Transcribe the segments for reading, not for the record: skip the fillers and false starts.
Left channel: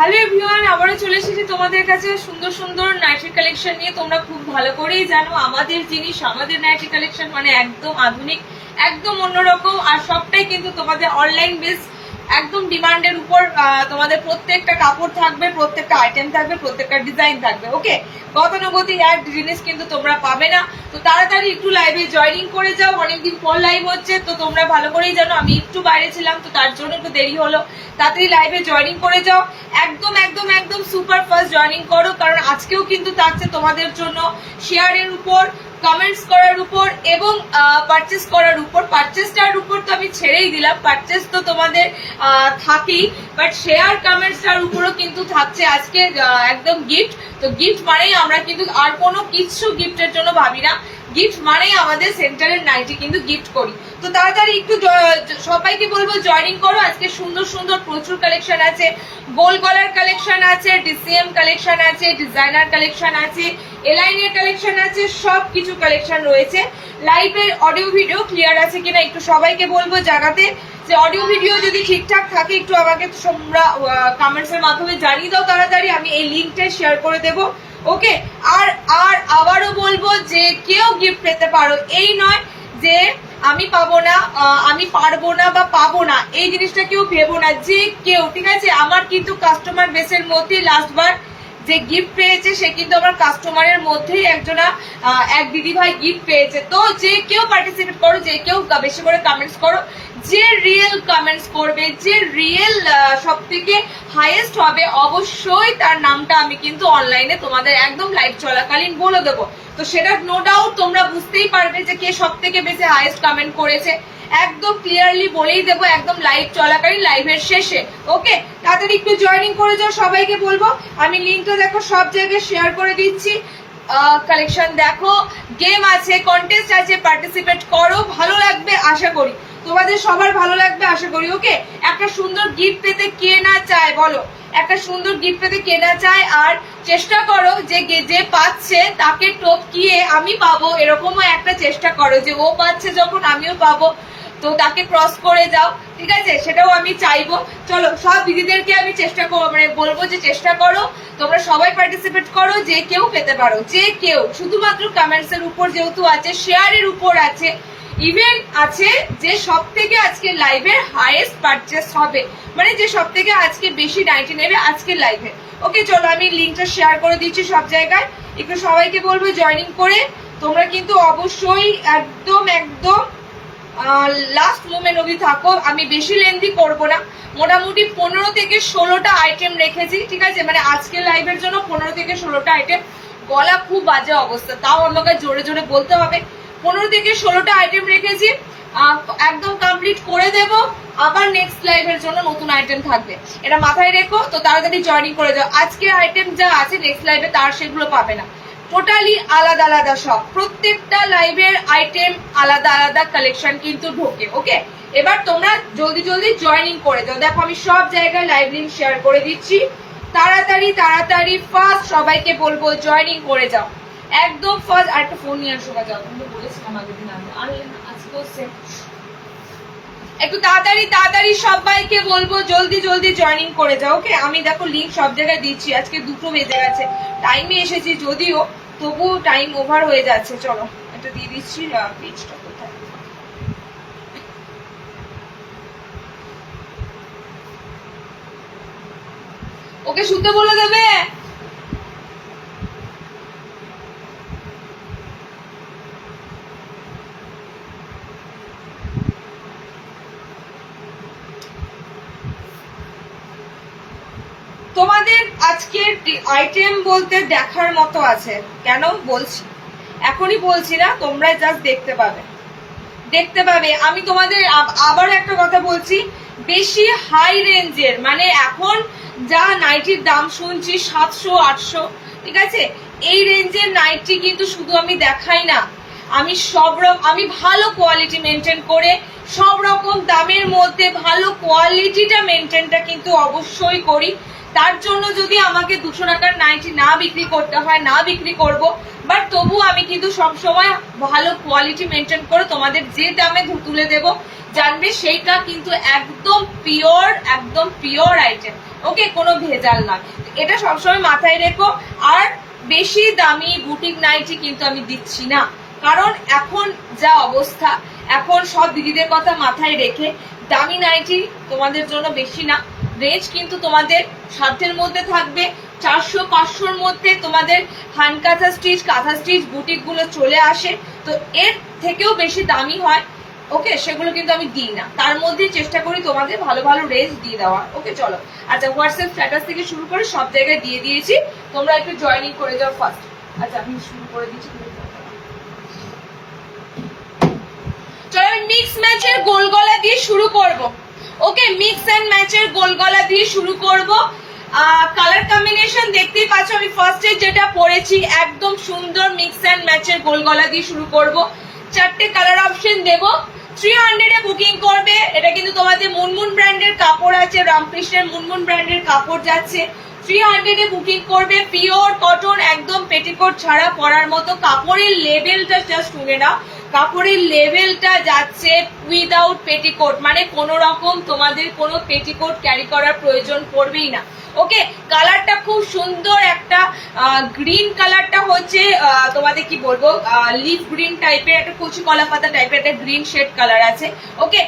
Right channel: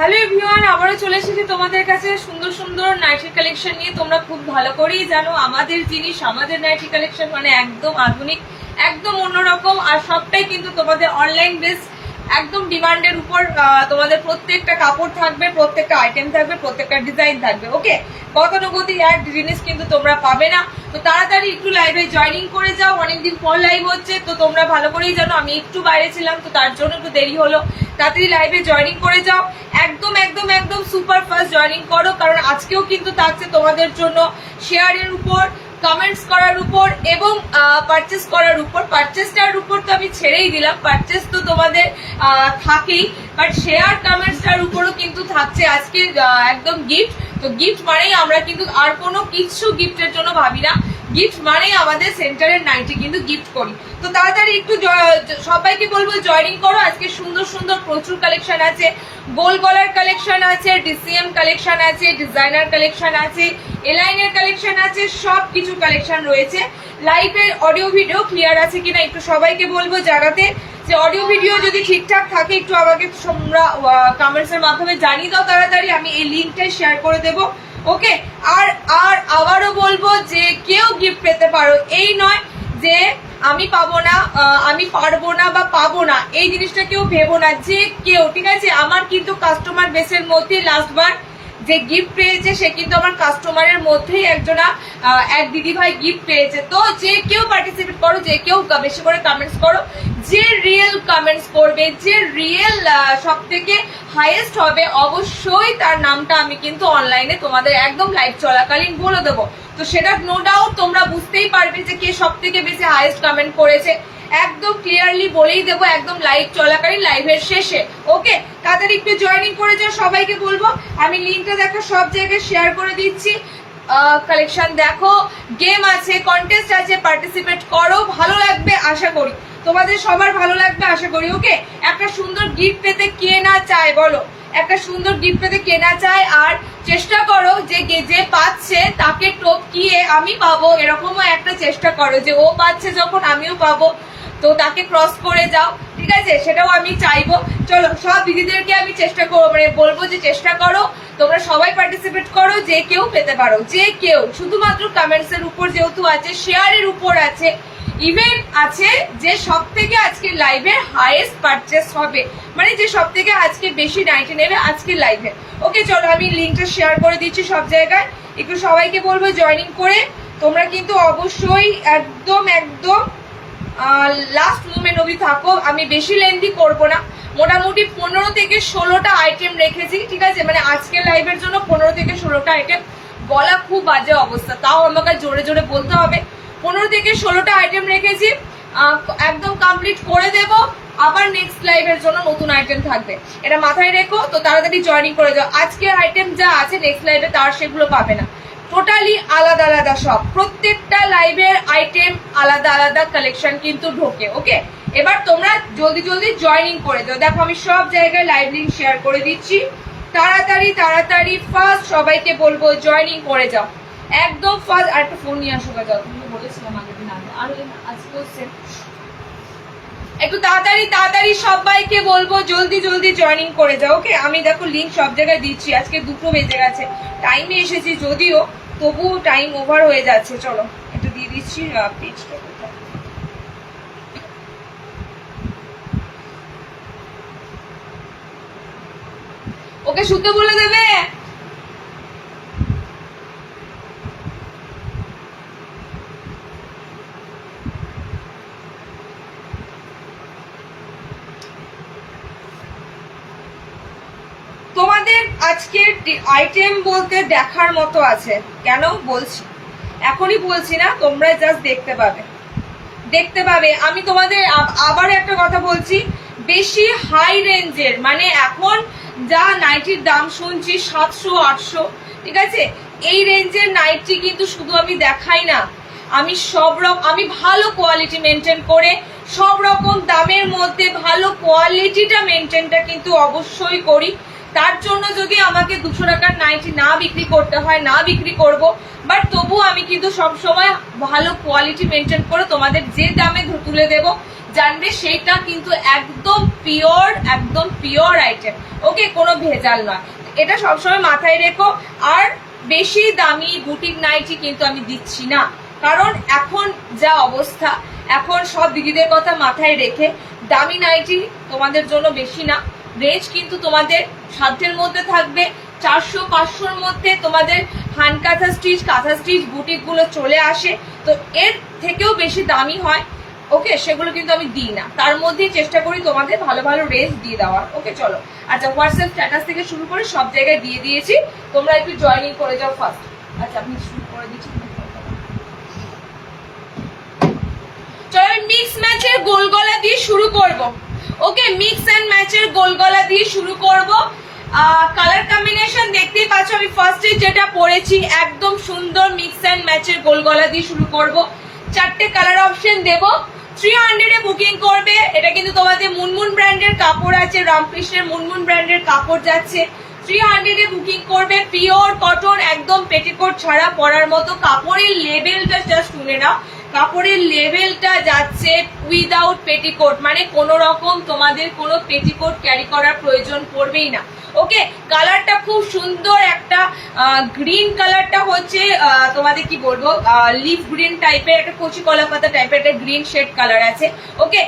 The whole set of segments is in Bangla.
হ্যালো এভরিওয়ান, আবারও চলে এসেছি তোমাদের কাছে সুন্দর সুন্দর নাইটি কালেকশন নিয়ে। তোমরা খুব ভালো করেই জানো আমাদের জিনিস, আমাদের নাইটি কালেকশন মানে একদম আধুনিক, একদম অন্যরকম, আর সবটাই কিন্তু তোমাদের অনলাইন বেস, একদম ডিমান্ডের উপর। তোমাদের প্রত্যেকটা কাপড় থাকবে, প্রত্যেকটা আইটেম থাকবে, প্রত্যেকটা ডিজাইন থাকবে। ওকে, গতানুগতিক এক জিনিস কিন্তু তোমরা পাবে না। তো তাড়াতাড়ি একটু লাইভে জয়েনিং করে যাও, অনেকদিন পর লাইভ হচ্ছে, তো তোমরা ভালো করেই জানো আমি একটু বাইরে ছিলাম, তো তার জন্য একটু দেরি হলো। তাড়াতাড়ি লাইভে জয়েনিং করে যাও, একদম একদম একদম সুপার ফাস্ট জয়েনিং করো, কারণ আজকেও কিন্তু থাকছে তোমাদের জন্য শেয়ারের উপর, কমেন্টস করার উপর এবং পারচেস করার উপর। পারচেসটার উপর তো আমি ছেড়েই দিলাম, পারচেস তো তোমাদের থাকেই, বাট শেয়ার কমেন্টসটার উপরও কিন্তু থাকছে আজকে একদম গিফট। তো গিফট মানেই আমরা কিন্তু আর কোনো কিছু গিফটের জন্য ভাবি না, গিফট মানেই আমাদের সেন্টারের নাইটি কিন্তু গিফট করি। তো তাড়াতাড়ি একটু সবাইকে বলবো জয়েনিং করো। আজকে সুন্দর সুন্দর প্রচুর কালেকশন আছে, গোল গলার কালেকশন আছে, ডিসিএম কালেকশন আছে, ডিজাইনার কালেকশন আছে, এলাইনের কালেকশন আছে, সব কিছু কালেকশন রয়েছে। লাইভের অডিও ভিডিও ক্লিয়ার আছে কিনা একটু সবাইকে বলবো জানাতে, যে অডিও ভিডিও যদি ঠিকঠাক থাকে একটু আমাকে তোমরা কমেন্টস এর মাধ্যমে জানিয়ে দাও তাড়াতাড়ি, আমি এই লিঙ্কটা শেয়ার করে দেবো। ওকে, আর আর আবারও বলবো যে কেউ গিফট পেতে পারো, এই নয় যে আমি পাবো না, আমি পারবো না বা পাবো না, এই জিনিসটা কেউ ভেবো না, যে কেউ, ঠিক আছে। আমার কিন্তু কাস্টমার বেসের মধ্যে লাস্টবার যে গিফট পেয়েছে সে কিন্তু আমার কাস্টমারের মধ্যেই একজনা এক দিদি ভাই গিফট পেয়েছে। তো যে কেউ পার্টিসিপেট করো, যে কেউ বেশি করে কমেন্টস করো, যে রিয়েল কমেন্টস করবে, যে রিয়েল সব থেকে হাইয়েস্ট হবে, অবশ্যই তার নামটা আমি কিন্তু অনলাইনে তোমাদের একদম লাইভ চলাকালীন বলে দেবো। তো সেটা নো ডাউট তোমরা বুঝতেই পারবে যে কে সব থেকে বেশি হাইয়েস্ট কমেন্ট করেছে, একদম ক্লিয়ারলি বলেই দেবো একদম লাইভ চলাকালীন, লাইভের শেষে। ওকে, তাড়াতাড়ি একটু জয়েনিং করে যাও, সবাইকে বলবো। আমি লিঙ্কটা দেখো সব জায়গায় শেয়ার করে দিচ্ছি। কালেকশন দেখো, গেম আছে, কন্টেস্ট আছে, পার্টিসিপেট করো, ভালো লাগবে আশা করি, তোমাদের সবার ভালো লাগবে আশা করি। ওকে, একটা সুন্দর গিফট পেতে কে না চায় বলো, একটা সুন্দর গিফট পেতে কে না চায়। আর চেষ্টা করো যে যে পাচ্ছে তাকে টপকিয়ে আমি পাবো, এরকমও একটা চেষ্টা করো যে ও পাচ্ছে যখন আমিও পাবো, তো তাকে ক্রস করে যাও, ঠিক আছে, সেটাও আমি চাইবো। চলো, সব দিদিদেরকে আমি চেষ্টা করবো, মানে বলবো যে চেষ্টা করো তোমরা সবাই পার্টিসিপেট করো, যে কেউ পেতে পারো, যে কেউ। শুধুমাত্র কমেন্টস এর উপর যেহেতু আছে, শেয়ারের উপর আছে, ইভেন্ট আছে, যে সব থেকে আজকে লাইভে হাইয়েস্ট পারচেস হবে, মানে যে সব থেকে আজকে বেশি নাইটি নেবে আজকে লাইভে। ওকে, চলো আমি লিঙ্কটা শেয়ার করে দিচ্ছি সব জায়গায়, একটু সবাইকে বলবো জয়েনিং করে। তোমরা কিন্তু অবশ্যই একদম একদম লাস্ট মোমেন্ট অবধি থাকো, আমি বেশি লেন্দি করবো না। মোটামুটি 15 থেকে 16টা আইটেম রেখেছি, ঠিক আছে, মানে আজকের লাইভের জন্য 15 থেকে 16টা আইটেম। গলা খুব বাজে অবস্থা, তাও আমাকে জোরে জোরে বলতে হবে। 15 থেকে 16টা আইটেম রেখেছি, একদম কমপ্লিট করে দেব। আবার নেক্সট লাইভের জন্য নতুন আইটেম থাকবে, এটা মাথায় রেখো। তো তাড়াতাড়ি জয়েনিং করে যাও, আজকের আইটেম যা আছে নেক্সট লাইভে তার সেগুলো পাবে না, টোটালি আলাদা আলাদা সব, প্রত্যেকটা লাইভের আইটেম আলাদা আলাদা কালেকশন কিন্তু ঢোকে। ওকে, এবার তোমরা জলদি জলদি জয়েনিং করে দাও। দেখো আমি সব জায়গায় লাইভ লিঙ্ক শেয়ার করে দিচ্ছি, তাড়াতাড়ি তাড়াতাড়ি ফার্স্ট সবাইকে বলবো জয়েনিং করে যাও, একদম ফার্স্ট। আর একটা ফোন নিয়ে আসো, যাও, তুমি বলেছিলাম আগের দিন আগে, আর আজকেও সেম। একটু তাড়াতাড়ি তাড়াতাড়ি সবাইকে বলবো জলদি জলদি জয়েনিং করে যাও। ওকে, আমি দেখো লিঙ্ক সব জায়গায় দিচ্ছি, আজকে 2টো বেজে গেছে, টাইমে এসেছি যদিও, তবু টাইম ওভার হয়ে যাচ্ছে। চলো একটু দিয়ে দিচ্ছি পেজটা কোথায়। ওকে, শুতে বলে দেবে। তোমাদের আজকের আইটেম বলতে দেখার মতো আছে, কেন বলছি, এখনই বলছি না, তোমরা জাস্ট দেখতে পাবে, দেখতে পাবে। আমি তোমাদের আবার একটা কথা বলছি, বেশি হাই রেঞ্জের, মানে এখন যা নাইটির দাম শুনছি 700-800, ঠিক আছে, এই রেঞ্জের নাইটি কিন্তু শুধু আমি দেখাই না, আমি আমি ভালো কোয়ালিটি মেনটেন করে সব রকম দামের মধ্যে ভালো কোয়ালিটিটা মেনটেনটা কিন্তু অবশ্যই করি। তার জন্য যদি আমাকে 200 টাকার নাইটি না বিক্রি করতে হয়, না বিক্রি করব, বাট তবু আমি কিন্তু সবসময় ভালো কোয়ালিটি মেনটেন করে তোমাদের যে দামে তুলে দেব জানবে সেইটা কিন্তু একদম পিওর আইটেম। ওকে, কোনো ভেজাল নয়, এটা সবসময় মাথায় রেখো। আর বেশি দামি বুটিক নাইটি কিন্তু আমি দিচ্ছি না, কারণ এখন যা অবস্থা, এখন সব দিদিদের কথা মাথায় রেখে দামি নাইটি তোমাদের জন্য বেশি না। রেঞ্জ কিন্তু তোমাদের সাধ্যের মধ্যে থাকবে, 400-500-র মধ্যে তোমাদের হ্যান্ড কাঁথা স্টিচ বুটিক গুলো চলে আসে, তো এর থেকেও বেশি দামি হয়। ওকে, সেগুলো কিন্তু আমি দিই না, তার মধ্যেই চেষ্টা করি তোমাদের ভালো ভালো রেঞ্জ দিয়ে দেওয়ার। ওকে চলো, আচ্ছা হোয়াটসঅ্যাপ স্ট্যাটাস থেকে শুরু করে সব জায়গায় দিয়ে দিয়েছি, তোমরা একটু জয়েনিং করে যাও ফার্স্ট। আচ্ছা আমি শুরু করে দিচ্ছি, চলো মিক্স ম্যাচের গোল গলা দিয়ে শুরু করব। ওকে, মিক্স এন্ড ম্যাচের গোল গলা দিয়ে শুরু করব। কালার কম্বিনেশন দেখতেই পাচ্ছ, আমি ফার্স্টে যেটা পরেছি একদম সুন্দর মিক্স এন্ড ম্যাচের গোল গলা দিয়ে শুরু করব। 4টে কালার অপশন দেব, 300 এ বুকিং করবে। এটা কিন্তু তোমাদের মুনমুন ব্র্যান্ডের কাপড় আছে, রামকৃষ্ণের মুনমুন ব্র্যান্ডের কাপড় যাচ্ছে। 300 এ বুকিং করবে, পিওর কটন, একদম পেটিকোট ছাড়া পরার মতো। কাপড়ের লেভেলটা জাস্ট শুনে নাও, কাপড়ের লেভেলটা যাচ্ছে উইদাউট পেটিকোট, মানে কোনো রকম তোমাদের কোনো পেটিকোট ক্যারি করার প্রয়োজন পড়বেই না। ওকে, কালারটা খুব সুন্দর একটা গ্রিন কালারটা হচ্ছে তোমাদের কি বলবো, লিফ গ্রিন টাইপের, একটা কচি কলা পাতা টাইপের একটা গ্রিন শেড কালার আছে। ওকে,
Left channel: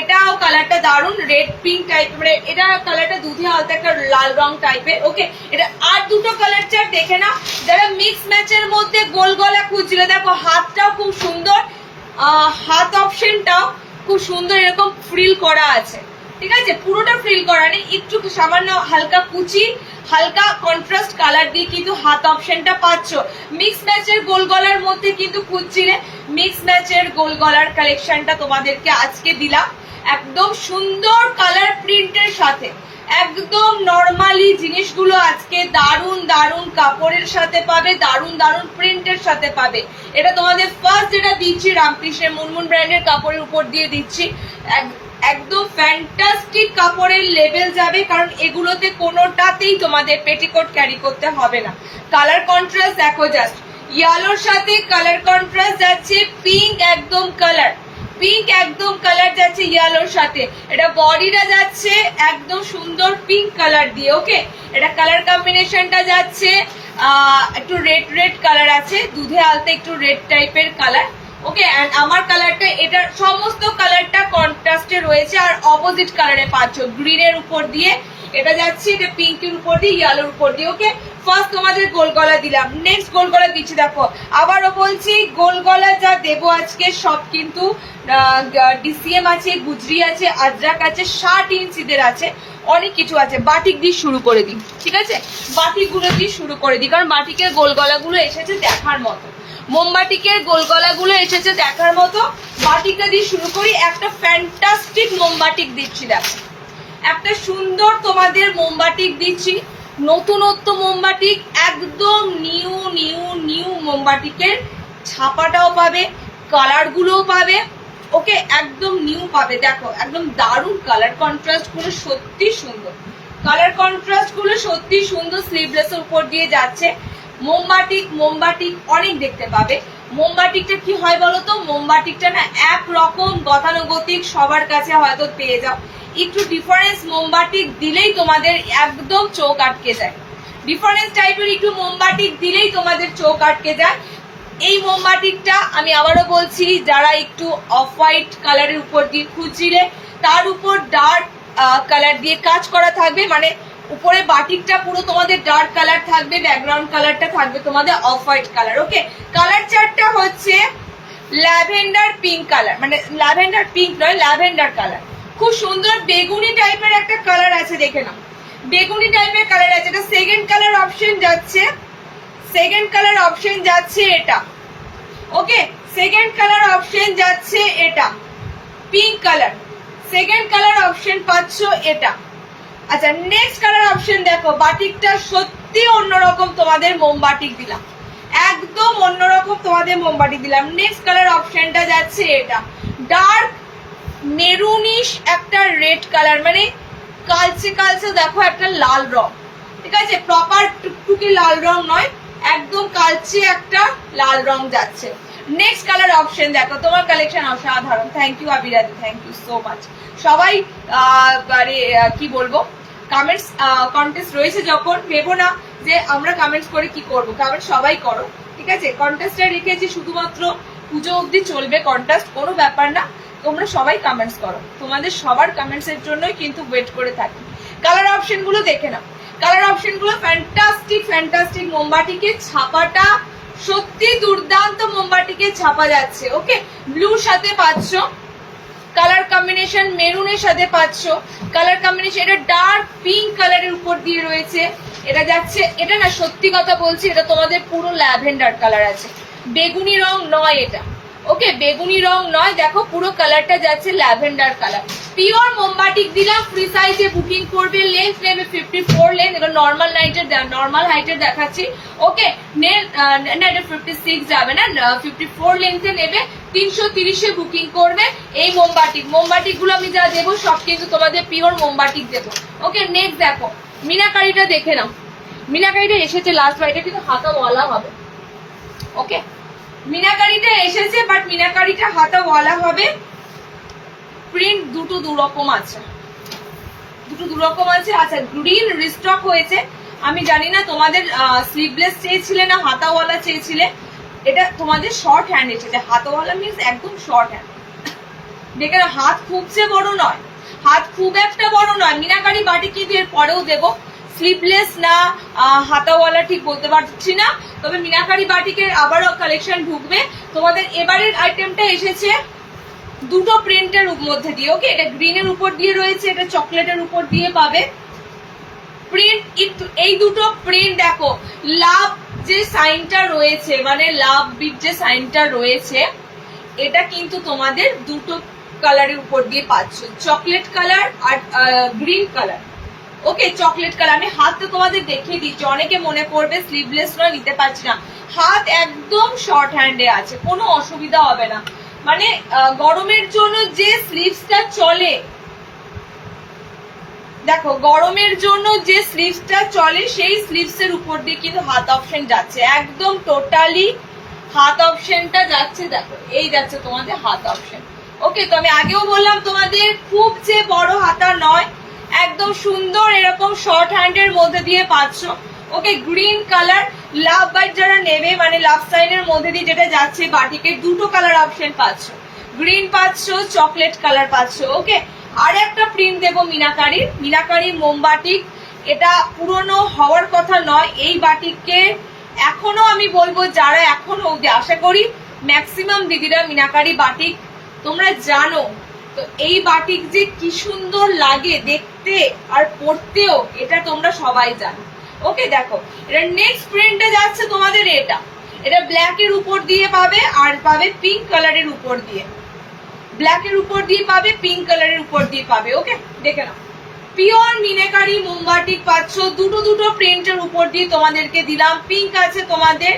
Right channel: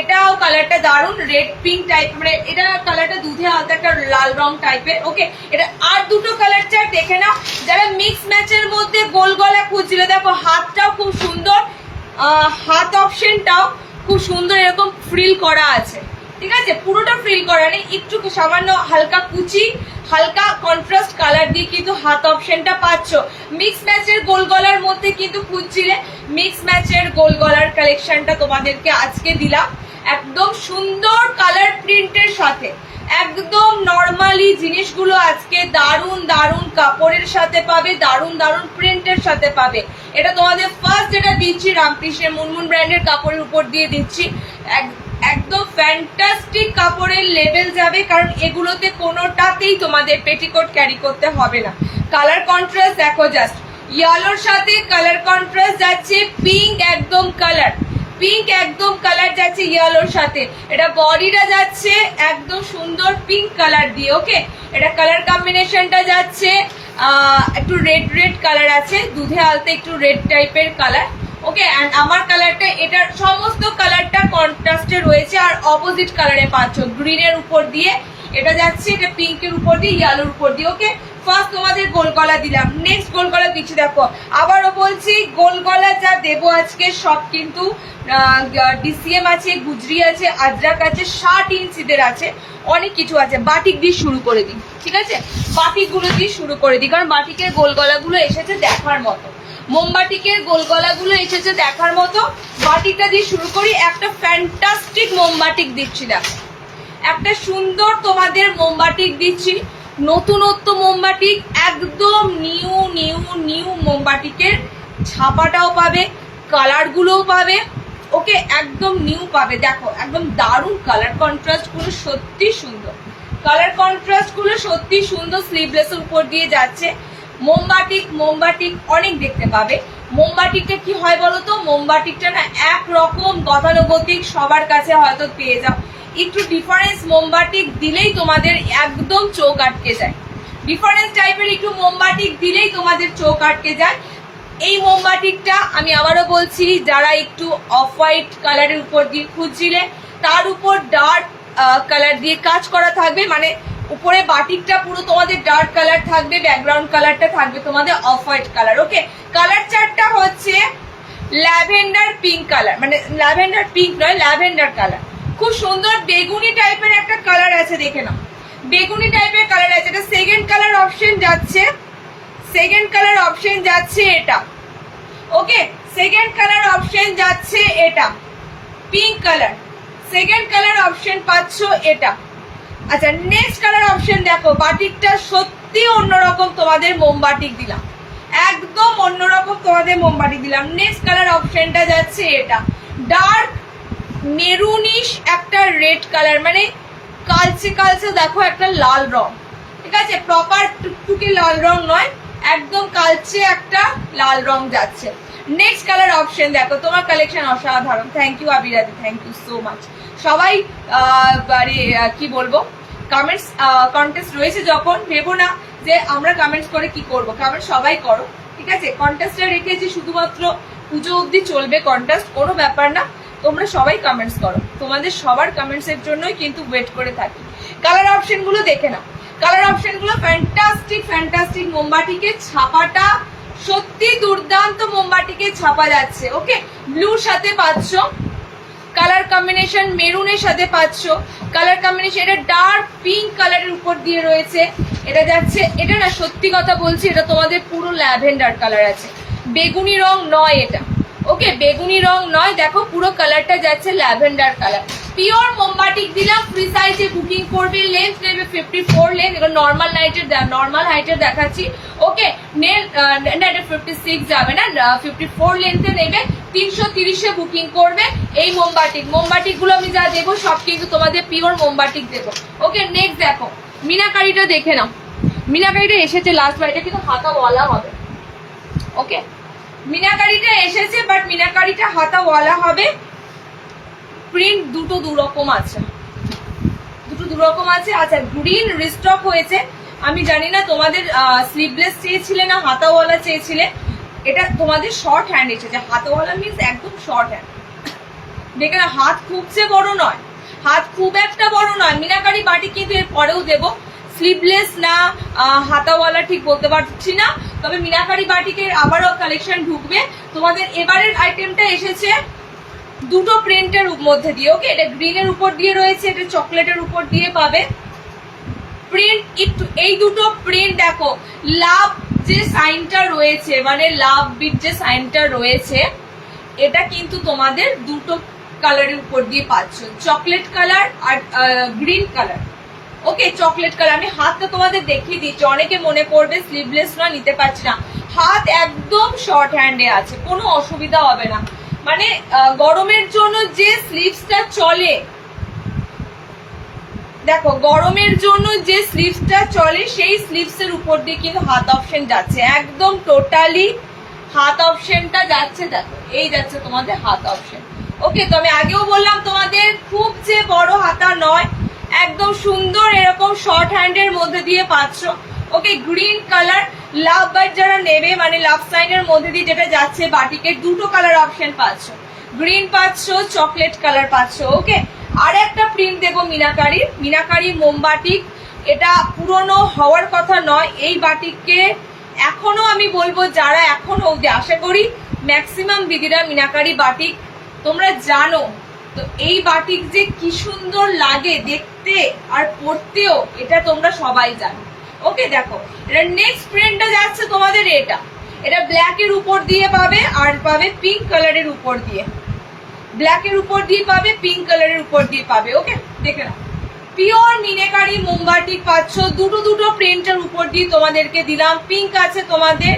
এটাও কালারটা দারুণ, রেড পিঙ্ক টাইপ, মানে এটা কালারটা দুধে হালকা একটা লাল রং টাইপের। ওকে, এটা আর দুটো কালার চার্ট দেখে না, যারা মিক্স ম্যাচের মধ্যে গোল গলা খুঁজছিল, দেখো হাতটাও খুব সুন্দর, হাত অপশনটাও খুব সুন্দর, এরকম ফ্রিল করা আছে। ঠিক আছে, পুরোটা ফ্রিল করা নেই, একটু সামান্য হালকা কুচি, হালকা কন্ট্রাস্ট কালার দিয়ে কিন্তু হাত অপশনটা পাচ্ছ। মিক্স ম্যাচের গোল গলার মধ্যে কিন্তু খুঁজছিলে, মিক্স ম্যাচের গোল গলার কালেকশনটা তোমাদেরকে আজকে দিলাম একদম সুন্দর কালার প্রিন্টের সাথে। একদম নর্মালি জিনিসগুলো আজকে দারুন কাপড়ের সাথে পাবে, দারুন প্রিন্টের সাথে পাবে। এটা তোমাদের ফার্স্ট যেটা দিচ্ছি রামকৃষ্ণের মুনমুন ব্র্যান্ডের কাপড়ের উপর দিয়ে দিচ্ছি, একদম ফ্যান্টাস্টিক কাপড়ের লেভেল যাবে, কারণ এগুলোতে কোনোটাতেই তোমাদের পেটিকোট ক্যারি করতে হবে না। কালার কন্ট্রাস্ট দেখো জাস্ট, ইয়েলোর সাথে কালার কন্ট্রাস্ট যাচ্ছে পিঙ্ক একদম কালার যাচ্ছে ইয়েলোর সাথে। এটা বডিটা যাচ্ছে একদম সুন্দর পিঙ্ক কালার দিয়ে। ওকে, এটা কালার কম্বিনেশনটা যাচ্ছে একটু রেড কালার আছে, দুধে আলতে একটু রেড টাইপের কালার। ওকে, এন্ড আমার কালারটা, এটার সমস্ত কালারটা কন্ট্রাস্টে রয়েছে, আর অপোজিট কালারে পাচ্ছ, গ্রিনের উপর দিয়ে এটা যাচ্ছে, এটা পিঙ্কের উপর দিয়ে, ইয়েলোর উপর দিয়ে। ওকে, ফার্স্ট তোমাদের গোল গলা দিলাম, নেক্সট গোল গলা দিচ্ছি। দেখো আবারও বলছি, গোল গলা যা দেবো আজকে সব কিন্তু ডিসিএম আছে, গুজরি আছে, আজরাক আছে, 60 ইঞ্চিদের আছে, অনেক কিছু আছে। বাটিক দিয়ে শুরু করে দিই, ঠিক আছে, বাটিক গুলো দিয়ে শুরু করে দিই, কারণ বাটিকের গোল গলাগুলো এসেছে দেখার মতো, মোমবাটিকের গোল গলাগুলো এসেছে দেখার মতো। বাটিকটা দিয়ে শুরু করি, একটা ফ্যান্টাস্টিক মোমবাটিক দিচ্ছি, দেখো একটা সুন্দর তোমাদের মোমবাটিক দিচ্ছি, নতুনত্ব মোমবাটিক, একদম নিউ মোমবাটিকের ছাপাটাও পাবে, কালার গুলোও পাবে। ওকে, একদম নিউ পাবে। দেখো একদম দারুণ কালার কন্ট্রাস্ট গুলো, সত্যি সুন্দর কালার কন্ট্রাস্ট গুলো, সত্যি সুন্দর। স্লিভলেসের উপর দিয়ে যাচ্ছে। মোমবাটিক অনেক দেখতে পাবে। মোমবাটিকটা কি হয় বলতো, মোমবাটিকটা না একরকম গতানুগতিক সবার কাছে হয়তো পেয়ে যাও, একটু ডিফারেন্স মোমবাটিক দিলেই তোমাদের একদম চোখ আটকে যায়, ডিফারেন্স টাইপের একটু মোমবাটিক দিলেই তোমাদের চোখ আটকে যায়। এই মোমবাটিকটা আমি আবারও বলছি, যারা একটু অফ হোয়াইট কালারের উপর দিয়ে খুঁজছিলে, তার উপর ডার্ক কালার দিয়ে কাজ করা থাকবে, মানে উপরে বাটিকটা পুরো তোমাদের ডার্ক কালার থাকবে, ব্যাকগ্রাউন্ড কালারটা থাকবে তোমাদের অফ হোয়াইট কালার। ওকে, কালার চার্টটা হচ্ছে ল্যাভেন্ডার পিঙ্ক কালার, মানে ল্যাভেন্ডার পিঙ্ক নয়, ল্যাভেন্ডার কালার, খুব সুন্দর বেগুনি টাইপের একটা কালার আছে, দেখে নাও বেগুনি টাইপের কালার আছে। এটা সেকেন্ড কালার অপশন যাচ্ছে, এটা। ওকে, সেকেন্ড কালার অপশন যাচ্ছে এটা, pink colour, second colour option পাচ্ছ এটা। আচ্ছা, নেক্সট কালার অপশন দেখো, বাটিকটা সত্যি অন্যরকম তোমাদের মোমবাটিক দিলাম, একদম অন্যরকম তোমাদের মোমবাটিক দিলাম। নেক্সট কালার অপশনটা যাচ্ছে এটা, ডার্ক মেরুনিশ একটা রেড কালার, মানে কালচে দেখো একটা লাল রং, ঠিক আছে, প্রপার টুকটুকি লাল রং নয়, একদম কালচে একটা লাল রং যাচ্ছে। নেক্সট কালার অপশন দেখো, তোমার কালেকশন অসাধারণ। থ্যাংক ইউ আবিরাদি, থ্যাংক ইউ সো মাচ। সবাই কি বলবো, কমেন্টস কন্টেস্ট রয়েছে যখন, ভেবো না যে আমরা কমেন্টস করে কি করব, কমেন্ট সবাই করো, ঠিক আছে? কন্টেস্টটা রেখেছি শুধুমাত্র পুজো অবধি চলবে কন্টেস্ট, কোনো ব্যাপার না, তোমরা সবাই কমেন্টস করো, তোমাদের সবার কমেন্টস এর জন্যই কিন্তু ওয়েট করে থাকি। কালার অপশন গুলো দেখে নাও, কালার অপশন গুলো ফ্যান্টাস্টিক ফ্যান্টাস্টিক। মোমবাটিকে ছাপাটা সত্যি দুর্দান্ত, মোমবাটিকে ছাপা যাচ্ছে। ওকে, ব্লুর সাথে পাচ্ছ, কালার কম্বিনেশন মেরুনের সাথে পাচ্ছ, কালার কম্বিনেশন এটা ডার্ক পিঙ্ক কালারের উপর দিয়ে রয়েছে। এটা যাচ্ছে, এটা না সত্যি কথা বলছি, এটা তোমাদের পুরো ল্যাভেন্ডার কালার আছে, বেগুনি রং নয় এটা। ওকে, বেগুনি রং নয়, দেখো পুরো কালারটা যাচ্ছে ল্যাভেন্ডার কালার। পিওর মোমবাটিক দিলাম, ফ্রি সাইজে বুকিং করবে, লেন্থ নেবে 54 লেন্থ, এটা নর্মাল নর্মাল হাইটের দেখাচ্ছি। ওকে, না এটা 56 যাবে না, 54 লেন্থে নেবে, 330-এ বুকিং করবে। এই মোমবাটিক গুলো আমি যা দেবো সব কিন্তু তোমাদের পিওর মোমবাটিক দেবো। ওকে, নেক্সট দেখো মিনাকারিটা দেখে নাও, মিনাকারিটা এসেছে লাস্ট বাইটা, কিন্তু হাতা ওয়ালা হবে। ওকে, মিনাকারিটা এসেছে, বাট মিনাকারিটা হাতা ওয়ালা হবে। প্রিন্ট দুটো দুরকম আছে, আচ্ছা গ্রিন রিস্টক হয়েছে, আমি জানি না তোমাদের স্লিভলেস চেয়েছিলে না হাতাওয়ালা চেয়েছিলে। এটা তোমাদের শর্ট হ্যান্ড এসেছে, হাতাওয়ালা মিনস একদম শর্ট হ্যান্ড। দেখে না, হাত খুব যে বড় নয়, হাত খুব একটা বড় নয়। মিনাকারি বাটি কিন্তু এর পরেও দেবো, স্লিভলেস না হাতাওয়ালা ঠিক বলতে পারছি না, তবে মিনাকারি বাটিকের আবারও কালেকশন ঢুকবে তোমাদের। এবারের আইটেমটা এসেছে দুটো প্রিন্টের মধ্যে দিয়ে। ওকে, এটা গ্রিনের উপর দিয়ে রয়েছে, এটা চকলেটের উপর দিয়ে পাবে প্রিন্ট। এই দুটো প্রিন্ট দেখো, লাভ যে সাইনটা রয়েছে, মানে লাভ বিট যে সাইনটা রয়েছে, এটা কিন্তু তোমাদের দুটো কালারের উপর দিয়ে পাচ্ছ, চকলেট কালার আর গ্রিন কালার। ওকে, চকলেট কালার। আমি হাতটা তোমাদের দেখিয়ে দিচ্ছি, অনেকে মনে করবে স্লিভলেস নয় নিতে পারছি না, হাত একদম শর্ট হ্যান্ডে আছে, কোনো অসুবিধা হবে না। মানে গরমের জন্য যে স্লিভসটা চলে, দেখো গরমের জন্য যে স্লিভসটা চলে সেই স্লিভস এর উপর দিয়ে কিন্তু হাত অপশন যাচ্ছে, একদম টোটালি হাত অপশনটা যাচ্ছে। দেখো এই যাচ্ছে তোমাদের হাত অপশন। ওকে, তো আমি আগেও বললাম তোমাদের খুব যে বড় হাতা নয়, একদম সুন্দর এরকম শর্ট হ্যান্ডের মধ্যে দিয়ে পাচ্ছ। ওকে, গ্রিন কালার লাভ বাইট যারা নেবে, মানে লাভ সাইনের মধ্যে দিয়ে যেটা যাচ্ছে বাটিকে, দুটো কালার অপশন পাচ্ছ, গ্রিন পাচ্ছ, চকলেট কালার পাচ্ছ। ওকে, আর একটা প্রিন্ট দেবো মিনাকারি মোমবাটিক। এটা পুরনো হওয়ার কথা নয়, এই বাটিককে এখনো আমি বলবো যারা এখনো অব্দি, আশা করি ম্যাক্সিমাম দিদিরা মিনাকারি বাটিক তোমরা জানো, তো এই বাটিক যে কি সুন্দর লাগে দেখতে আর পরতেও, এটা তোমরা সবাই জানো। ওকে, দেখো এটা নেক্সট প্রিন্টটা যাচ্ছে তোমাদের, এটা ব্ল্যাক এর উপর দিয়ে পাবে, আর পাবে পিঙ্ক কালারের উপর দিয়ে, ব্ল্যাকের উপর দিয়ে পাবে, পিঙ্ক কালারের উপর দিয়ে পাবে। ওকে, দেখে নাও পিওর মিনাকারি মোমবাটিক পাচ্ছ, দুটো প্রিন্টের উপর দিয়ে তোমাদেরকে দিলাম। পিঙ্ক আছে তোমাদের,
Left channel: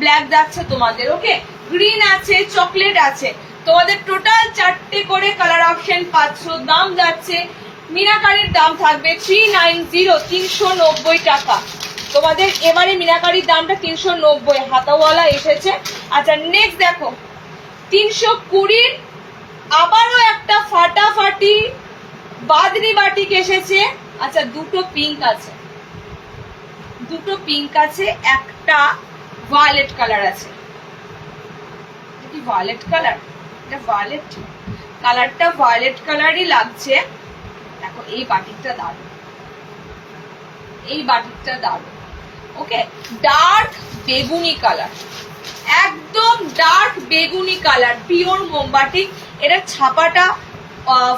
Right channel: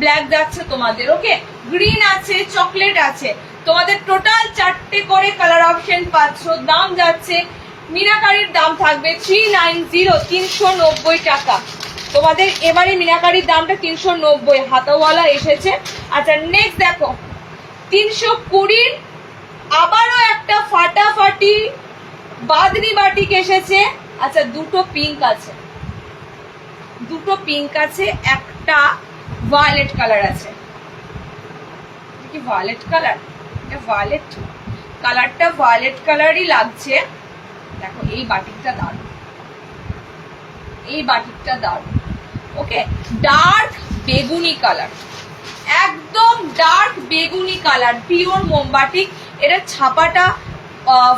ব্ল্যাক যাচ্ছে তোমাদের। ওকে, গ্রিন আছে, চকলেট আছে, তোমাদের টোটাল 4টে করে কালার অপশন পাচ্ছ। দাম যাচ্ছে, মিনাকারির দাম থাকবে 390, 390 টাকা তোমাদের। এবারে মিনাকারির দামটা 390, হাতাওয়ালা এসেছে। আচ্ছা নেক্সট দেখো 320, আবারও একটা ফাটাফাটি বাদনি বাটিক এসেছে। আচ্ছা দুটো পিঙ্ক আছে, একটা ভায়োলেট কালার আছে। কি ভায়োলেট কালার, এটা ভায়োলেট কালারটা ভায়োলেট কালারই লাগছে। দেখো এই বাটিকটা দারুণ, ওকে, ডার্ক বেগুনি কালার, একদম ডার্ক বেগুনি কালার, পিওর মোমবাটিক। এটা ছাপাটা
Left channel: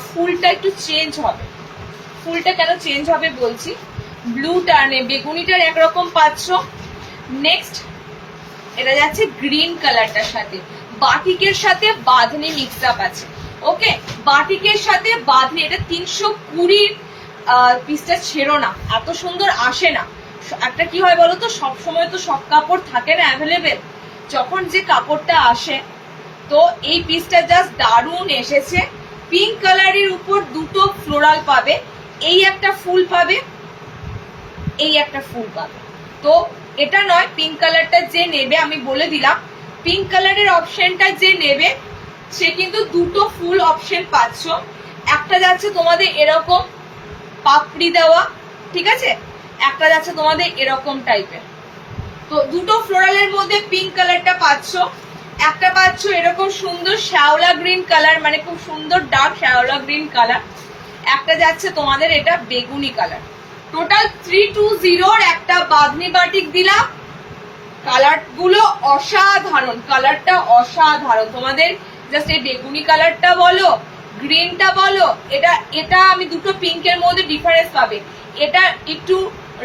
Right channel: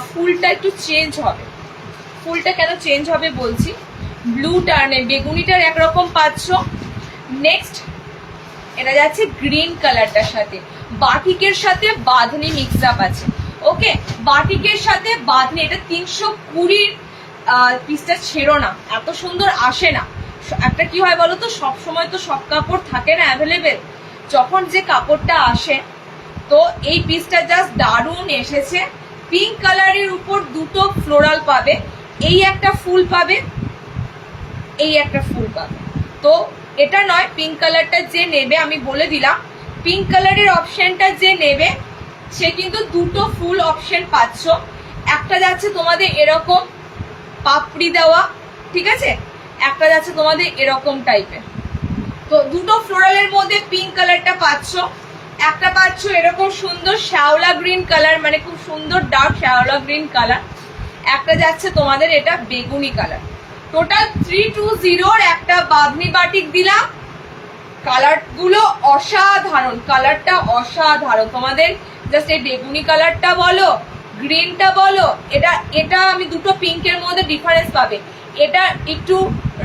ফুলটা একটু চেঞ্জ হবে, ফুলটা কেন চেঞ্জ হবে বলছি, ব্লু টার্নে বেগুনিটার একরকম পাচ্ছ। নেক্সট এটা যাচ্ছে গ্রিন কালারটার সাথে, বাটিকের সাথে বাঁধনি মিক্স আপ আছে। ওকে, বাটিকের সাথে বাঁধনি, এটা 320 পিসটা ছেড়ো না, এত সুন্দর আসে না। একটা কি হয় বলো তো, সবসময় তো সব কাপড় থাকে না অ্যাভেলেবেল, যখন যে কাপড়টা আসে, তো এই পিসটা জাস্ট দারুণ এসেছে। পিঙ্ক কালারের উপর দুটো ফ্লোরাল পাবে, এই একটা ফুল পাবে, এই একটা ফুল পাবে। তো এটা নয়, পিঙ্ক কালারটা যে নেবে আমি বলে দিলাম, পিঙ্ক কালারের অপশনটা যে নেবে সে কিন্তু দুটো ফুল অপশন পাচ্ছ। একটা যাচ্ছে তোমাদের এরকম পাপড়ি দেওয়া, ঠিক আছে, একটা যাচ্ছে তোমাদের এরকম টাইপের। তো দুটো ফ্লোরালের মধ্যে পিঙ্ক কালারটা পাচ্ছ, একটা পাচ্ছ এরকম সুন্দর শ্যাওলা গ্রিন কালার, মানে খুব সুন্দর ডার্ক শ্যাওলা গ্রিন কালার, একটা যাচ্ছে তোমাদের এটা বেগুনি কালার। টোটাল 320 একটা বাঁধনি বাটিক দিলাম। কালার গুলো অসাধারণ, কালারটা অসাধারণ। তোমাদের জাস্ট এই বেগুনি কালারটা বলো, গ্রিনটা বলো, এটা এটা আমি দুটো পিঙ্কের মধ্যে ডিফারেন্স পাবে। এটা একটু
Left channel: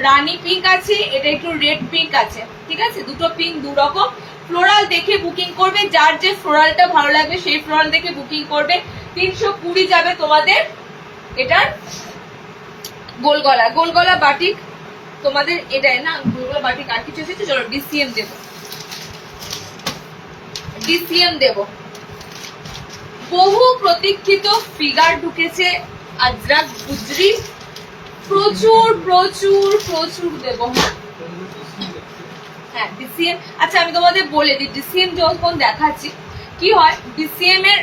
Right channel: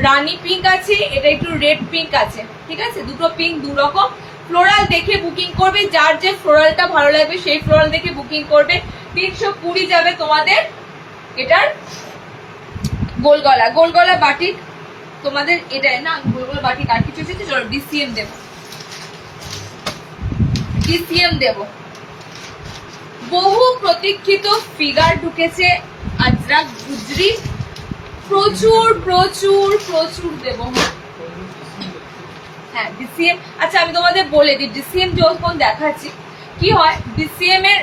রানী পিঙ্ক আছে, এটা একটু রেড পিঙ্ক আছে, ঠিক আছে, দুটো পিঙ্ক দু রকম। ফ্লোরাল দেখে বুকিং করবে, যার যে ফ্লোরালটা ভালো লাগবে সেই ফ্লোরাল দেখে বুকিং করবে। 320 যাবে তোমাদের এটার গোলগলা, গোলগলা বাটিক তোমাদের এটা না, গোলগলা বাটিক আর কিছু এসেছে, চলো ডিসিএম দেবো, ডিসিএম দেবো। বহু প্রতীক্ষিত ফিগার ঢুকেছে আজরাক গুজরি, প্রচুর প্রচুর প্রচুর দেবো। হ্যাঁ ডিসিএম, আচ্ছা আমি তোমাদের বলে দিই, ডিসিএম যখন দেখাচ্ছি কি হয়, ডিসিএম এর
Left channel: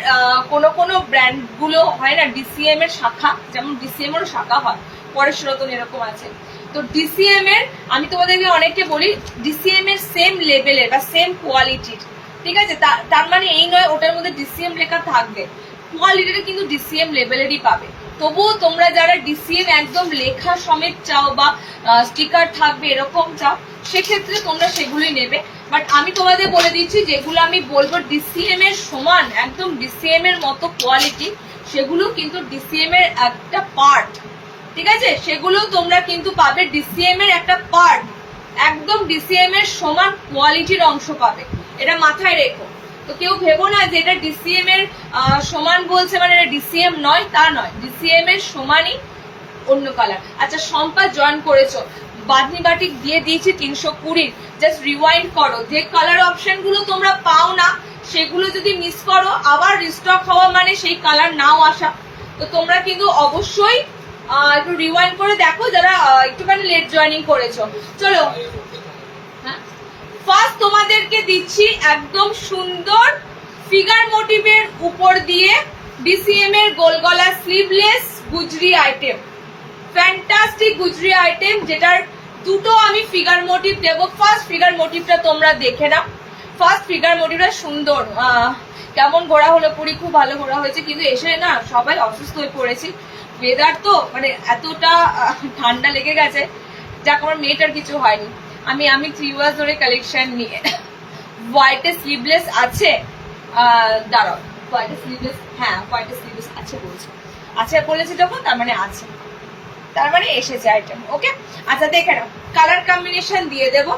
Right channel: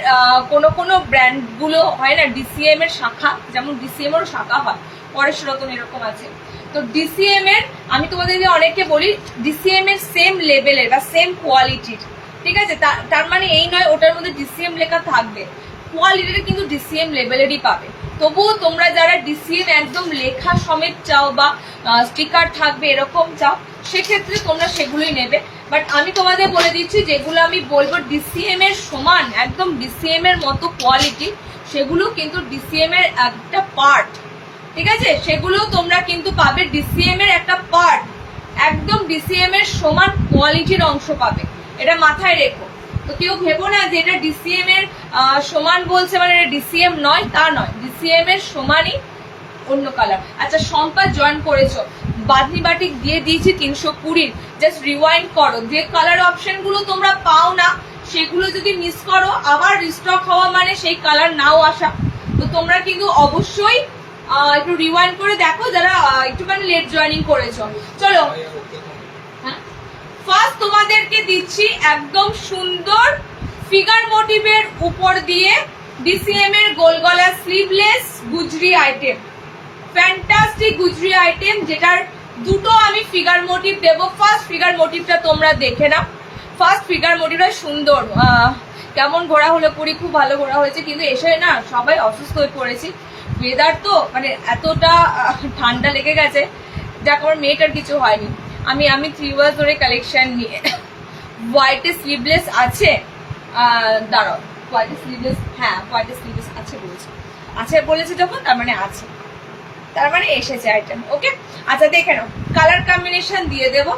কোনো ব্র্যান্ড গুলো হয় না, ডিসিএম এর শাখা, যেমন ডিসিএম এর শাখা হয়, পরেশ রতন এরকম আছে। তো ডিসিএম এর আমি তোমাদেরকে অনেককে বলি ডিসিএম এর সেম লেভেলের বা সেম কোয়ালিটির, ঠিক আছে, তার মানে এই নয় ওটার মধ্যে ডিসিএম লেখা থাকবে, কোয়ালিটিটা কিন্তু ডিসিএম লেভেলেরই পাবে। তবুও তোমরা যারা ডিসিএম একদম লেখা সমেত চাও বা স্টিকার থাকবে এরকম চাও, সেক্ষেত্রে তোমরা সেগুলোই নেবে। বাট আমি তোমাদের বলে দিচ্ছি যেগুলো আমি বলবো ডিসিএম এর সমান, একদম ডিসিএম এর মতো কোয়ালিটি, সেগুলো কিন্তু ডিসিএম এর একটা পার্ট, ঠিক আছে, সেগুলো তোমরা কিন্তু পাবে ডিসিএম এর একটা পার্ট, একদম ডিসিএম এর সমান কোয়ালিটির অংশ পাবে, এটা মাথায় রেখো। তো কেউ ভেবো না যে এটা ডিসিএম এর সমান বলছে মানে এটা ডিসিএম নয়, তা নয়, ডিসিএম এর সমানই অন্য কালার। আচ্ছা সম্পা জয়েন করেছো, বাঁধনি বাটিক দিয়ে দিয়েছি 320, জাস্ট রিওয়াইন্ড করো, যে কালার অপশন গুলো তোমরা পাও না সেগুলো যদি মিস করো আবার রিস্টক হওয়া মানে সেই কালার নাও আসা। তো তোমরা কিন্তু অবশ্যই একটু রিওয়াইন্ড করে দেখো যারা একটুখানি লেট জয়েনিং করেছো। চলো হ্যাঁ, ফার্স্ট তোমাদেরকে দিচ্ছি একদম সুন্দর ফিগার মোটিভের উপর দিয়ে ডিসিএম এর গোলগলা স্লিভলেস গুজরি আইটেম, ফ্যান্টাস্টিক গুজরি আইটেম, যেটার দুটো আমি ফিগার মোটিভ দেবো। ফার্স্ট ফিগার মোটিভটা তোমরা দেখে নাও, ফার্স্ট ফিগার মোটিভটা সুন্দর, কেমন ঘোরা হলো পুরি, খুব ভালো ঘোরা হয়েছে, কিন্তু এসে না সবাই অসুস্থ হয়ে পড়েছি, ওয়েদার তো মানে এতটা ঠান্ডা লেগে গেছে, যাক আমার মেয়েটার কিছু হয়নি। আমি 3 ইয়ার্স ধরে কালেকশন নিয়ে, হোয়াইটে স্লিভলেস আছে, দাঁড়াও হোয়াইটে স্লিভলেস, হ্যাঁ হোয়াইটে স্লিভলেস আছে বলেছে, আছে বলেছে যখন তার মানে আছে, তার মানে এসেছে আইটেম। ওকে আচ্ছা দেখে নাও, কালার কম্বিনেশন দিয়ে দেবো,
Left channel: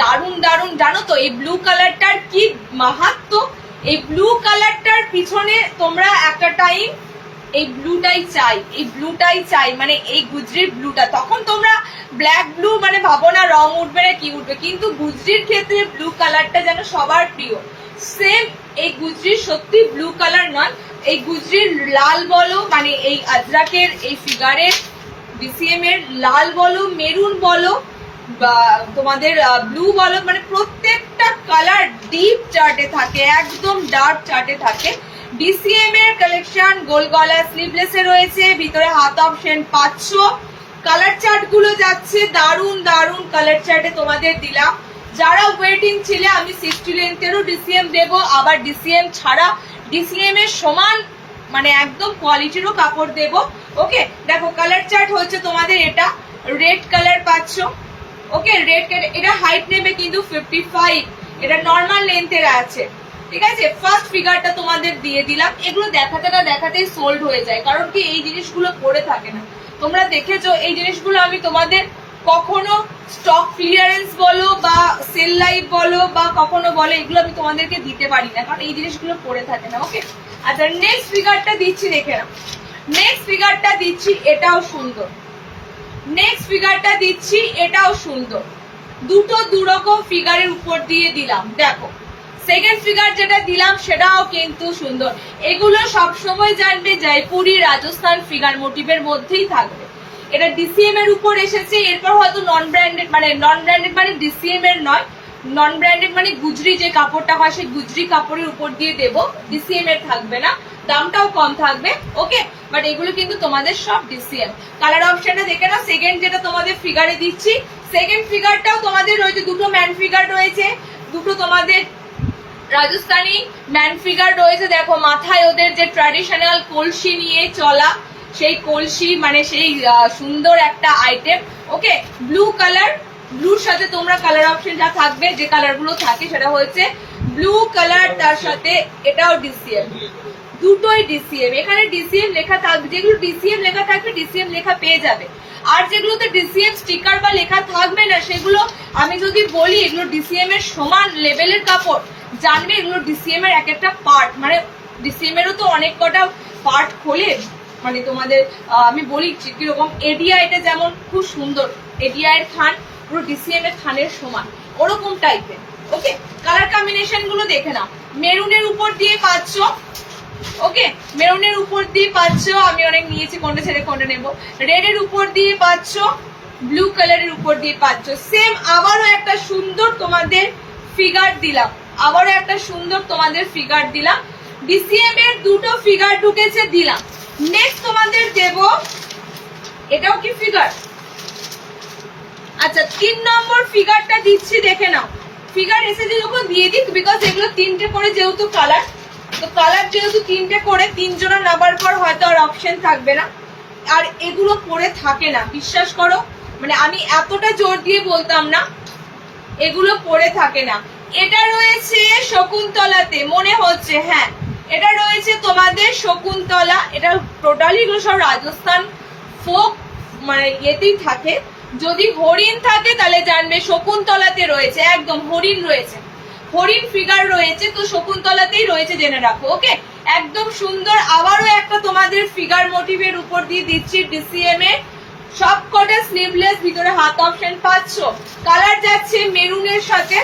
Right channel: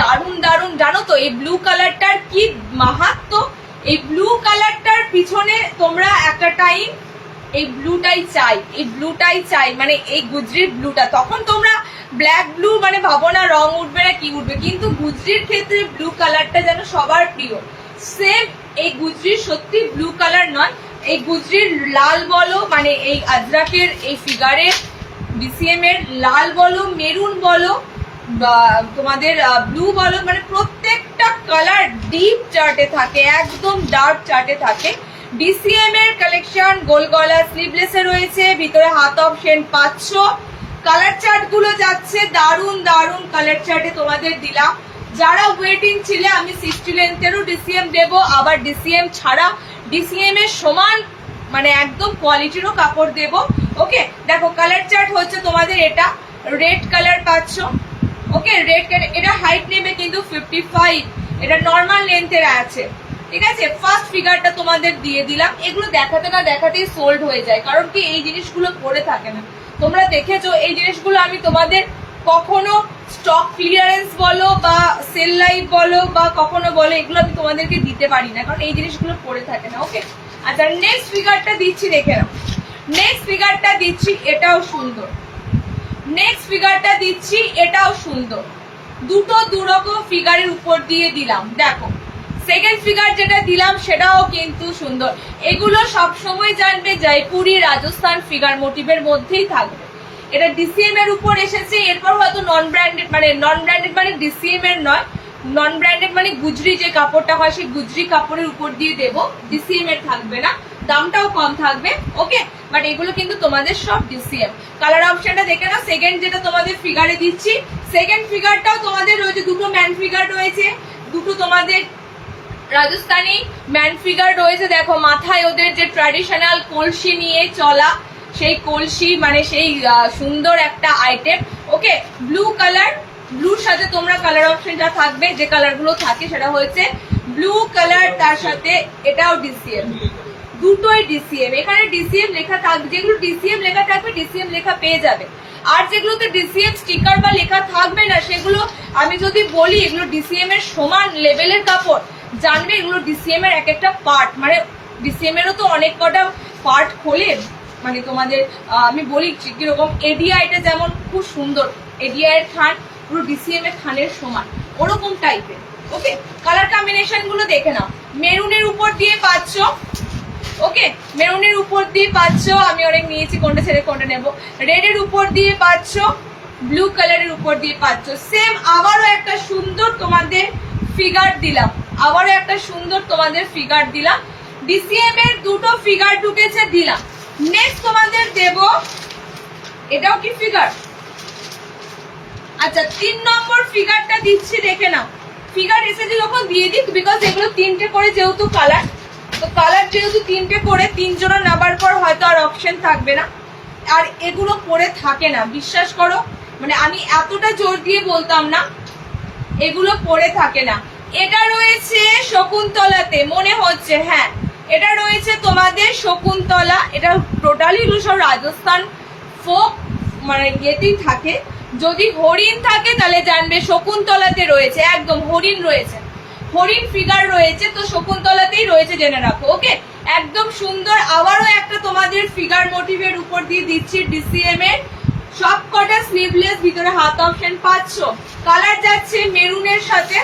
দারুন দারুন। জানো তো এই ব্লু কালারটার কি মাহাত্ম্য, এই ব্লু কালারটার পিছনে তোমরা একটা টাইম এই ব্লুটাই চাই, এই ব্লুটাই চাই, মানে এই গুজরির ব্লুটা, তখন তোমরা ব্ল্যাক ব্লু মানে ভাবো না রং উঠবে না কি উঠবে, কিন্তু গুজরির ক্ষেত্রে ব্লু কালারটা যেন সবার প্রিয়। সেম এই গুজরির সত্যি ব্লু কালার নয়, এই গুজরির লাল বলো, মানে এই আজরাকের এই ফিগারের ডিসিএম এর লাল বলো, মেরুন বলো, বা তোমাদের ব্লু বলো, মানে প্রত্যেকটা কালার ডিপ চার্টে থাকে, একদম ডার্ক চার্টে থাকে। ডিসিএম এর কালেকশন গোল গলা স্লিভলেস এ রয়েছে, ভিতরে হাত অপশন পাচ্ছ। কালার চার্ট গুলো যাচ্ছে দারুন দারুন কালার চার্টে তোমাদের দিলাম। যারা ওয়েটিং ছিলে আমি 60 লেন্থেরও ডিসিএম দেবো, আবার ডিসিএম ছাড়া ডিসিএম এর সমান মানে একদম কোয়ালিটিরও কাপড় দেবো। ওকে দেখো কালার চার্ট হচ্ছে তোমাদের এটা রেড কালার পাচ্ছ, ওকে রেড কালার, এটা হাইট নেবে কিন্তু 55, এটা নর্মাল লেন্থের আছে, ঠিক আছে। ফার্স্ট ফিগারটা তোমাদের দিয়ে দিলাম, এগুলো দেখাতে না দেখাতেই সোল্ড হয়ে যায়, কারণ কি এই জিনিসগুলো পরে থাকে না, তোমরা দেখেছো এই জিনিসগুলো আমি তোমাদের কখনো স্টক ক্লিয়ারেন্স বলো বা সেল লাইভ বলো বা কখনো বলো, এগুলো আমি তোমাদেরকে দিতে পারি না, কারণ এই জিনিসগুলো পরে থাকে না। ওকে আচ্ছা নেক্সট ফিগারটা দিচ্ছি, দেখে নাও, নেক্সট ফিগারটা দিচ্ছি, এটাও সুন্দর, নেক্সট ফিগারটা দিচ্ছি, এটাও সুন্দর, দুটো দুরকম ফিগারের উপর দিয়ে দিলাম। দেখো সেকেন্ড ফিগার যেটা দিলাম সেটাও কিন্তু সুন্দর, এগুলো সবসময় জানবে জয়পুরি রাজস্থান ফিগার মোটিভের মধ্যেই থাকবে, এটা ডিসিএম এর উপর এসেছে, এরপর হয়তো নন ব্র্যান্ডেড মানে ডিসিএম এর নয়, নন ব্র্যান্ডেড মানে গুজরি যে কাপড়টা হয় সেই গুজরি কাপড়ের উপর দিয়ে দেবো, ডিসিএম এর থাকবে না, দামটাও কম থাকবে। ওকে, বাট এগুলো কিন্তু তোমাদের সব ডিসিএম। কালার অপশনটা দেখে না। সেকেন্ড যেটা তোমাদের ফিগারে দিচ্ছি, সেকেন্ড ফিগারটাও তোমাদের রয়েছে, দুটো ম্যান ফিগার রয়েছে, দুটো তোমাদের রাজস্থানী ম্যান ফিগার রয়েছে। দেখো মাথায় ওদের যে ট্র্যাডিশনাল কলসি নিয়ে চলা, সেই কলসি মানে সেই সুন্দর একটা আইটেম। ওকে, ব্লু কালার, ব্লুর সাথে তোমরা কালার অপশন যা থাকবে, যে কালার গুলো থাকে সেটা হচ্ছে ব্লু কালার, তার সাথে এটাও ডিসিএম, দুটোই ডিসিএম। এখানে ডিসিএম লেখা থাকবে, যেগুলো ডিসিএম লেখা থাকবে ডিসিএম লেখা পেয়ে যাবে। আর যেগুলোতে ডিসিএম স্টিকার বা লেখা থাকবে না, সেগুলো আমি যদি বলি এগুলো ডিসিএম এর সমান লেভেলের কাপড়, জানবে এগুলো ডিসিএম এর এক একটা পার্ট, মানে ডিসিএম এরও তো অনেক কটা পার্ট খোলে, মানে তোমাদের আমি বলি কিরকম। এডিআইটা যেমন খুব সুন্দর, এডিআই এর থান পুরো ডিসিএম এর থানের সমান, ওরকম টাইপের। ওকে, কালার কম্বিনেশন গুলো দেখে নাও। মেরুনের উপর দিয়ে পাচ্ছ, ওকে, মেরুনের উপর দিয়ে পাচ্ছ, আমি অনেক নিয়েছি, কোনটা ছেড়ে কোনটা নেবো। রেড এর উপর দিয়ে পাচ্ছ, ব্লু কালারের উপর দিয়ে পাচ্ছ। সেম আবারও একটা সুন্দর তোমাদের ফিগার দিলাম, আবারও একটা সুন্দর তোমাদের ফিগার দিলাম, ডিসিএম এর দুটো ফিগার ঢুকেছে দিলাম। নেক্সট তোমাদের দেব, এটাও কি ফিগার? আচ্ছা, 3 নম্বর ফিগারটা দিচ্ছি, দেখে নাও। ফিগার এসেছে যখন দিয়ে দিক, বিকজ এগুলো 3টে করে যেহেতু কালার, তো কালার যেহেতু 3টে করে, 3 জনের নামার পর হয়তো আর অপশন থাকবে না। আর এগুলো পরে থাকে না, বিশ্বাস করো, মানে আমি এতটা জোর দিয়ে বলতাম না, এগুলো পরে থাকে না। এটা রয়েছে শকুন্তলাতে মনে হচ্ছে, হ্যাঁ এটা রয়েছে তোমাদের শকুন্তলা। এটা টোটালি সব রাজস্থান ফোক মানে ইয়েতেই থাকে। যদি হরিণ থাকে তাহলে জানবে শকুন্তলাতে রয়েছে, একদম হরিণ রয়েছে, হরিণ ফিগার রয়েছে, তো শকুন্তলাতেই রয়েছে, জেনে রাখো। ওকে, একদম সুন্দর। আবারও একটা তোমাদের ফিগার মোটিভের উপর দিয়ে দিচ্ছি ডিসিএম এর, সব কটা স্লিভলেস, ভিতরে হাত অপশন পাচ্ছ। কালার যাচ্ছে মেরুনের সাথে,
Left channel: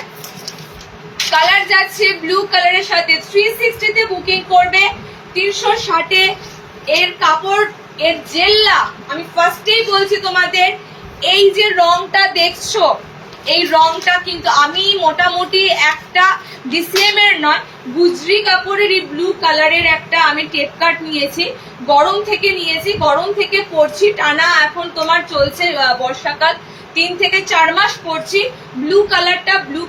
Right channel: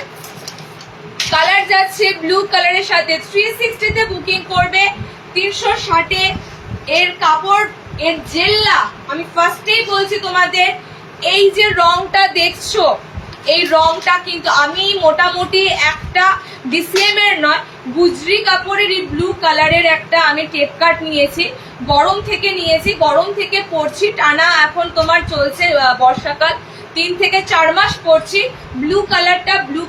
কালার যাচ্ছে ব্লু কালারের সাথে। 360 তে বুকিং করবে, 360 এর কাপড়, এর জেল্লা। আমি ফার্স্টেই বলছি তোমাদের, এই যে রংটা দেখছো, এই রংটা কিন্তু আমি মোটামুটি একটা ডিসিএম এর নয়, গুজরি কাপড়ের এই ব্লু কালারের একটা আমি টেপ কাট নিয়েছি, গরম থেকে নিয়েছি, গরম থেকে পরছি টানা। এখন তোমার চলছে বর্ষাকাল, 3 থেকে 4 মাস পরছি। ব্লু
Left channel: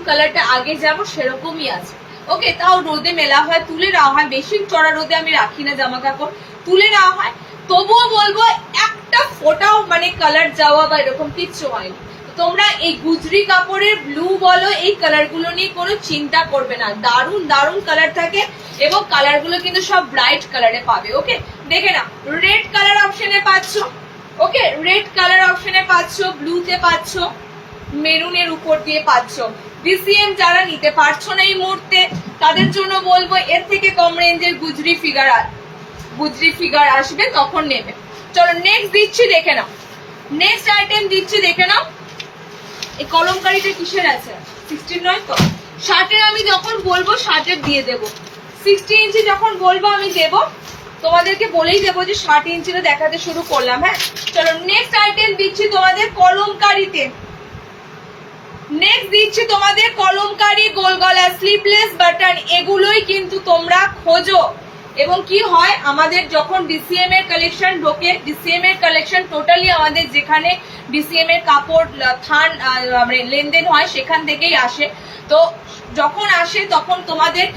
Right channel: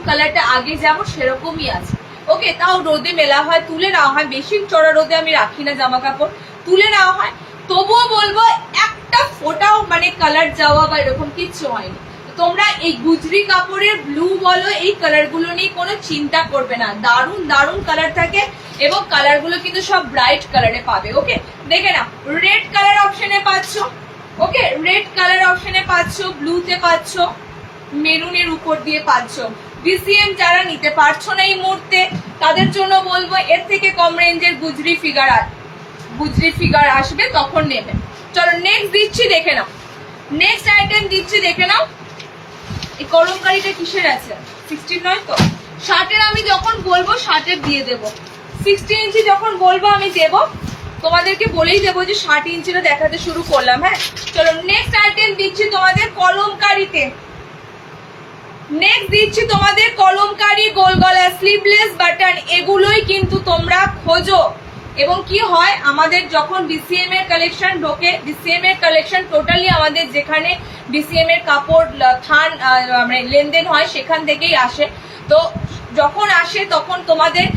কালারটা আগে যেমন সেরকমই আছে। ওকে, তাও রোদে মেলা হয়, তুলে নেওয়া হয়, বেশি চড়া রোদে আমি রাখি না জামা কাপড়, তুলে নেওয়া হয়। তবুও বলবো একটা ফোটাও মানে কালার যাওয়া বা এরকম কিচ্ছু হয়নি। তোমরা এই গুজরি কাপড়ের ব্লু বলো, এই কালার গুলো নিয়ে কোনো চিন্তা করবে না, দারুণ দারুণ কালার থাকে, এবং কালার গুলো কিন্তু সব ব্রাইট কালারে পাবে। ওকে, দেখে নাও, রেড কালার অপশনে পাচ্ছ, ওকে, রেড কালার অপশনে পাচ্ছ, ব্লুতে পাচ্ছ, মেরুনের উপর দিয়ে পাচ্ছ। ডিসিএম যারা নিতে পারছো না এই মুহূর্তে, তাদের জন্য বলবো এর থেকে কম রেঞ্জের গুজরি ফিগার আসবে, তখন নেবে। চলো নেক্সট দিচ্ছি, দেখে নাও, নেক্সট আইটেম দিচ্ছি, দেখে নাও। এই কলমকারিটা কিসের আছে? 16 নয় তো? শার্টের আমি যখন বলবো শার্টের দিয়ে দেবো, 60 ইঞ্চি যখন বলবো আমি দেবো, তোমাদেরকে বলেই দেবো যে 60 ইঞ্চিটা দেখাতে শুরু করলাম। হ্যাঁ, চলো নেক্সট আইটেম দিচ্ছি তোমাদের কলমকারিতে। নেক্সট দিচ্ছি তোমাদের কলমকারি, গোল গলা, স্লিভলেস বাটন, এগুলোই কিন্তু তোমরা খোঁজো। এবং কি হয়, আমাদের যখন ডিসিএম এর কালেকশন ঢোকে, ডিসিএম এর কালেকশন টোটালি আমাদের যেখানে ডিসিএম এর কাপড় থান মানে লেনদেন হয় সেখান থেকেই আসে। তো যখন আসে তখন তোমাদের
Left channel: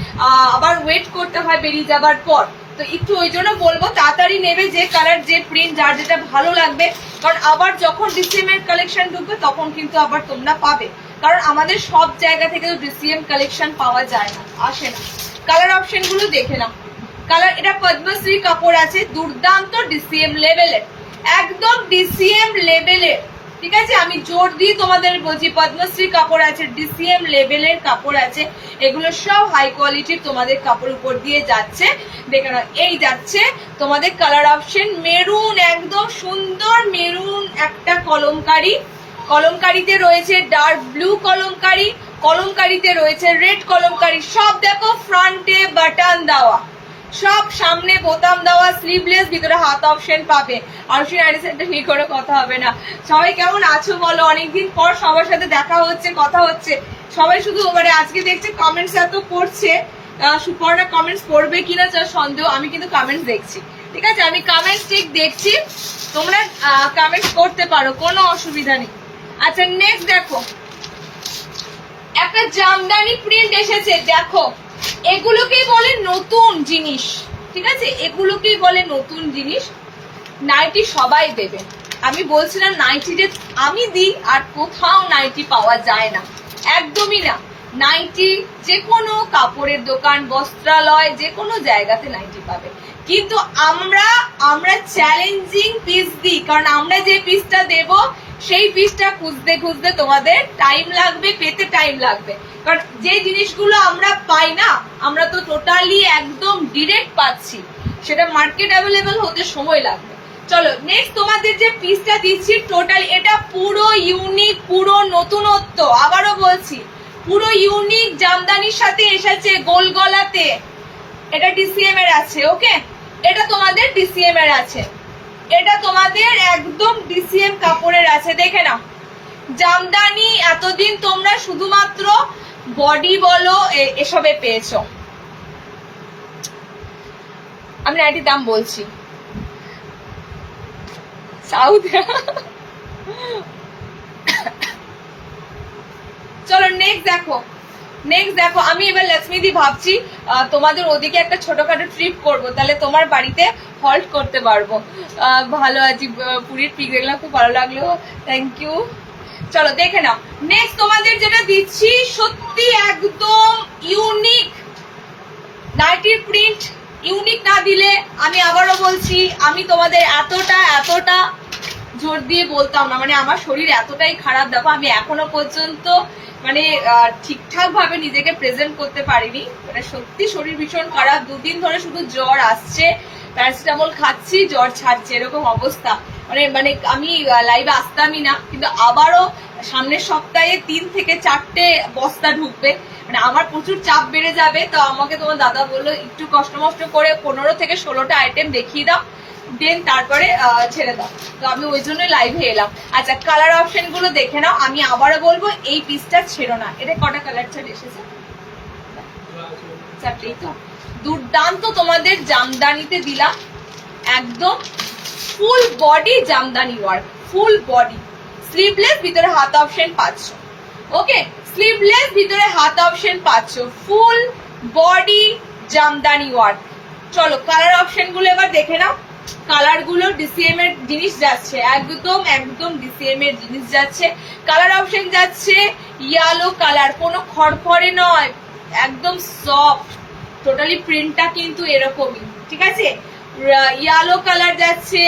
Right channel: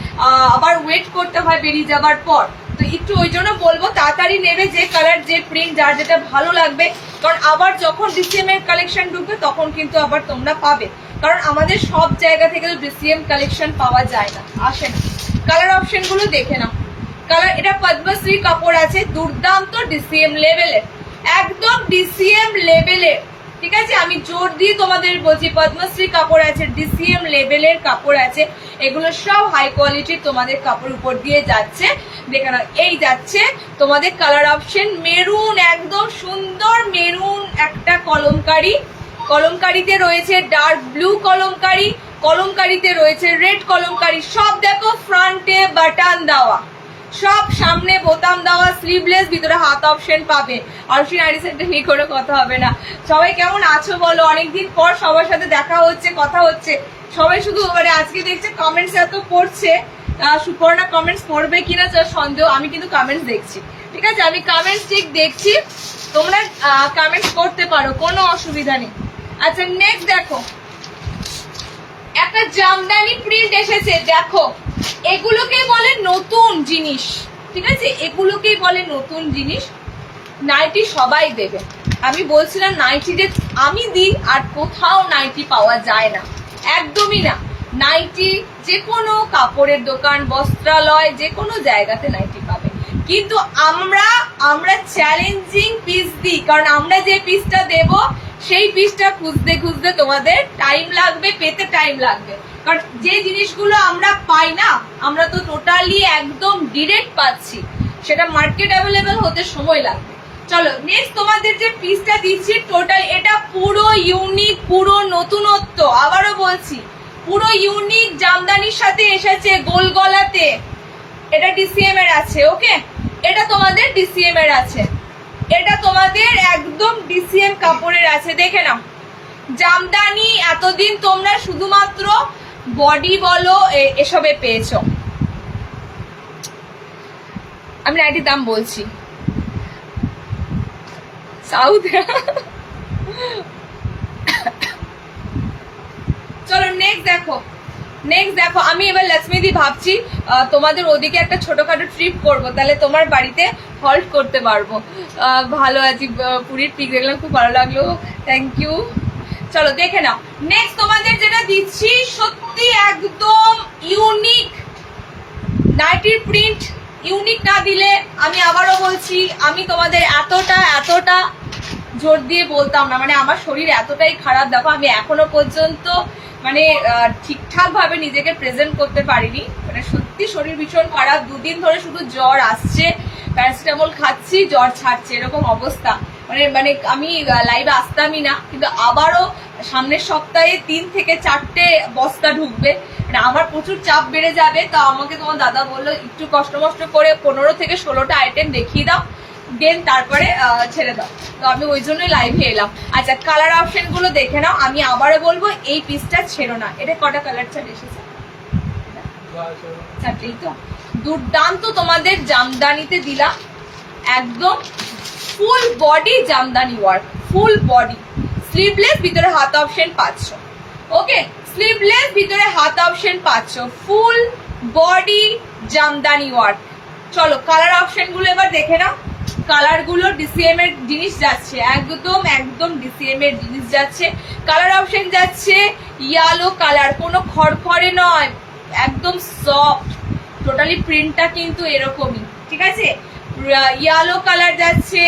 আবার ওয়েট করতে হয় বেরিয়ে যাবার পর। তো একটু ওই জন্য বলবো তাড়াতাড়ি নেবে, যে কালার যে প্রিন্ট যার যেটা ভালো লাগবে, কারণ আবার যখন ডিসিএম এর কালেকশন ঢুকবে তখন কিন্তু আবার তোমরা পাবে, কারণ আমাদের সব জায়গা থেকে তো ডিসিএম কালেকশন পাওয়া যায় না, আসে না। কালার অপশন গুলো দেখে নাও। কালার, এটা পদ্মশ্রী কাপড় আছে, দুর্দান্ত ডিসিএম লেভেলের, একদম ডিসিএম লেভেলের, ঠিক আছে, আমি জোর দিয়ে তোমাদের বলছি পদ্মশ্রী কাপড় আছে, ডিসিএম লেভেলের কাপড় আছে, এগুলো সব হাই কোয়ালিটির তোমাদের কাপড় উপর দিয়ে যাচ্ছে। দেখে নাও, এই যাচ্ছে তোমাদের কালার অপশন মেরুন, একদম সুন্দর মেরুন একটা কলমকারি, কলমকারিতে রয়েছে ডার্ক ব্লু কলমকারি, কলমকারিতে রয়েছে রেড কলমকারি, সব দেখো ফ্রন্টে বাটন দেওয়া, সব সামনে বোতাম দেওয়া, স্লিভলেস, ভিতরে হাত অপশন পাবে। আর সেই নাইটি সেটটা ঠিক করে কথা হবে না। সবাই কেমন আছো বলো? অনেকদিন পর সবার সাথে দেখা হচ্ছে, কথা হচ্ছে। সবাই শুধু মানে আজকে দেখছে কমেন্টস এত পড়ছে, সুপর্ণা কমেন্টস পড়বে কিনা সন্দেহ। আমি কিন্তু কমেন্টস দেখছি, ঠিক আছে? আমি কমেন্টস ঠিক দেখছি, তোমরা কমেন্টস করতে পারো, কোনো অসুবিধা নেই। আচ্ছা নেক্সট দেখো, একটা জামদানি প্রিন্ট এসেছে, দেখো এগুলোকেই বলে নতুন জিনিস, ঠিক আছে? এগুলোকেই বলে নতুন জিনিস। নাইটি সবাই দেবে, আমি বলছিলাম নাইটি যে আমি দিই আর কোথাও নাইটি পাওয়া যায় না, একদমই না। নাইটি যে কোনো কাপড়ের দোকান, বস্ত্রালয়, যে কোনো জায়গাতে নাইটি পাবে। কিন্তু আমরা চ্যালেঞ্জিং পিস দিই, কারণ আমরা যে পিসটা দেব সেই পিসটা খুঁজতে খুঁজতে তোমাদের টাইম লাগবে, পেতে টাইম লাগবে। কারণ যে জিনিসগুলো আমরা পাই না, আমরা তো টোটালি একদম ডিরেক্ট পাচ্ছি, সেটা মার্কেট অ্যাভেলেবেল হতে সময় লাগবে। চলো নেক্সট তোমাদের যে পিসটা দিচ্ছি, টোটাল এটা পুরো ইউনিক, পুরো নতুনত্ব। আবারও বলছি, পুরো ইউনিক জামদানির সাথে এসেছে, গোল গলাতে। এটা ডিসিএম এর আছে, ওকে? এটা তোমাদের ডিসিএম এর আছে, এটা তোমাদের একদম ডিসিএম কাপড়ের আছে। দেখে নাও, জামদানি এতদিন তোমরা শুধুমাত্র বডি বলো এসবে পেয়েছো। আমি নাইটির দাম বলছি, সাউথ। চলো নেক্সট দেখো, আমি এবার লক্ষ্মীদি ভাবছি তোমাদের ওদিকে একটা ছোটখাটো ট্রিপ করবো, তাহলে তোমার বাড়িতে হল্ট করতে পারবো। ভালো আছি, পুরীর পিক দেখলাম, খুব ভালো লাগলো, থ্যাংক ইউ। চলো দেখে নাও নেক্সট তোমাদের যেটা দিচ্ছি, সত্যি একদম ইউনিক নাইটির প্রিন্ট। ইউনিক না দিলে আমি আবারও বলছি, আমি তোমাদের এতটা জোর দিয়ে বলতাম না, মানে আমার শরীর এতটাই খারাপ। দেখো আমি এখনো পর্যন্ত মানে ঠিকঠাক ভাবে নিজেকে প্রেজেন্ট করতে পারিনি, মানে সত্যি শরীর ভীষণ খারাপ। 2 দিন ধরে শুধু জ্বর আসছে, প্যারাসিটামল খাচ্ছি, জ্বর ছাড়ছে, এরকম অবস্থা। মানে আমি লাইভে আসতামই না, কিন্তু আবারও সামনের সপ্তাহে 3 থেকে 4টে বস্তা ঢুকবে, মানে আমার প্রচুর চাপ বেড়ে যাবে। তো আমাকে তোমার দাদা বললো একটু কষ্ট করে 15 থেকে 16টা আইটেম দেখিয়ে দাও, দেন তারপরে ছেড়ে দাও। তো আমি ওই জন্যই লাইভে এলাম। আচ্ছা কালার অপশন গুলো দেখে নাও, আমি আবারও বলবো এই পিসটা ছেড়ো না। এটা কটা কালার চার্ট এসেছে? 4টেই তো। দুর্দান্ত তোমাদের জামদানিতে দিলাম, একদম full body Jamdani work, full body, sleeveless, ভিতরে হাত অপশন পাচ্ছ, ওকে? স্লিভলেস, ভিতরে হাত অপশন পাচ্ছ, ফুল বডি জামদানি ওয়ার্ক। চলো কালার অপশন গুলো এবার দেখে নাও। কালার গুলো ডিসিএম এর জিনিস যাচ্ছে, একদম ডিসিএম এর জিনিস যাচ্ছে। কালার অপশন যাচ্ছে ইয়েলো কালার, কোনো খড়খড়ে নয়, একদম সফট। টোটালি প্রিন্টটা কিন্তু এরকমই, ঠিক আছে? ইয়েলো কালার যাচ্ছে,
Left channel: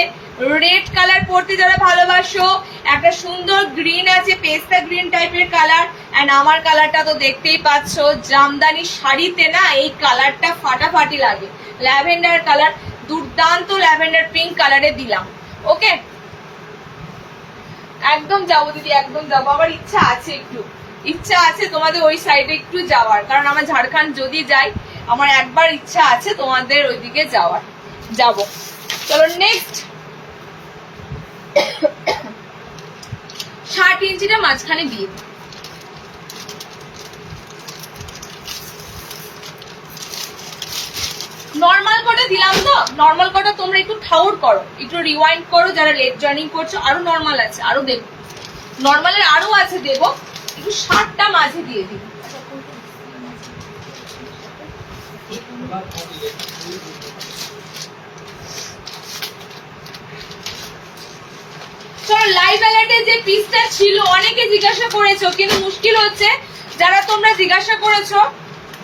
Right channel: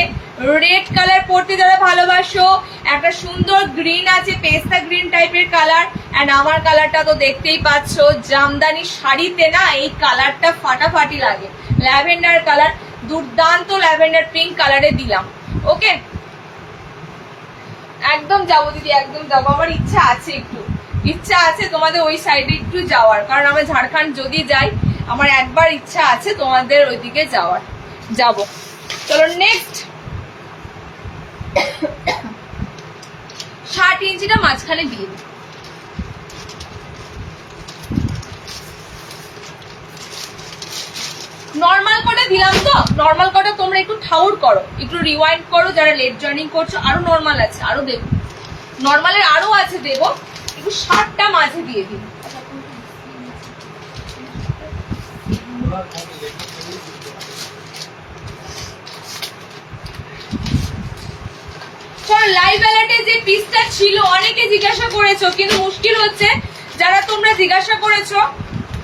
রেড কালার পরতে যারা ভালোবাসো, একটা সুন্দর গ্রিন আছে, পেস্তা গ্রিন টাইপের কালার। এন্ড আমার কালারটা তো দেখতেই পাচ্ছ, জামদানি শাড়িতে না এই কালারটা ফাটাফাটি লাগে। ল্যাভেন্ডার কালার, দুর্দান্ত ল্যাভেন্ডার পিঙ্ক কালারে দিলাম, ওকে? একদম যাবো দিদি, একদম যাবো। আমার ইচ্ছা আছে তোমাদের ওই সাইডে একটু যাওয়ার, কারণ আমার ঝাড়খণ্ড যদি যাই, আমার একবার ইচ্ছা আছে তোমাদের ওইদিকে যাওয়ার, যাবো। চলো নেক্সট, 60 ইঞ্চিটা মাঝখানে দিয়ে দিই। নর্মাল কোটা দিলাম তো, নর্মাল কোটা তোমরা একটু ঠাউর করো, একটু রিওয়াইন্ড করো, যারা লেট জয়েনিং করছো। আরো নর্মাল আছে, আরো দেবো, নর্মালের আরো আছে দেবো, একটু 60টা মাঝে দিয়ে দিই। লাইভ অ্যালার্টে যে পিসটা ছিল অনেকে জিজ্ঞাসা করেছো, কিন্তু মুশকিল হচ্ছে যারা তোমরা জিজ্ঞাসা করেছো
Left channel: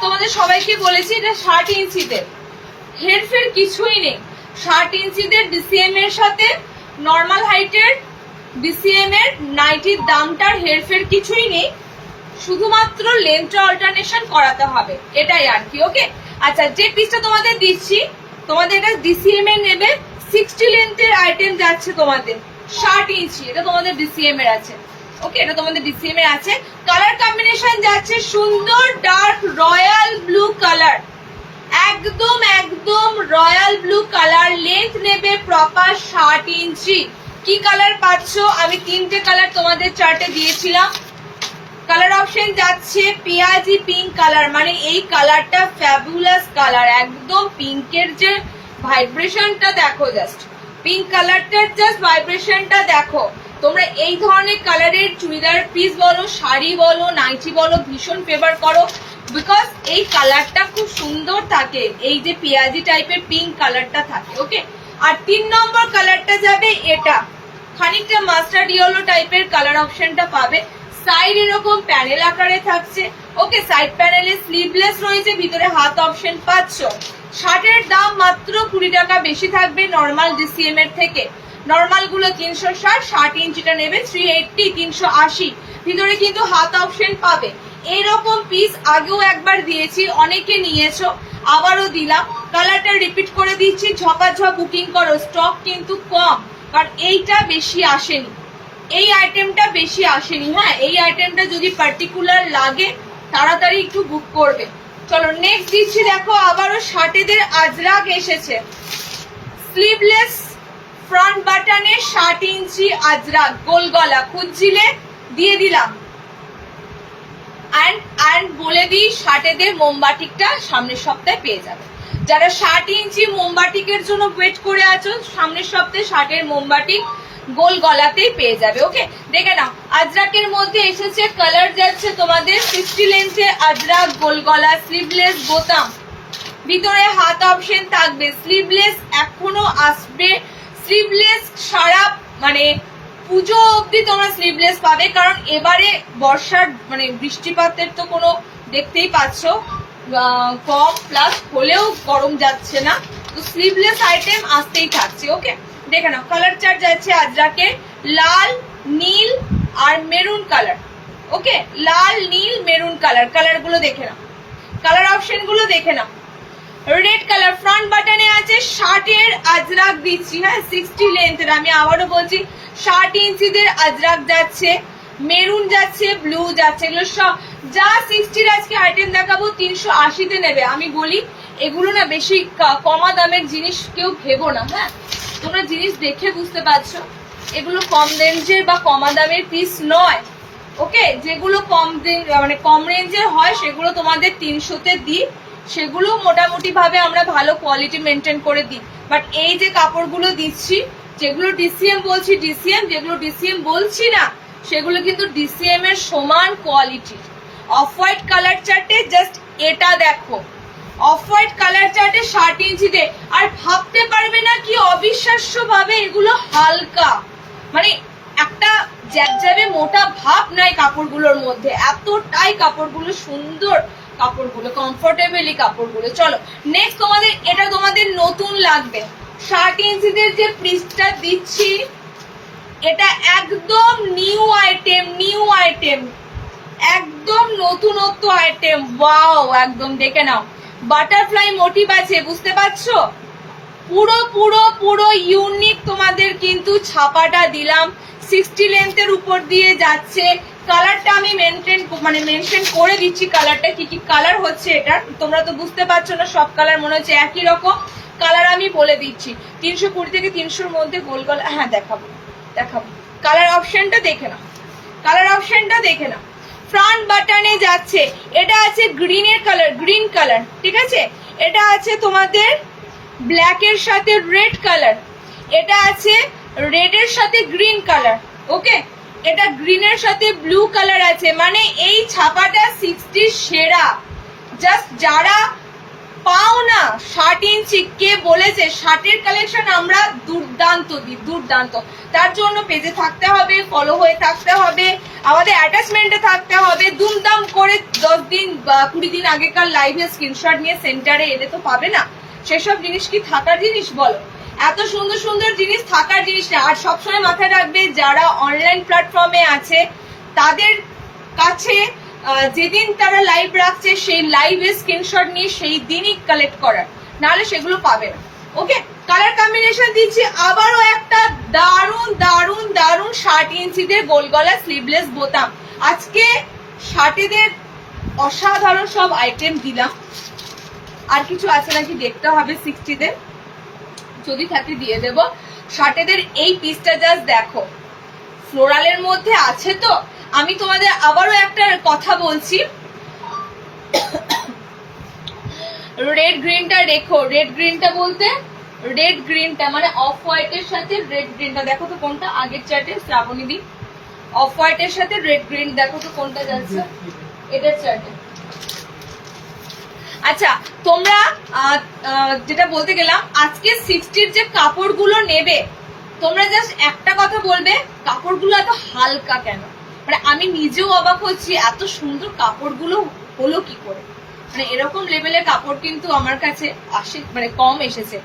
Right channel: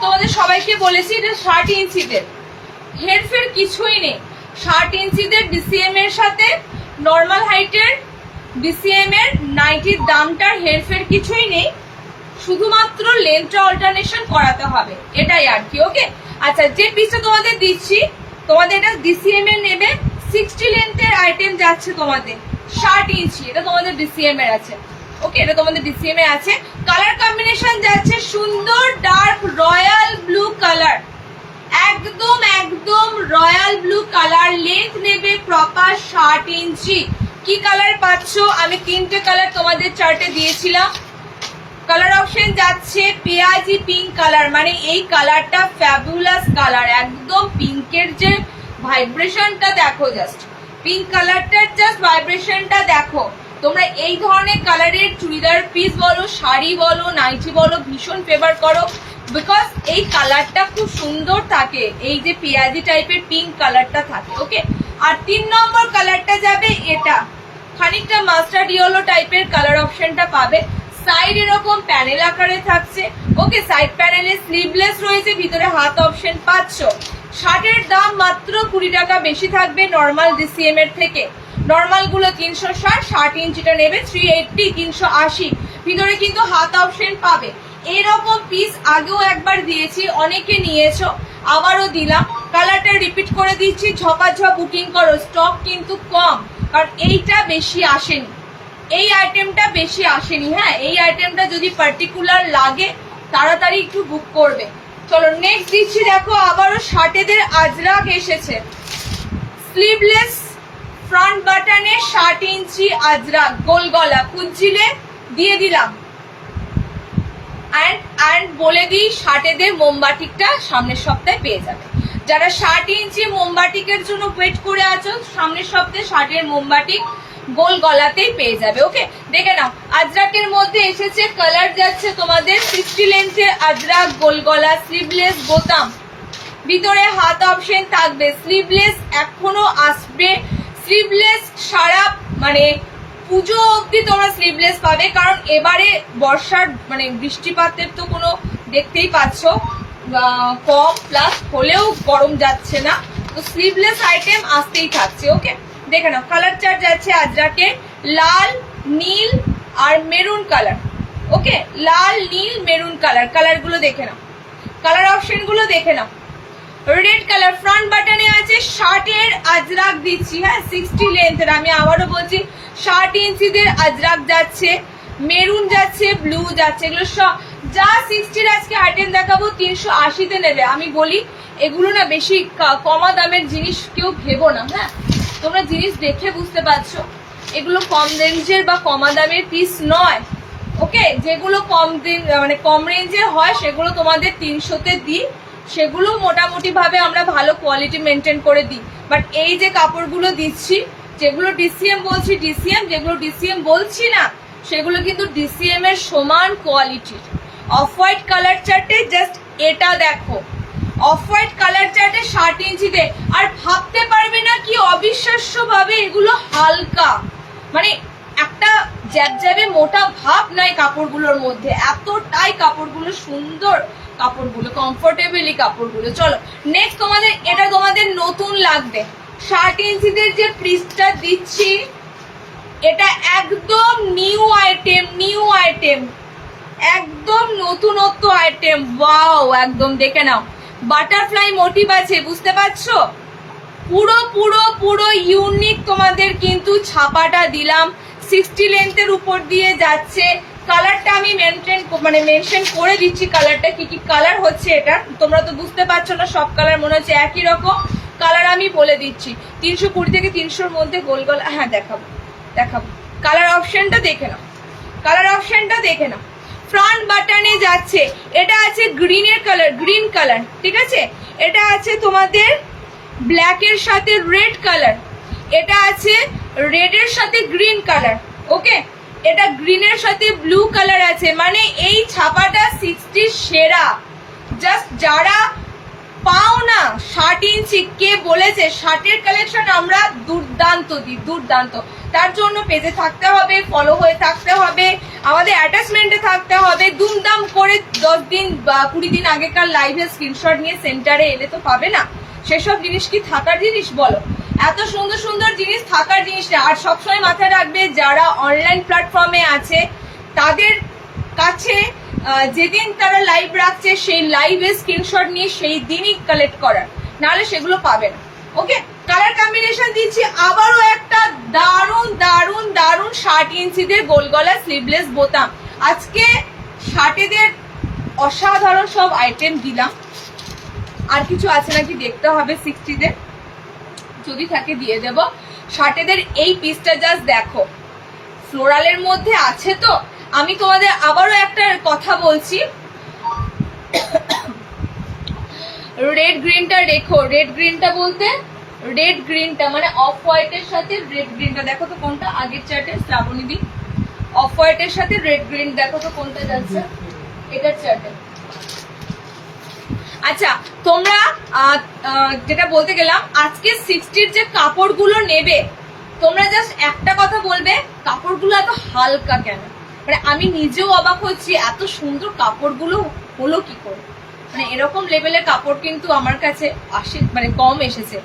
তোমাদের সবাইকে বলেছি এটা 60 ইঞ্চিদের, হেরফের কিছুই নেই। 60 ইঞ্চিদের ডিসিএম এর সাথে নর্মাল হাইটের ডিসিএম এর নাইটির দামটার হেরফের কিছুই নেই, শুধুমাত্র লেন্থটা অল্টারনেশন করাতে হবে, এটাই আর কি, ওকে? আচ্ছা যে পিসটা তোমাদের দিচ্ছি, তোমাদের এটা ডিসিএম এর নেবে, 60 লেন্থের আইটেম যাচ্ছে তোমাদের 60 ইঞ্চি, এটা তোমাদের ডিসিএম এর আছে, ওকে? এটা তোমাদের ডিসিএম এর আছে। কালার কম্বিনেশন যাচ্ছে সুন্দর ডার্ক রয়্যাল ব্লু কালার, একদম একদম রয়্যাল ব্লু কালার, লেন্থ নেবে প্রপার 60 ইঞ্চি। কি কালার পাচ্ছ? আমি 3টে কালার তোমাদের চার্টে দিয়েছিলাম। কালার অপশন যাচ্ছে পেঁয়াজি পিঙ্ক কালার, মানে এই কালারটা ফ্যাবুলাস কালার, একদম পিঙ্কের যে ভাইব্রেশনটা দেখো, জাস্ট পিঙ্ক কালারটার জাস্ট ভাইব্রেশনটা দেখো। তোমরা এই ধরনের কালারের চুড়িদার পিস বলো, শাড়ি বলো, নাইটি বলো, ভীষণ ফেভার করো, বিকজ এই কালারটা খুব সুন্দর থাকে, এই যে পেঁয়াজি টাইপের পিঙ্ক কালারটা থাকে। ওকে, আর 3 নম্বর কালারটা যাবে এটা, খানিকটা মাস্টার্ড ইয়েলো টাইপের কালার অপশনটা পাবে। সাইড এরকম প্যানেল আকারে থাকছে। ওকে, সাইড প্যানেলে স্লিভলেস রয়েছে, ভিতরে হাত অপশন পাচ্ছ। শার্টের দাম মাত্র 20 টাকা বেশি থাকবে নর্মাল ডিসিএম এর থেকে। নর্মাল গুলো 360, 60 ইঞ্চিটা নেবে 380, 380। ভিতরে কিন্তু হাত অপশন পাবে। এইরকম পিস আগেও একবার দিয়েছি, অনেকে নিয়েছো, আবারও দিলাম। কালারটা রিপিট করে দিচ্ছি, ঝপাঝপ বুকিং করো, স্টক কিন্তু কম, কারণ এইটা বেশি আসেনি, এই আইটেমটা বেশি আসেনি। হ্যাঁ, এই আইটেমটা যদি পার্টিকুলার লাগে তাড়াতাড়ি একটু বুক করবে। চলো নেক্সট দিচ্ছি, দেখো আবারও শার্টেদের আজরাক এসেছে, স্লিভলেস ফ্রন্ট বাটনে 60 ইঞ্চি আজরাক, গোল গলা, খুঁজছিলে দিয়ে দিলাম। অ্যান্ড বলে দিই, শার্টেদের মোমবাটিকটা সামনের সপ্তাহে পেয়ে যাবে। যারা 60 ইঞ্চি মোমবাটিকের জন্য ওয়েট করে আছো, সামনের সপ্তাহে শার্টের মোমবাটিক গোল গলাতেই পেয়ে যাবে। ওকে, দেখে নাও, আজরাকের মধ্যে এসেছে কালার যাচ্ছে তোমাদের 60 লেন্থে আজরাক, গোল গলা, স্লিভলেস বোতাম, ভিতরে হাত অপশন থাকবে। স্লিভলেস এখনো আসবে, স্লিভলেস সারা মানে পুজো অবধি তোমরা স্লিভলেস পাবে, কারণ এবারে বর্ষার মানে বৃষ্টিপাতের তো কোনো দেখতেই পাচ্ছ কম, প্লাস হলেও গরম যাচ্ছে না, তো স্লিভলেস আইটেম আসতেই থাকছে। ওকে, দেখে নাও, কালার চার্ট যাচ্ছে আজরাকে লাল, নীল আর মেরুন কালার। ওকে, লাল, নীল, মেরুন কালার, কালার গুলো দেখে নাও, কালার অপশন গুলো দেখে নাও। রেড কালার ফ্রন্ট বাটনে আছে, 60 আজরাক দিচ্ছি। হ্যাঁ, 60 লেন্থের, আমি আবারও বলছি 60 ইঞ্চিদের আজরাক যাচ্ছে, মেরুন যাচ্ছে, ব্লু যাচ্ছে, এগুলো সব যা 60 আজকে আইটেম দেখাবো 380-তে নেবে। আমি বলি এগুলো না বেশি কমা দামের জিনিস কেউ ভেবো না। হ্যাঁ, তোমরা জিনিস দেখে বুঝতে পারছো এগুলো কম রেঞ্জের বা কমা দামের পিস নয়। ওকে, যেগুলো কম রেঞ্জের হয় সেগুলো তোমাদের 300-তে দিই, সেগুলো মোটামুটি ভাবে আমরা ভালো কোয়ালিটি মেনটেন করে দিই। বাট এই যে কাপড়গুলো দিচ্ছি, যেগুলো ডিসিএম বলছি ডিসিএম, যেগুলো ডিসিএম বলছি না সেগুলো কিন্তু ডিসিএম এর সমান কোয়ালিটির। অফ হোয়াইট কালার চার্টে জাস্ট এটা দেখো, অফ হোয়াইট কালার চার্টে 60 ইঞ্চিতে, আর ভাবতে পারবে না কি অবিশ্বাস্য ভাবে এগুলো হালকা, মানে একটা জ্যাবজ্যাবে মোটা ভাব নাই কাপড়গুলোর মধ্যে, এতটাই কাপড়গুলো সুন্দর, কাপড়গুলো কমফোর্টেবলি কাপড়গুলো। চলো নেক্সট, এটা তোমাদের নতুন লাগবে, 60 ইঞ্চিদের যে পিসটা দিচ্ছি এটা একদম নিউ আইটেম, একদম নতুনত্ব আইটেম। ওয়াও, একদম দেখে নাও, বাটারফ্লাই মোটিভ আছে, বুঝতে পারছো? পুরো পুরো পুরো ইউনিক তোমাদের কিন্তু ছাপাটা দিলাম, 60 লেন্থের উপর দিয়ে যাচ্ছে। কালারটা আমি মেনশন করে দিচ্ছি, কালারটা কি কি কালার হচ্ছে। এটা তোমরা তো বুঝতে পারছো না, সব কালার মনে হচ্ছে একই রকম, কালার আমি বলে দিচ্ছি। 320 থেকে 300-র মধ্যে গোল গলা। হ্যাঁ, দেখাবো। কালার অপশনটা দেখে নাও, ফ্রন্ট বাটনে যাচ্ছে, এটা আছে গ্রিনের কালার, গ্রিন কালার, ঠিক আছে। এটা আছে তোমাদের ব্ল্যাকের সাথে রেড কালার, এটা আছে রেডের সাথে গ্রিন কালার। ওকে, এটা গ্রিনের সাথে ব্লু কালার আছে, মানে এই ছাপাটা 60 সেরা। জাস্ট যারা পাও না 60 ইঞ্চি, কে বলেছে 60-এর কালেকশন আমরা দুর্দান্ত দিই, দুর্দান্ত। তার জন্য পেজে থাকতে হবে, ফলো হয়ে থাকতে হবে, আমাদের অ্যাটাচমেন্টে থাকতে হবে। দুমদাম করে 10 দিন বা 20 দিন আগেকার লাইভে স্ক্রিনশট নিয়ে সেন্টারে এলে তো পাবে না। সেসব জিনিস কি থাকার জিনিস বলো? এত সুন্দর সুন্দর জিনিস থাকার জিনিস না। আর সবসময় মাথায় রাখবে, যারা অনলাইন প্ল্যাটফর্মে আছে তাদের কাছে যেদিন তারা লাইভ রাখছে সেই লাইভে স্ক্রিনশট নিয়ে সেই দিনই কালেক্ট করার, নাহলে সেগুলো পাবে না। ওকে, কালার কম্বিনেশন দিচ্ছি আবারও একটা দারুন দারুন দারুন 60 ইঞ্চিদের গোল গলা স্লিভলেস বোতাম। আজকে 60-দের অসাধারণ সব আইটেম দিলাম, আর কিছু আছে নাকি দেখতে হবে 60-তে, যদি থাকে দিয়ে দেব। শার্টেদের এই পিসটা জাস্ট দেখো, ফ্লোরালের মধ্যে আছে। তো আমি তোমাদের আবারও একটা কথা বলছি, রেড গ্রিনটা রেখো। রেড গ্রিনটা বলতে রেড গ্রিনটা মানে অফ হোয়াইটের সাথে রেড গ্রিনটা দেখো তো কোনটা আগের চার্টে, শ্রাবণী দি অফ হোয়াইটের সাথে রেড গ্রিন দেখো তো কোনটা যাচ্ছে এটার চার্টে। আচ্ছা তোমরা যেটা বলতে গেলাম, আজকে 60-র যে কাপড়গুলো নেবে তোমরা জাস্ট একটা কথা বলবে, কাপড়গুলো এত হালকা কেন? মানে আমি নিজেও অবাক হচ্ছি এত সুন্দর কাপড়গুলো হলো কি করে। মানে এরকম লেভেলের কাপড় কিন্তু আমার কাছে মানে কম এসেছে।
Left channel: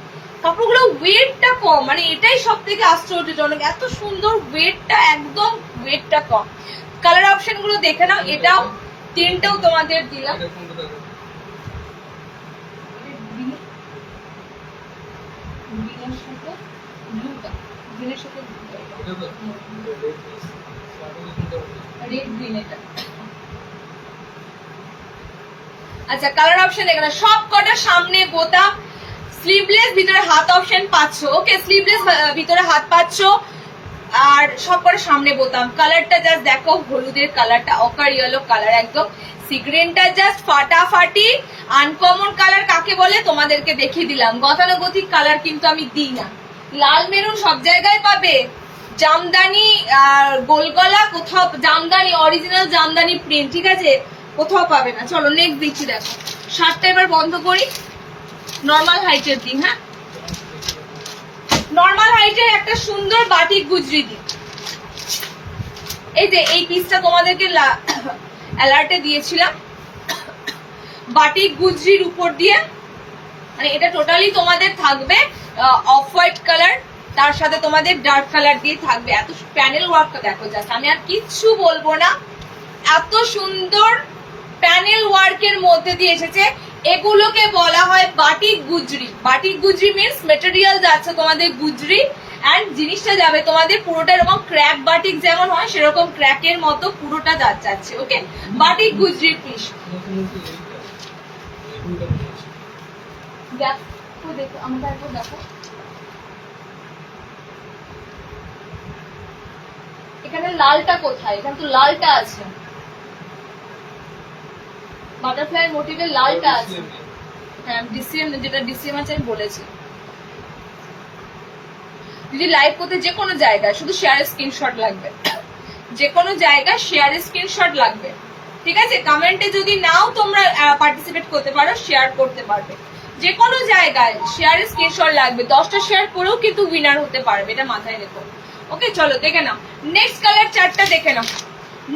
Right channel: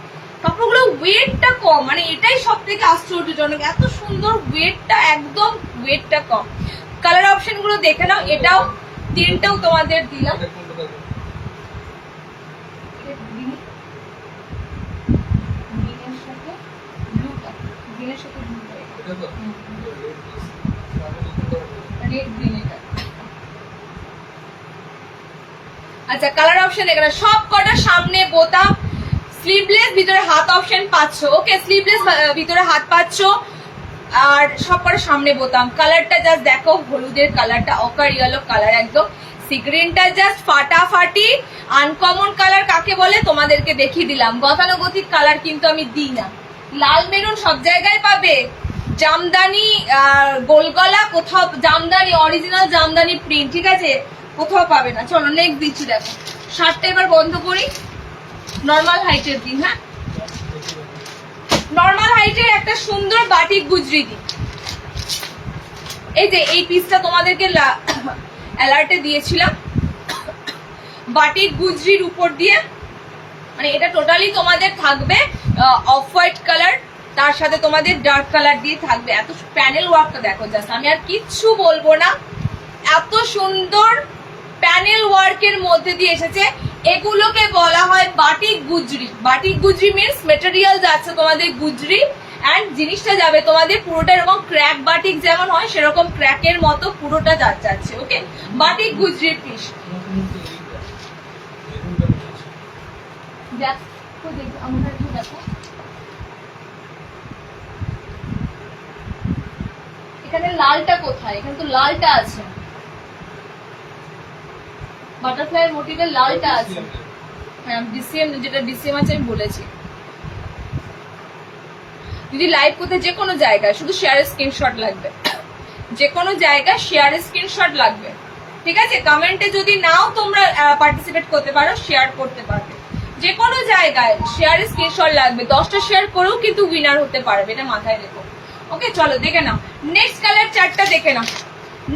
কাপড়গুলো ওয়েটটা কম, মানে এটাই সব থেকে আশ্চর্যজনক, এত সুন্দর ওয়েটটা, একদম ওয়েটটা কম। কালার অপশন গুলো দেখে নাও, এটাও 3টাও তোমাদের দিলাম। আচ্ছা কালার অপশন এখানে সব কটা সামনে বোতাম, স্লিভলেস, ভিতরে হাত অপশন পাচ্ছ। ওকে স্লিভলেস, ভিতরে হাত পাচ্ছ, আর সব কটা সামনে বোতাম। কালারটা জাস্ট দেখো, হলুদের কালারটা অকার ইয়েলো কালার, একদম সি গ্রিনটা জাস্ট ফাটাফাটি। আনকমন কালার কাকে বলে তোমাদেরকে দেখিয়ে দিলাম। গতানুগতিক কালার কিন্তু আমি দিই না। লাল মেরুন সব জায়গায় পাবে, জামদানি গোলগলা কোথাও, জামদানি অরিজিনাল জামদানি প্রিন্ট, ঠিক আছে, কোথাও পাবে না। চলো নেক্সট দিচ্ছি, দেখো শার্টটা এবার বন্ধ করি, নর্মাল হাইটের দিন। হ্যাঁ নর্মাল হাইটের একটা সুন্দর বাটিক গুজরি দিন। এই যে এই পিসটা তোমাদেরকে অ্যালার্টে দিয়েছিলাম, বাটিক গুজরির উপর দিয়ে, মানে এটা টোটালি তোমাদের থাকবে অফ হোয়াইট কালার, তার সাথে তোমাদের ডার্ক কালার দিয়ে থাকবে। এত প্যানেল ওয়ার্কটা দেখো জাস্ট, আমি আর কিচ্ছু বলবো না, এত সুন্দর প্যানেল ওয়ার্কের মধ্যে দিয়ে এসেছে। এগুলোকে বলা হয় batik Gujri. Batik Gujri means material যাচ্ছে তোমাদের গুজরি, অ্যান্ড জিনিসটা যাবে তোমাদের পুরোটা এরকম ক্র্যাক বাটিক যেমন হয় সেরকম ক্র্যাকের মতো পুরোটা যাচ্ছে। ওকে বাটিক গুজরি পিস। দেখো আমরা দেখো এখানে লালটা কোথায়, এখানে তো লালটা আছে, বাটারফ্লাই মোটিভের লালটা আছে। হ্যাঁ ডিসিএম, যেটা ডিসিএম আছে আমি বলেছি। যদি লাইভ করতে যে কোনো জায়গায় শুধু শেয়ারের স্ক্রিনশট লাগবে, যে কোনো জায়গায় শেয়ারের স্ক্রিনশট লাগবে, ঠিক আছে। কমেন্টে যদি নাও তোমরা পার্টিসিপেট করতে পারো, শেয়ার করতে পারবে, যে কোনো জায়গায় শেয়ারের স্ক্রিনশট লাগবে। 10টা শেয়ার করেও কিন্তু উইনার হতে পারবে, এটা মাথায় রেখো। ওকে চলো দেখে নাও নেক্সট কালার চার্টটা, দেখে নাও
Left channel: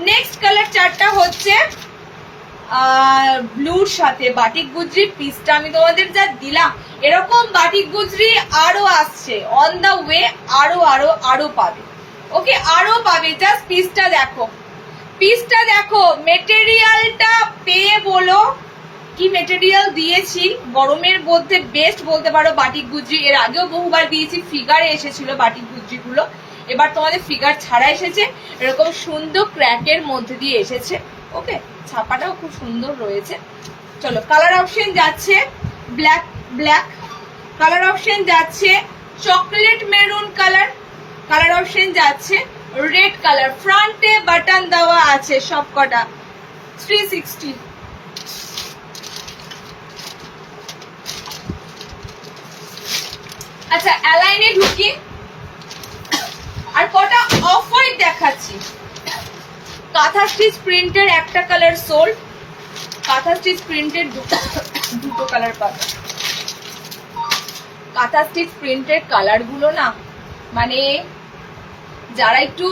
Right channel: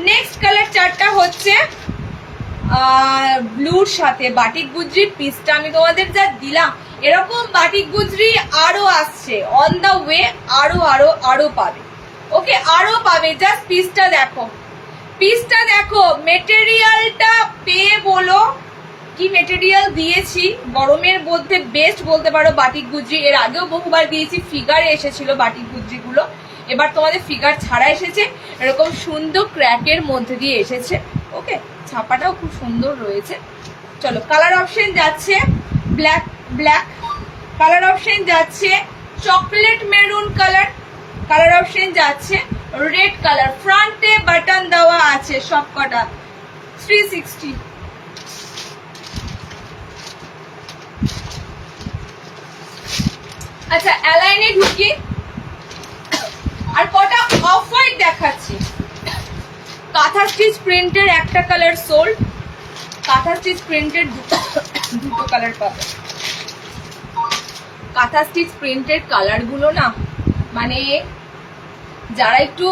নেক্সট কালার চার্টটা হচ্ছে ব্লুর সাথে বাটিক গুজরির পিসটা আমি তোমাদের যা দিলাম, এরকম বাটিক গুজরি আরো আসছে অন দা ওয়ে, আরো আরো আরো পাবে। ওকে আরো পাবে, জাস্ট পিসটা দেখো, পিসটা দেখো, মেটেরিয়ালটা পেয়ে বলো কি মেটেরিয়াল দিয়েছি। গরমের মধ্যে বেস্ট বলতে পারো বাটিক গুজরি। এর আগেও বহুবার দিয়েছি, ফিগারে এসেছিল বাটিক গুজরি গুলো, এবার তোমাদের ফিগার ছাড়া এসেছে, এরকম সুন্দর ক্র্যাকের মধ্যে দিয়ে এসেছে। ওকে ছাপাটাও খুব সুন্দর রয়েছে। চলো কালার অপশন যাচ্ছে ব্ল্যাক, ব্ল্যাক কালার অপশন যাচ্ছে chocolate maroon colour, colour option যাচ্ছে রেড কালার। ফ্রন্টে বাটন দেওয়া আছে সব কটা 360। আচ্ছা অ্যালাইনে ঢুকি, আর কটা অফ হোয়াইট দেখাচ্ছি। কাঁথা স্টিচ প্রিন্টের একটা কালার সোল্ড, কাঁথা স্টিচ প্রিন্টের দুটো কালার পাবে। কাঁথা স্টিচ প্রিন্টের কালার গুলো না, মানে যারা একটু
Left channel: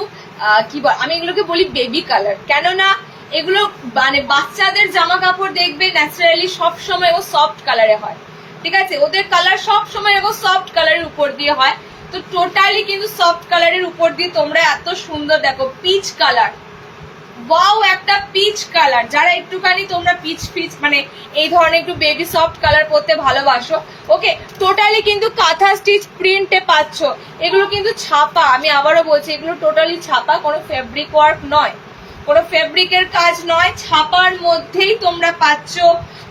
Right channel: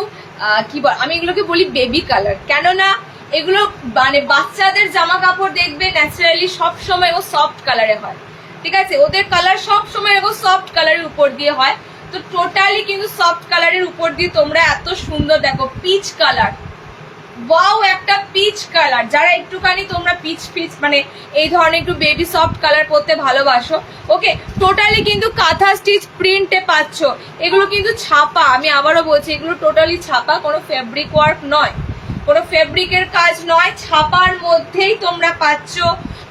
কি আমি এগুলোকে বলি বেবি কালার, কেননা এগুলো মানে বাচ্চাদের জামা কাপড় দেখবে ন্যাচারালি সবসময় ও সফট কালারে হয়, ঠিক আছে, ওদের কালার সবসময় এরকম সফট কালারের উপর দিয়ে হয়। তো টোটালি কিন্তু সফট কালারের উপর দিয়ে তোমরা এত সুন্দর দেখো পিচ কালার, ওয়াও একটা পিচ কালার। যারা একটুখানি তোমরা পিচ পিচ মানে এই ধরনের একটু বেবি সফট কালার পরতে ভালোবাসো, ওকে টোটালি কিন্তু কাঁথা স্টিচ প্রিন্টে পাচ্ছ। এগুলো কিন্তু ছাপা, আমি আবারও বলছি এগুলো টোটালি ছাপা, কোনো ফেব্রিক ওয়ার্ক নয়, কোনো ফেব্রিকের কাজ নয়, ছাপার মধ্যেই তোমরা পাচ্ছ।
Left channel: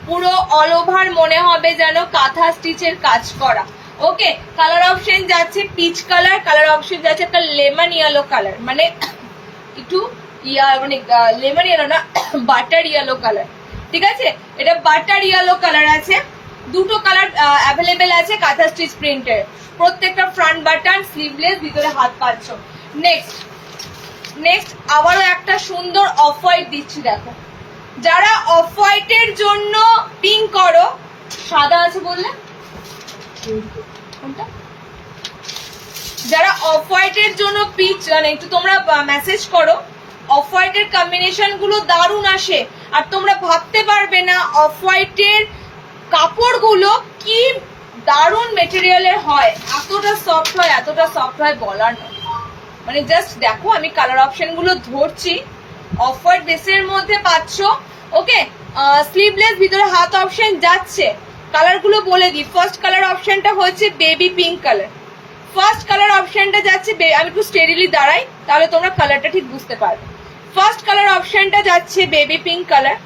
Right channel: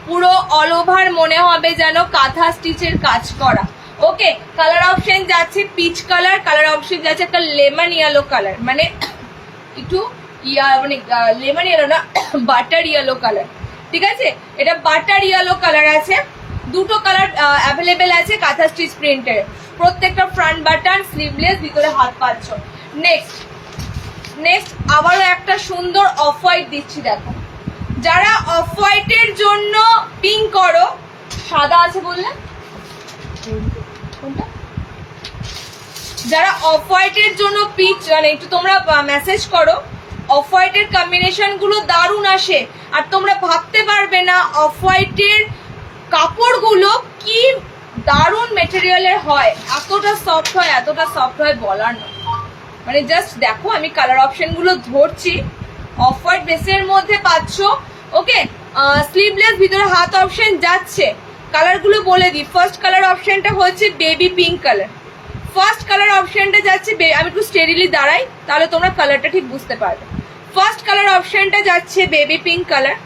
পুরো অল ওভার মনে হবে যেন কাঁথা স্টিচের কাজ করা। ওকে, কালার অপশন যাচ্ছে পিচ কালার, কালার অপশন যাচ্ছে একটা লেমন ইয়েলো কালার, মানে একটু মানে লেমন ইয়েলো না, বাটার ইয়েলো কালার। ঠিক আছে, এটা বাটার ইয়েলো কালার আছে। দুটো কালার অ্যাভেলেবেল আছে কাঁথা স্টিচ প্রিন্টের। প্রত্যেকটা ফ্রন্ট বাটন, স্লিভলেস, ভিতরে হাত পাচ্ছ। নেক্সট আবারও একটা সুন্দর অফ হোয়াইট দিচ্ছি, দেখো। যারা অফ হোয়াইটের জন্য পিঙ্ক করো, সাদা আছে বললে কোনটা, যারা অফ হোয়াইটের জন্য পিচ মানে একটু তোমরা মেসেজ করো। অফ হোয়াইটের কম্বিনেশন গুলো দারুণ আসে, আর তোমরা ভাবতে পারবে না অফ হোয়াইটের কাপড়গুলো কি দারুণ মেটেরিয়ালের হয়, এতটা সফট হয়, এতটা সফট হয় বলার নয়। মানে জাস্ট দেখো, আমি কালার অপশন গুলো ধরছি। অফ হোয়াইট বেসের মধ্যে পাচ্ছ। ওকে, স্লিভলেস, ভিতরে হাত অপশন যাচ্ছে। কালার গুলো বলে দিই। ফার্স্ট কালার অপশনটা হচ্ছে baby pink colour. First colour অপশনটা যাচ্ছে, আমি একটু স্টেডিলি দাঁড়াই তাহলে তোমরা কালারটা ঠিক বুঝতে পারবে। ফার্স্ট কালার অপশনটা যাচ্ছে বেবি পিঙ্ক কালার।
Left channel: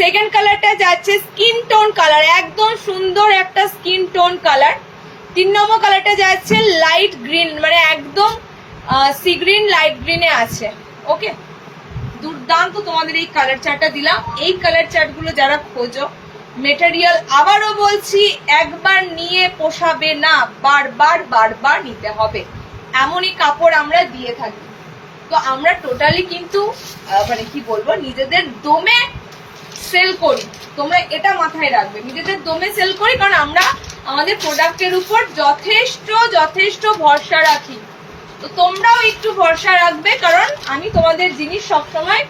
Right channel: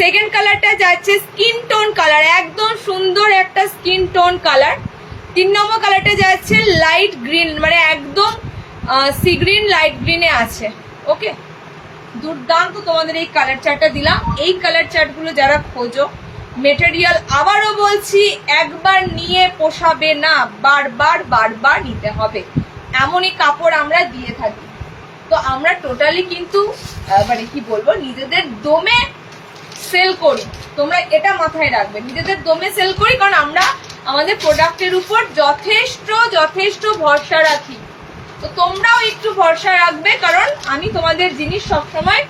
সেকেন্ড কালারটা যাচ্ছে স্কিন টোন কালার, একদম সুন্দর একটা স্কিন টোন কালার। 3 নম্বর কালারটা যাচ্ছে লাইট গ্রিন, মানে একদম সি গ্রিন লাইট গ্রিনে আছে। ওকে, দুর্দান্ত তোমাদের এই কালার চার্টটা দিলাম। এই কালার চার্টগুলো যারা খোঁজো, মেটেরিয়াল আবারও বলছি একবার নিয়ে পোষাবে না, বারবার বারবার নিতে হবে, এমনই কাপড় আমরা দিয়ে থাকি। তো আমরা টোটালি কিন্তু মানে কি বলবো, নিজেদের দমে সেল করি, তোমরা এটা মাথায় রাখবে, নিজেদের দমে সেল করি, কারণ আমরা আমাদের প্রোডাক্টের উপর যথেষ্ট ভরসা রাখি। তো তোমরাও একটু ভরসা রাখবে, কারণ আমি তোমাদের জিনিস সবসময়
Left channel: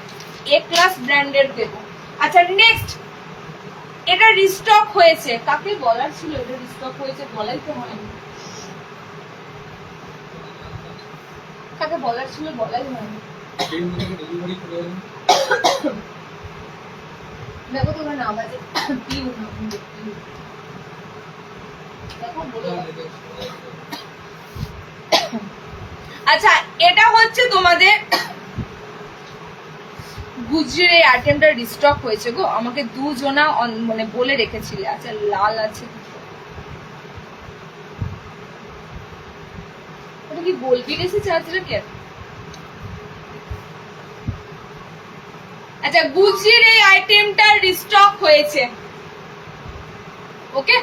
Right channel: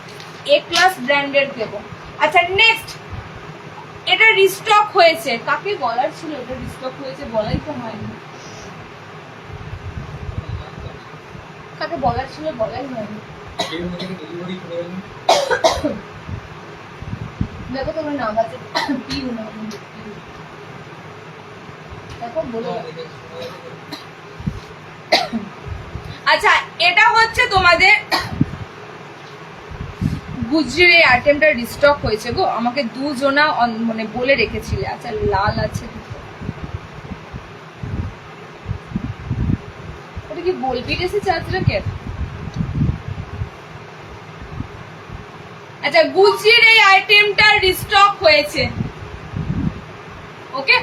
এ ক্লাস ব্র্যান্ডের দেবো। আচ্ছা, নেক্সট এটা রিস্টক হয়েছে, কাকে বলার ছিল এটা রিস্টক হয়েছে, বলাই তো হয়নি, কাকে বলার ছিল বলাই হয়নি। দেখো তোমরা নাম আছে পিউ না, দেখো বলে। আচ্ছা, এটা হচ্ছে তোমাদের গুজরির এই আইটেমটা রিস্টক হয়েছে গো, আমাকে দুজনা মানে বলে রেখেছিলে। আচ্ছা, লাল আছে, ওটা কি বলবি এসেছে আজকে। আচ্ছা, গুজরির এই আইটেমটা রিস্টক হয়েছে। ওকে,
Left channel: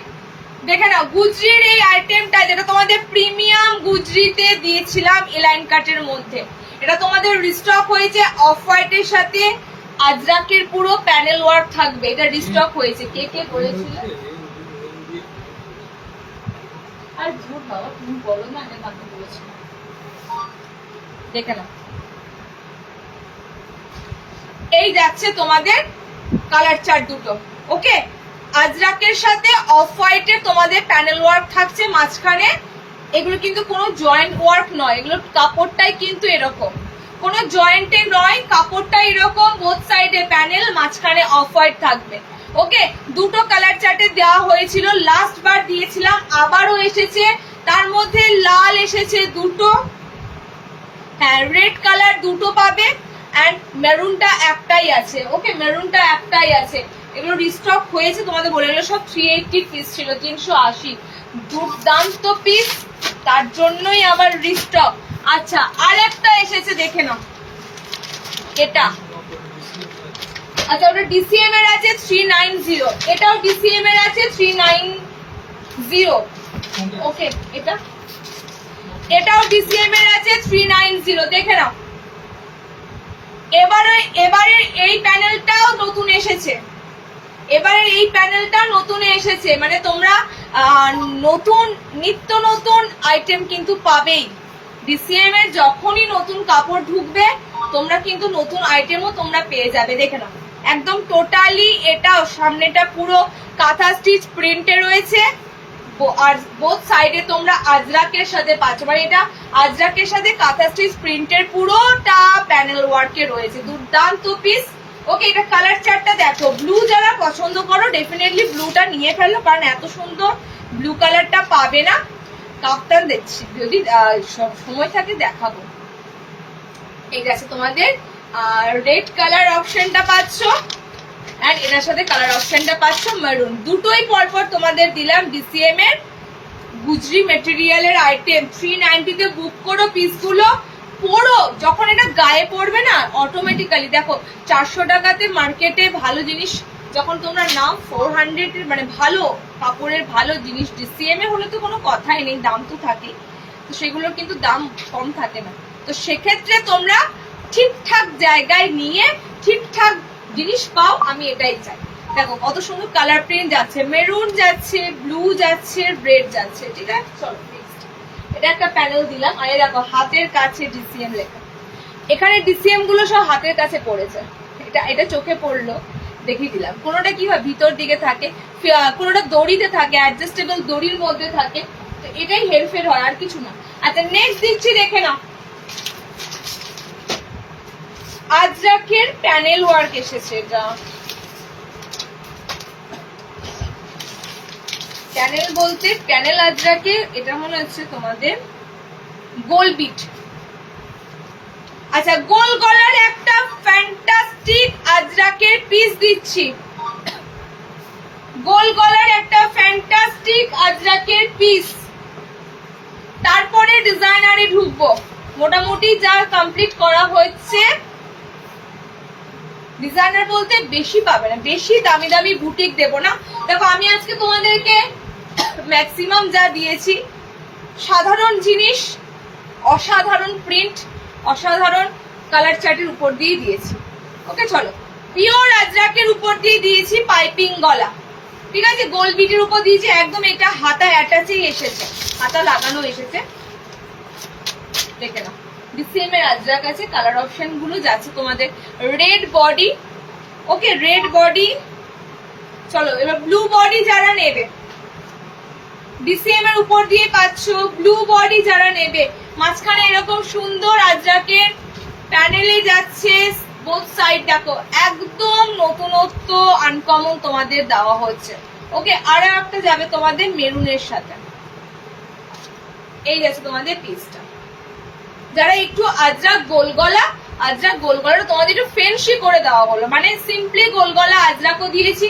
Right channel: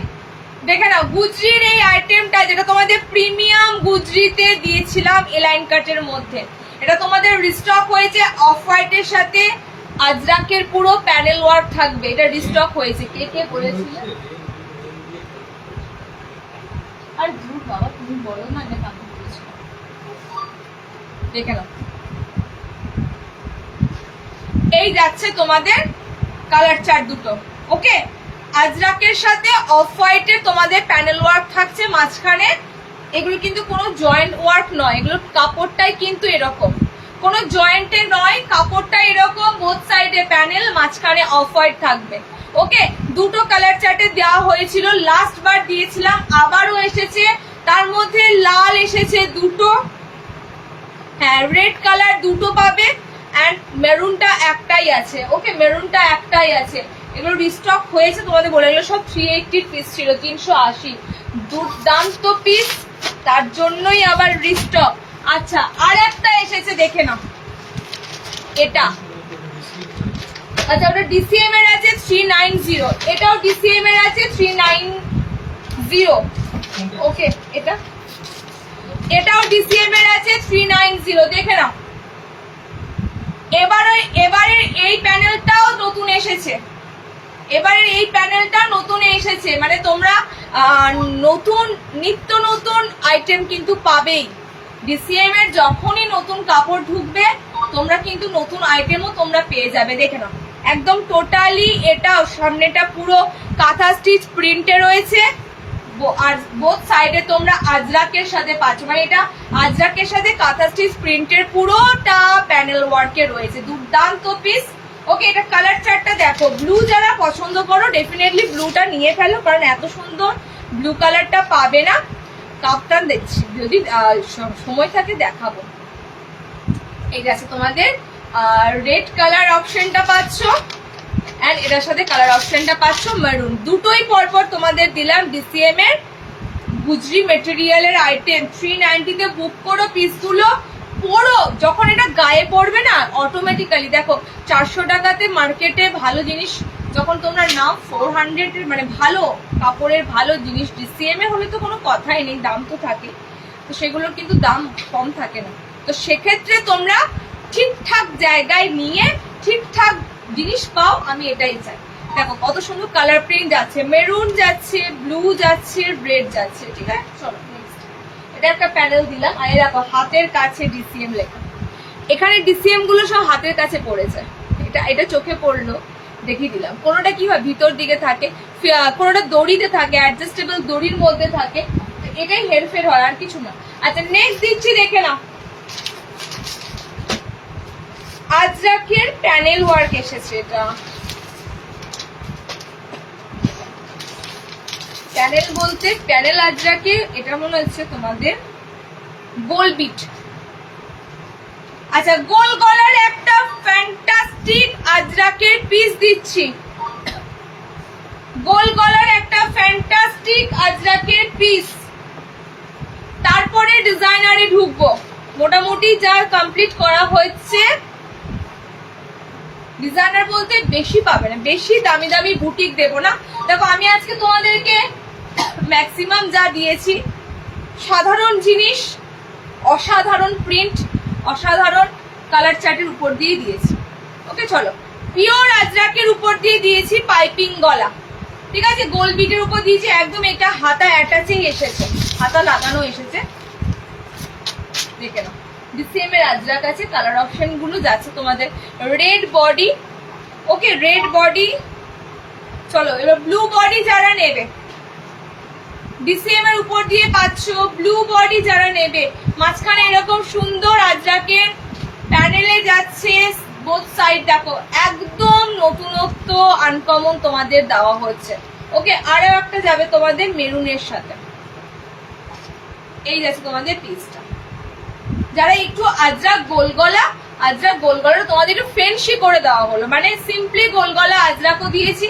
দেখে নাও গুজরির এই আইটেমটা, যেটা তোমাদের প্রিমিয়াম গুজরিতে দিয়েছিলাম এলাইন কাটের মধ্যে, এটা তোমাদের রিস্টক হয়েছে। অফ হোয়াইটের সাথে আজরাকের পুরো প্যানেল ওয়ার্ক থাকবে, এটা রিস্টক হয়েছে। কে কে বলেছিল? আর ধুর বাবা, তুমি বলো না, এটা কাকে বলেছিল, দেখে নাও। এই যাচ্ছে তোমাদের কালার চার্ট দুটো। ওকে, আজরাকের সাথে অফ হোয়াইটের তোমাদের প্যানেল ওয়ার্ক থাকছে মাঝখানে। এগুলো কিন্তু কোনো জয়েন্ট ওয়ার্ক নয়, এগুলো কাপড়টাই কিন্তু এরকম, কোনো জয়েন্টে নয়, কাপড়টা এরকম, বোথ সাইডে প্যানেল, মাঝখানে অফ হোয়াইট থাকবে। ওকে, দুটো কালার চার্টে দেওয়া হয়েছিল, লাস্ট বার দিয়েছিলাম, আবারও এসেছে। তার মধ্যে লাল এসেছে দুটো, হ্যাঁ রেড কালার দুটো পাবে, অ্যান্ড মেরুনটা একটাই আছে। ওকে, মেরুনটা একটাই আছে। এগুলো রিস্টক হয়েছে তোমাদের বলে, এগুলো সব 380 পিস ছিল, 380, দুর্দান্ত পিস, তার জন্যই আবার রিস্টক। আচ্ছা, আর একটা এসেছে, দেখে নাও এটা। আচ্ছা, ওটা ডিসিএম এর আছে 390, এটাও ডিসিএম এর আছে 390। ওকে, এটাও ডিসিএম এর আছে 390, দেখে নাও। এবারে এই প্যানেলটাও নতুন এসেছে, এবারে এই প্যানেলটা নতুন এসেছে, মানে তোমরা নতুন নিত্য নতুন আইটেম কিন্তু পাবেই। ডিসিএম এর যখনই নতুন কাপড় ঢুকবে, তোমরা কিন্তু নতুন আইটেমও তোমরা পেয়ে যাবে। দেখে নাও, একদম টোটালি এটাও সামনেটা পুরো কাঁথা স্টিচ প্রিন্টে রয়েছে, আর বোথ সাইডে তোমরা আজরাকের সাথে পাচ্ছ, মানে এটা আজরাকের সাথে কাঁথা স্টিচ প্রিন্টের পুরোটা প্যানেল ওয়ার্কে রয়েছে, দুর্দান্ত পিস। ওকে, এটা কালার চার্টটা দেখো। ব্লু যারা পছন্দ করো, ডেফিনেটলি ব্লুটা নিয়ে ফেলো, কারণ এত সুন্দর ব্লু কালারটা পাবে না। কাপ্তান দেখছি, যদি সময় থাকে দেখাবো। এই আছে তোমাদের আর রেড কালার অপশনটা পাচ্ছ, এন্ড এটার সাথে কালার অপশনটা পাচ্ছ মেরুন। দুটোই পরপর তোমাদের দিলাম ডিসিএম এর গুজরি মেটেরিয়ালের আইটেম। 390 তে বুক করো পিসগুলো, পরো, যখন এটা গায়ে পড়বে না অটোমেটিক্যালি দেখো 400 টাকাতে মার্কেটে ভালো জিনিস যখন তোমরা নাও 400 এর মানে ভালো কাপড়ের ভালো জিনিস ডিসিএম এ হলে তো কোনো কথাই নেই, দাম তো থাকে, তো সেগুলোর কিন্তু দাম কম থাকে না। তো সেক্ষেত্রে তোমরা ঠিকঠাক জায়গায় নিয়ে ঠিকঠাক জিনিস পাও, আমি এটাই চাই। দেখো কত সুন্দর কালার প্রিন্ট যাচ্ছে, মেরুন যাচ্ছে, ব্লু যাচ্ছে, রেড যাচ্ছে, ঠিক আছে। চলো নেক্সট, এটা একটা প্যানেল দিলাম। আর দেখো হাতের কাছে ডিসিএম লেখা, এখানে ডিসিএম গুলো সব হাতের কাছে পড়েছে, এটা চোখে পড়লো দেখিয়ে দিলাম। কোনোটা কি হয় ভিতর দিকে থাকে, কোনোটা দড়িতে থাকে, অ্যাডজাস্টেবল দড়ির মধ্যে থাকে, এটাই হেরফের হয় আর কিছু না। আচ্ছা নেক্সট দিচ্ছি, দেখে নাও। আজরাকের প্যানেল ওয়ার্ক এসেছে, এটা প্যানেল বলতে প্যানেল আজরাকে, এটা মনে হচ্ছে তোমাদের গোল বিট। আচ্ছা গোল গলার একটা ফ্যান্টাস্টিক আজরাকের পিস দিচ্ছি, গোল গলার একটা ফ্যান্টাস্টিক আজরাকের পিস। তারপরে ডিজাইনারে ঢুকবো, মোটামুটি যার কমপ্লিট করা হয়েছে। ডিজাইনার বলতে বেশি পাবে না, বেশি দামি দামি বুটিক দেবো না। দেখো আমি আজকে তোমাদেরকে ম্যাক্সিমাম যা দিয়েছি সাধারণ জিনিস, অসাধারণ প্রিন্ট, অসাধারণ কালার চার্টের উপর দিয়ে দিয়েছি। ওকে চলো, পিওর আজরাকের উপর দিয়ে দিয়েছি পাইপিং গলা, ঠিক আছে, গোল বিটের উপর দিয়েছি একদম। এটা হাতা অ্যাটাচেই এসেছে, হাতা লাগানো এসেছে, দেখে নাও। ডিসিএম এর আজরাক আছে, কালার অপশন গুলো যাচ্ছে তোমাদের red body, okay red body. চলো এবার ব্লু বডি যারা নেবে, ডিসিএম এর উপর দিয়ে পাচ্ছ ব্লু বডি যারা নেবে, মাঝখানে এরকম সুন্দর আজরাকের প্যানেলে যাচ্ছে, বোথ সাইড দেখো একদম নতুনত্ব আনকমন তোমাদের দেওয়া হচ্ছে। ওকে আরো একটা যাবে তোমাদের মেরুনের সাথে, এই যাচ্ছে তোমাদের পিসটা। যারা একটু আজরাক গোলগলা, আজরাক গোলগলাটা তোমাদের একটু ফেন্সি করে দেওয়া হলো, মানে সিম্পলি গোলগলা আজরাকও দিয়েছি,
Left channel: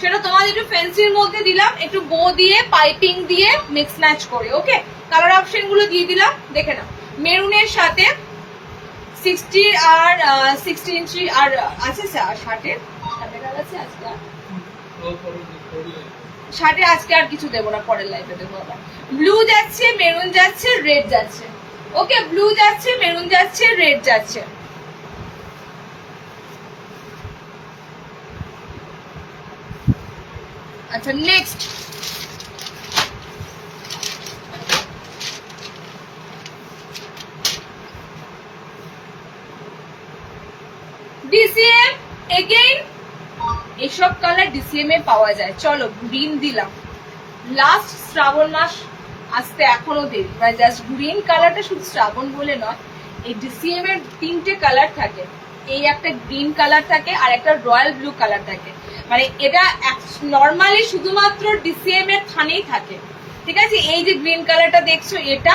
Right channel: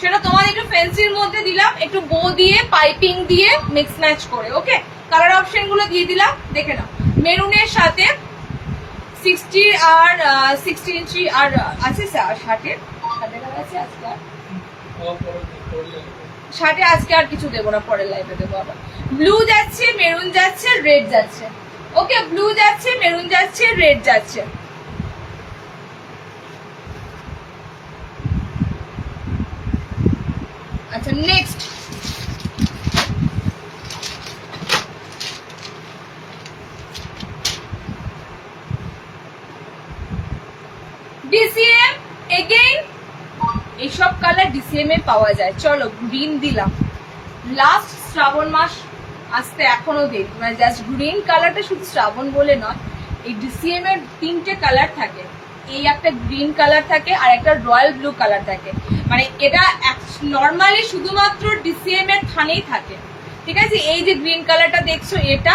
সেটা তোমাদের একটু ফেন্সির মধ্যে দিলাম, একটু বো দিয়ে পাইপিং দিয়ে মিক্স ম্যাচ করে। ওকে কালার অপশন গুলো দিয়ে দিলাম, দেখে নাও। মেরুনের সাথে 60 আর 60 ইঞ্চি আর আছে শার্টের আছে আজকে, শার্টে আজকে আর কিছু দেবো না, পরের লাইভে দেবো আবার। ব্লু যাচ্ছে, মেরুন যাচ্ছে, রেড যাচ্ছে। ওকে ব্লু যাচ্ছে, মেরুন যাচ্ছে, রেড যাচ্ছে। আচ্ছা নেক্সট, ডিসিএম এগেইন, এইসব কালার ডিসিএম এ পাওয়া যায়। চলো গ্রিন দিলাম, লাস্ট শ্রাবণ মাস আসতে এখনো দেরি, মানে জাস্ট গ্রিন কালারটা শুধু শ্রাবণ বলে নয়, এই ডিসিএম এর 3টে কালার থাকে, এই একটা গ্রিন কালার থাকে আর একটা রয়্যাল ব্লু কালার থাকে, মানে এটা নর্মালি শুধুমাত্র ডিসিএম এর থানেই থাকে, ঠিক আছে। এই যে গ্রিন কালারটা দেখছো এটা,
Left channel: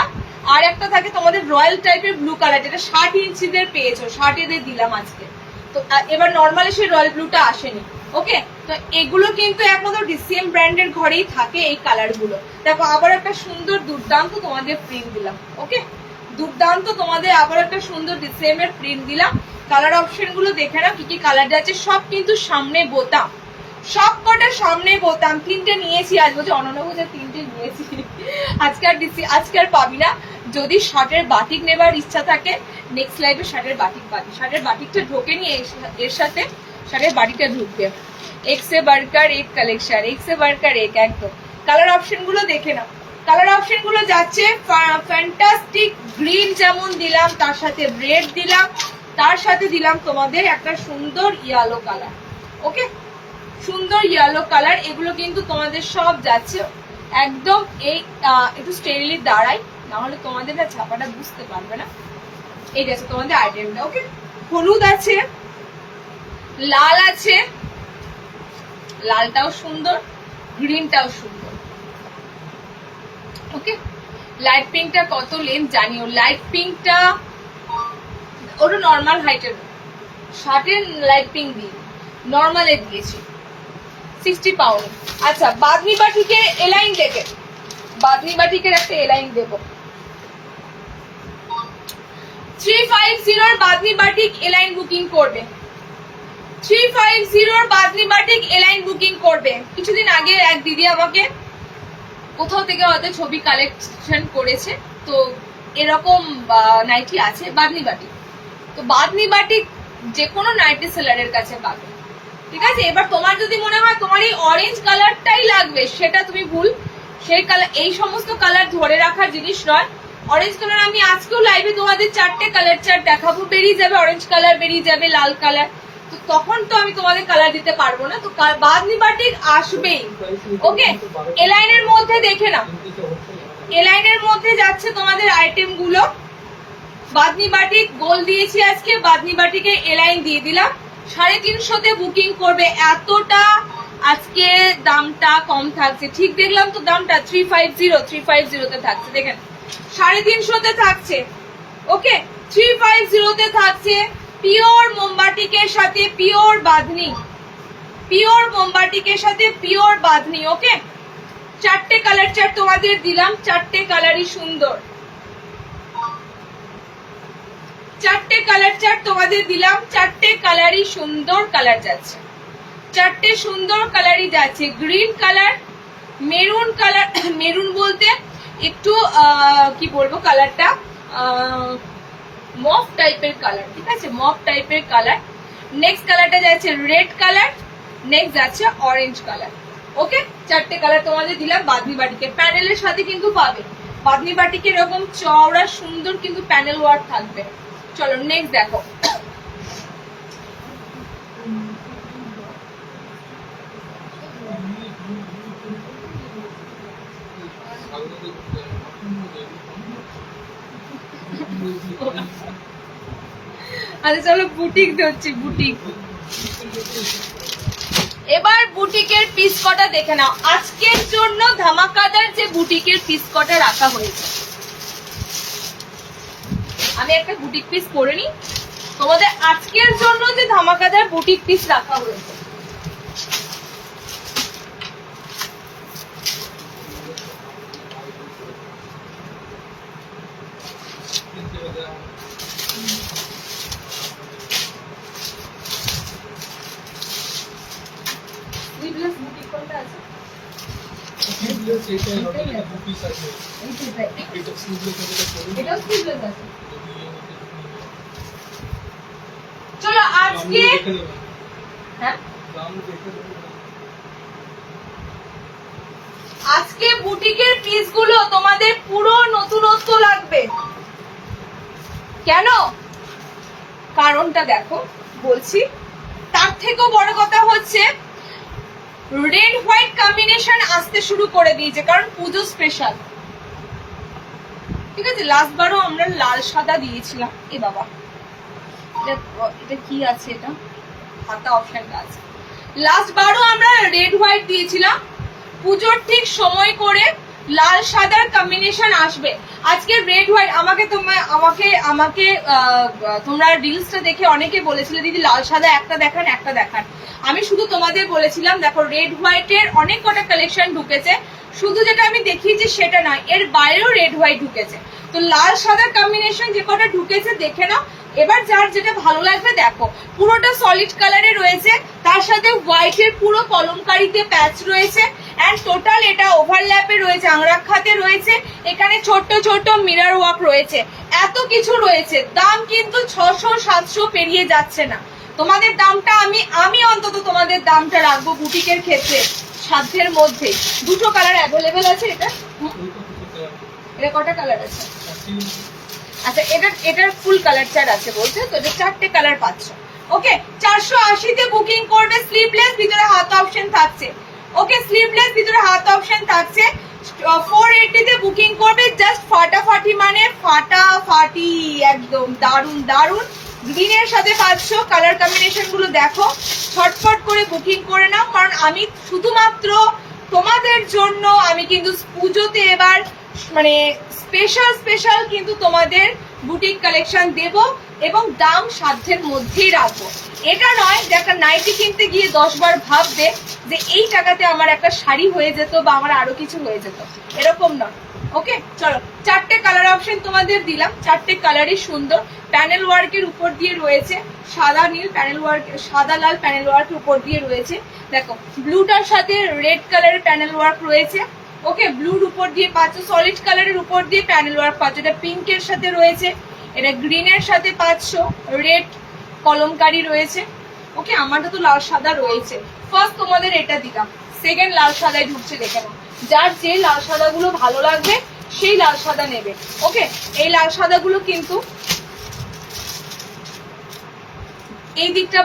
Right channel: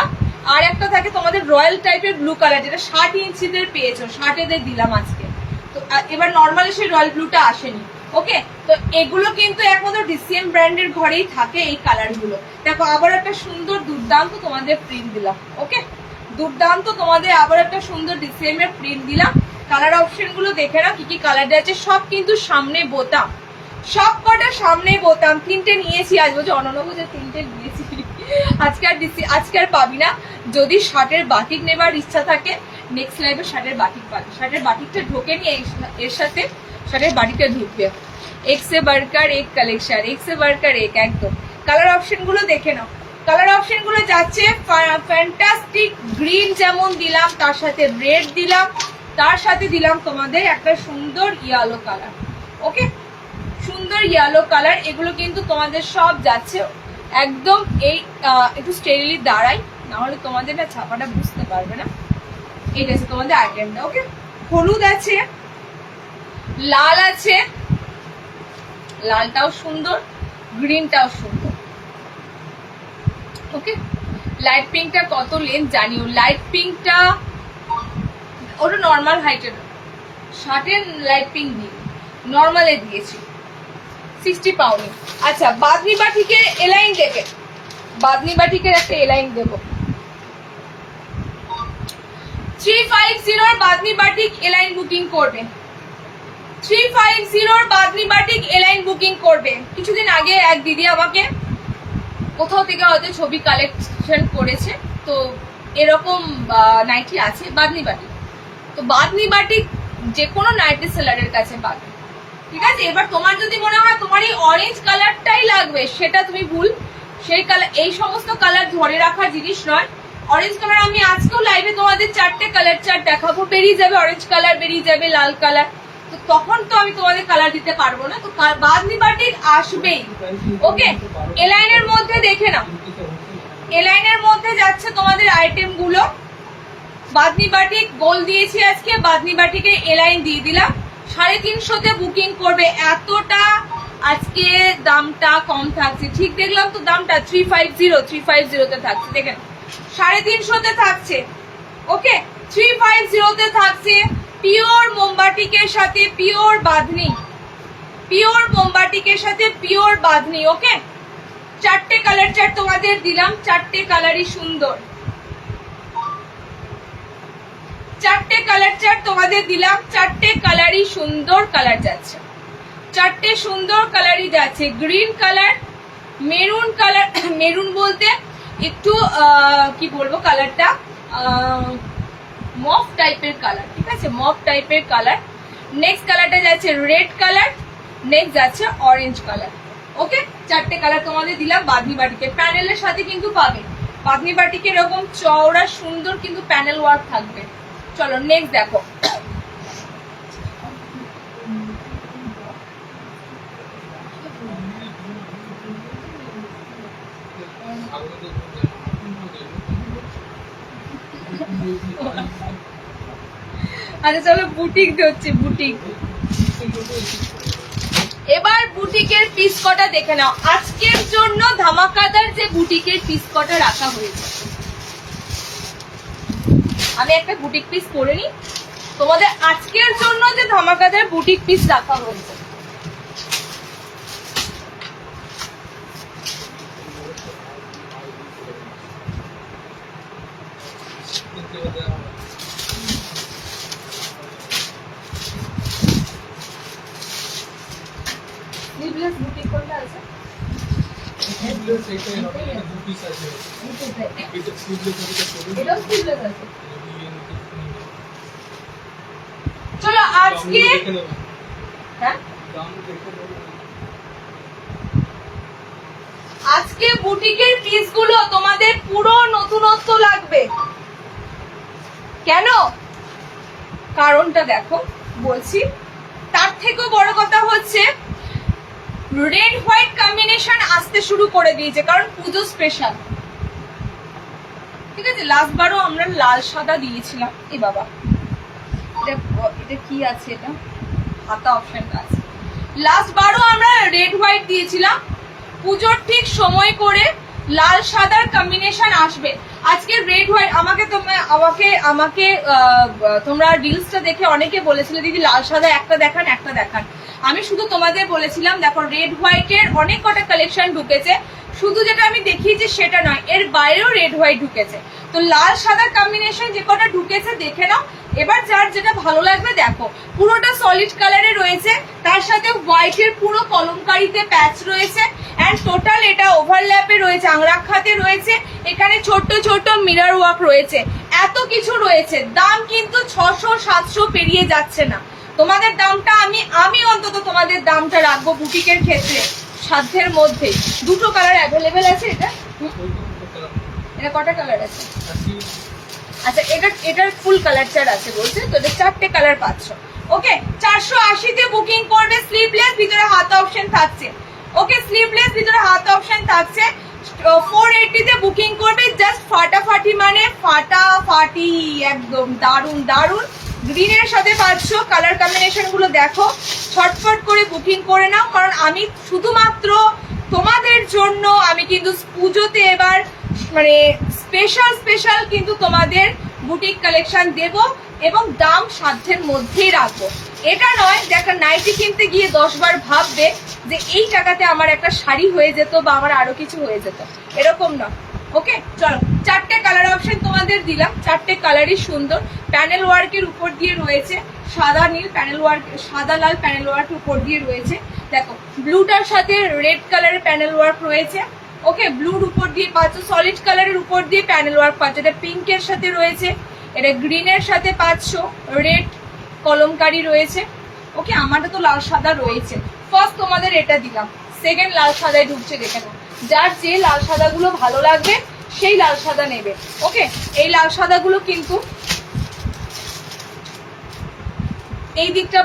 আর একটা থাকে তোমাদের রয়্যাল টাইপের ব্লু কালার, যেটা 60 ইঞ্চিদের পেয়েছো, 60 এদের দিলাম আজকে। তো এবার নর্মালি সেই রয়্যাল ব্লুটা আসেনি। ওকে তো এগুলো কিন্তু একমাত্র ডিসিএম ব্র্যান্ডের ঘরেই থাকে এই কালার গুলো। দেখো আবার একটা সুন্দর দুর্দান্ত তোমাদের প্রিন্ট দিলাম। ওকে দুর্দান্ত তোমাদের আবার একটা সুন্দর ডিসিএম এর প্রিন্ট দিলাম। কালার অপশন গুলো দেখে নাও কি কি কালার যাচ্ছে, সব কিন্তু সামনে বোতাম, সব কটা সামনে বোতাম। 3টে নিয়েছি আজ, বলছি অননবুজে 3টে নিয়েছি, আজকে আর পাবি না। যদি শার্টের বাটিক নেবার ইচ্ছা থাকে নেক্সট লাইভে শার্টের বাটিক পাবি, শার্টের বাটিকটা ঢোকে নিয়ে এর সাথে শার্টের বাটিকটা ঢুকবে। এক্সে বার্কার এক কালেকশন, এক্সে বার্কার এক, একদম। কালার অপশন গুলো দেখে নাও, কালার অপশন গুলো যাচ্ছে ফ্যান্টাস্টিক গ্রিন যেমন দিলাম, তার সাথে রেড দিলাম, তার সাথে দিলাম তোমাদের একটা সুন্দর ইয়েলো কালার। ওকে সুন্দর ইয়েলো কালার, এগুলো কিন্তু তোমাদের সব যাচ্ছে একদম। এই একটু স্টেরিলি দাঁড়াই, না হলে তোমাদের না ছাপাটা বুঝতে পারবে না। এই যাচ্ছে তোমাদের আইটেমটা। ওকে হলুদ আছে, লাল আছে, লালটাও সুন্দর, গ্রিনটাও সুন্দর। ওকে লাইট পিঙ্কটা কত লেন্থ জানিও, লাইট পিঙ্কটা ওটা নর্মাল হাইটের, শার্টের লাইট পিঙ্ক দিই, নর্মালে দিয়েছি 60 পাউন্ড। আচ্ছা বাঁধনি বাটিকে এলাইন দেখে, বাঁধনি বাটিকের একটা এলাইন দেবো 350 বাঁধনি বাটিক এলাইন বুকিং করবে, 350 বাঁধনি বাটিক এলাইন বুকিং করবে। কিছুদিন আগে এক দিদি আমাকে কোথাও থেকে হয়তো ছবি কালেকশন করেছে, তো এরকম নাইটি আছে বাঁধনি বাটিক। তো বাঁধনি বাটিক যে কোনো নাইটি সেলারের কাছে পাবে, ঠিক আছে। এবার তোমার যদি মনে হয় তোমার এই অরেঞ্জ কালারটাই লাগবে, সেটা তুমি ভুল। সেই কালার, এই সমস্ত কালার ধরে রাখার জিনিস নয়। অরেঞ্জ কালার আমি আজকেও লাইভে তোমাদের 4টে কালার চার্ট দেখাবো, বেরিয়ে যাবে অরেঞ্জ কালার, বেরিয়ে যাবে লাল কালার, তো তখন তো আমি তোমাদের কালার দিতে পারবো না। তো বাঁধনি বাটিক আসবেই। ওকে, এলাইনের মধ্যে দেখে নাও, এলাইনের মধ্যে যাচ্ছে তোমাদের আইটেম গুলো। বাঁধনি বাটিক গোল দিয়েছি আজকে, বাঁধনি বাটিকে এলাইন দিয়ে দিলাম। 350 বুকিং করবে। এতটা আজকে দামটা কম থাকছে, ঠিক দেখলাম তো দামটা 350 তে থাকছে, দেখেন 350 থাকছে। ওকে, 350 থাকছে। পিওর মোমবাটিকের সাথে পিওর বাঁধনি, পিওর মোমবাটিকের সাথে পিওর বাঁধনি। ওকে, 4টে কালার চার্ট তোমাদের দিলাম, 4টে কালারই সুন্দর, 4টে কালার চার্ট তোমাদের দিলাম, 4টে কালারই সুন্দর কালার যাচ্ছে, 4টে সুন্দর কালারই যাচ্ছে। Green colour, maroon colour, maroon বলতে একটু কি বলবো কালারটা, মফ টাইপের কালার, ঠিক আছে, মফ টাইপের কালার। নেক্সট কালারটা যাচ্ছে রেড কালার, নেক্সট যাচ্ছে অরেঞ্জ কালার। ওকে, 4টে কালার তোমাদের দিলাম বাঁধনি বাটিকে। প্যানেলের সাথে কিন্তু পাবে বাঁধনি বাটিকে এরকম চওড়া সুন্দর কিন্তু প্যানেল ওয়ার্ক থাকবে। চলো নেক্সট দেখো, আচ্ছা চলো বুটিক ধরছি, বুটিক। এবার বুটিকের পিস কটা দেখে নাও। আজকের জন্য ধামাকাদার যে বুটিকের পিস কটা রাখা হয়েছে, আমি একটা বুটিক পিস করে নিই। তোমাদের আজকের জন্য যে ধামাকাদার বুটিক পিস রাখা হয়েছে, স্লিভলেস বুটিক কোনটা আছে? স্লিভলেস এটা হবে না, দু পিস আছে। এটা স্লিভলেস আছে, এটা স্লিভলেস আছে। চলো আজকে হ্যাঁ আজকে বুটিকের পিস গুলো তোমাদের পুরো নতুনত্ব লাগবে। কেন? কারণটা দেখো বলছি। তার থেকেও বড় কথা হচ্ছে রেড হোয়াইট কম্বিনেশন আসতে শুরু করে দিয়েছে, কারণ পুজো স্পেশাল, ঠিক আছে। লাস্ট বারও আমরা লাল সাদা দিয়েছিলাম। এ বাবা, এটা কি আছে? এটা হাতা অপশনটা আছে। লাস্ট বারও আমরা রেড হোয়াইট দিয়েছিলাম। পুজোর ঠিক সময় করে লাল সাদার কম্বিনেশন আসবে। আজকে রেড হোয়াইট আমাকে তোমরা রিলসটা দেখে অনেকে বলেছিলে দিদি লাল সাদা একটা দেখান, একটা দেখান। আমি শুধু তোমাদের বলেছিলাম দেখো রেড হোয়াইটের অনেক কটা কালেকশন ঢুকেছে, শুধু যেটা আমি দেখিয়েছি সেটা নয়, এর বাইরেও রেড হোয়াইট ঢুকেছে। তো লাল সাদার কম্বিনেশন যে কটা ঢুকেছে দেখে নাও। এবার যার যেটা ভালো লাগবে দেখো। পুরোটা সলিড কালারে রয়েছে, তার সাথে হোয়াইটের পুরো কলমকারিতে প্যাচ রয়েছে, এন্ড টোটাল এটা ওভারল্যাপে রয়েছে, আংরাখাতে রয়েছে, এখানে ছোট্ট ছোট্ট মিরর ওয়ার্ক রয়েছে, এত কিছু রয়েছে। দাম কিন্তু 600-700 পেরিয়ে যাচ্ছে না। তোমাদের দামটা আমি অন্তত তোমাদের দামটা রাখবো বুটিকের ক্ষেত্রে সাধ্যের মধ্যে। দুটো কালার অ্যাভেলেবেল আছে। এটা কটা কালার আছে? আচ্ছা, এটার ফুল কালার চার্ট আছে বলছে, তো এটা 4টে কালার পাচ্ছ। ওকে, 480 বুকিং করবে। স্লিভলেস, ভিতরে হাত অপশন থাকছে। ওকে, স্লিভলেস, ভিতরে হাত অপশন থাকছে। 480 বুকিং করবে। জাস্ট ফাটাফাটি মানে ফাটাফাটি, একদম দারুন দারুন। গ্রিনের সাথে পাচ্ছ। কালার কম্বিনেশন গুলো দেখো, ছটফট করে বুকিং করে নাও, কারণ আমি শুধুমাত্র তোমাদের জন্য আমি কিন্তু পুজোতে এবার মানে স্পেশাল কিন্তু তোমাদের বুটিক কালেকশন দেব এবং দাম সাধ্যের মধ্যেই রাখবো। এটা নয় যে একটা নাইটি কিনতে গিয়ে 10 বার ভাববে যে এই টাকাতে আমার একটা শাড়ি হয়ে যেত বা আমার আরো কিছু হয়ে যেত, এরকম নয়। ওকে, চলো 4টে কালার অপশন তোমাদের দিলাম, 4টে কালারই সুন্দর। প্যানেল ওয়ার্কের উপর দিয়ে রয়েছে সাদা নীল প্যানেল ওয়ার্ক, সাদা লাল প্যানেল ওয়ার্কের উপর দিয়ে রয়েছে। দেখো ব্লুটার সাথে রেড কালারের প্যানেল ওয়ার্ক রয়েছে। ওকে, ব্লুর উপর দিয়ে পাচ্ছ, সলিড কালারের উপর দিয়ে প্যানেল ওয়ার্ক পাচ্ছ। এটা পিঙ্কের সাথে রয়েছে, এটা গ্রিনের সাথে পাচ্ছ, রেড কলমকারি রয়েছে। ওকে, আমারটা তো লাল সাদা রয়েছে। ফার্স্ট তোমাদের এটা দিলাম, সেকেন্ড লাল সাদায় ঢুকছে, দেখে নাও। যার যে লাল সাদা গুলো ভালো লাগবে সেই লাল সাদা নেবে। ওকে, এই লাল সাদা গুলো কিন্তু এই দিকটা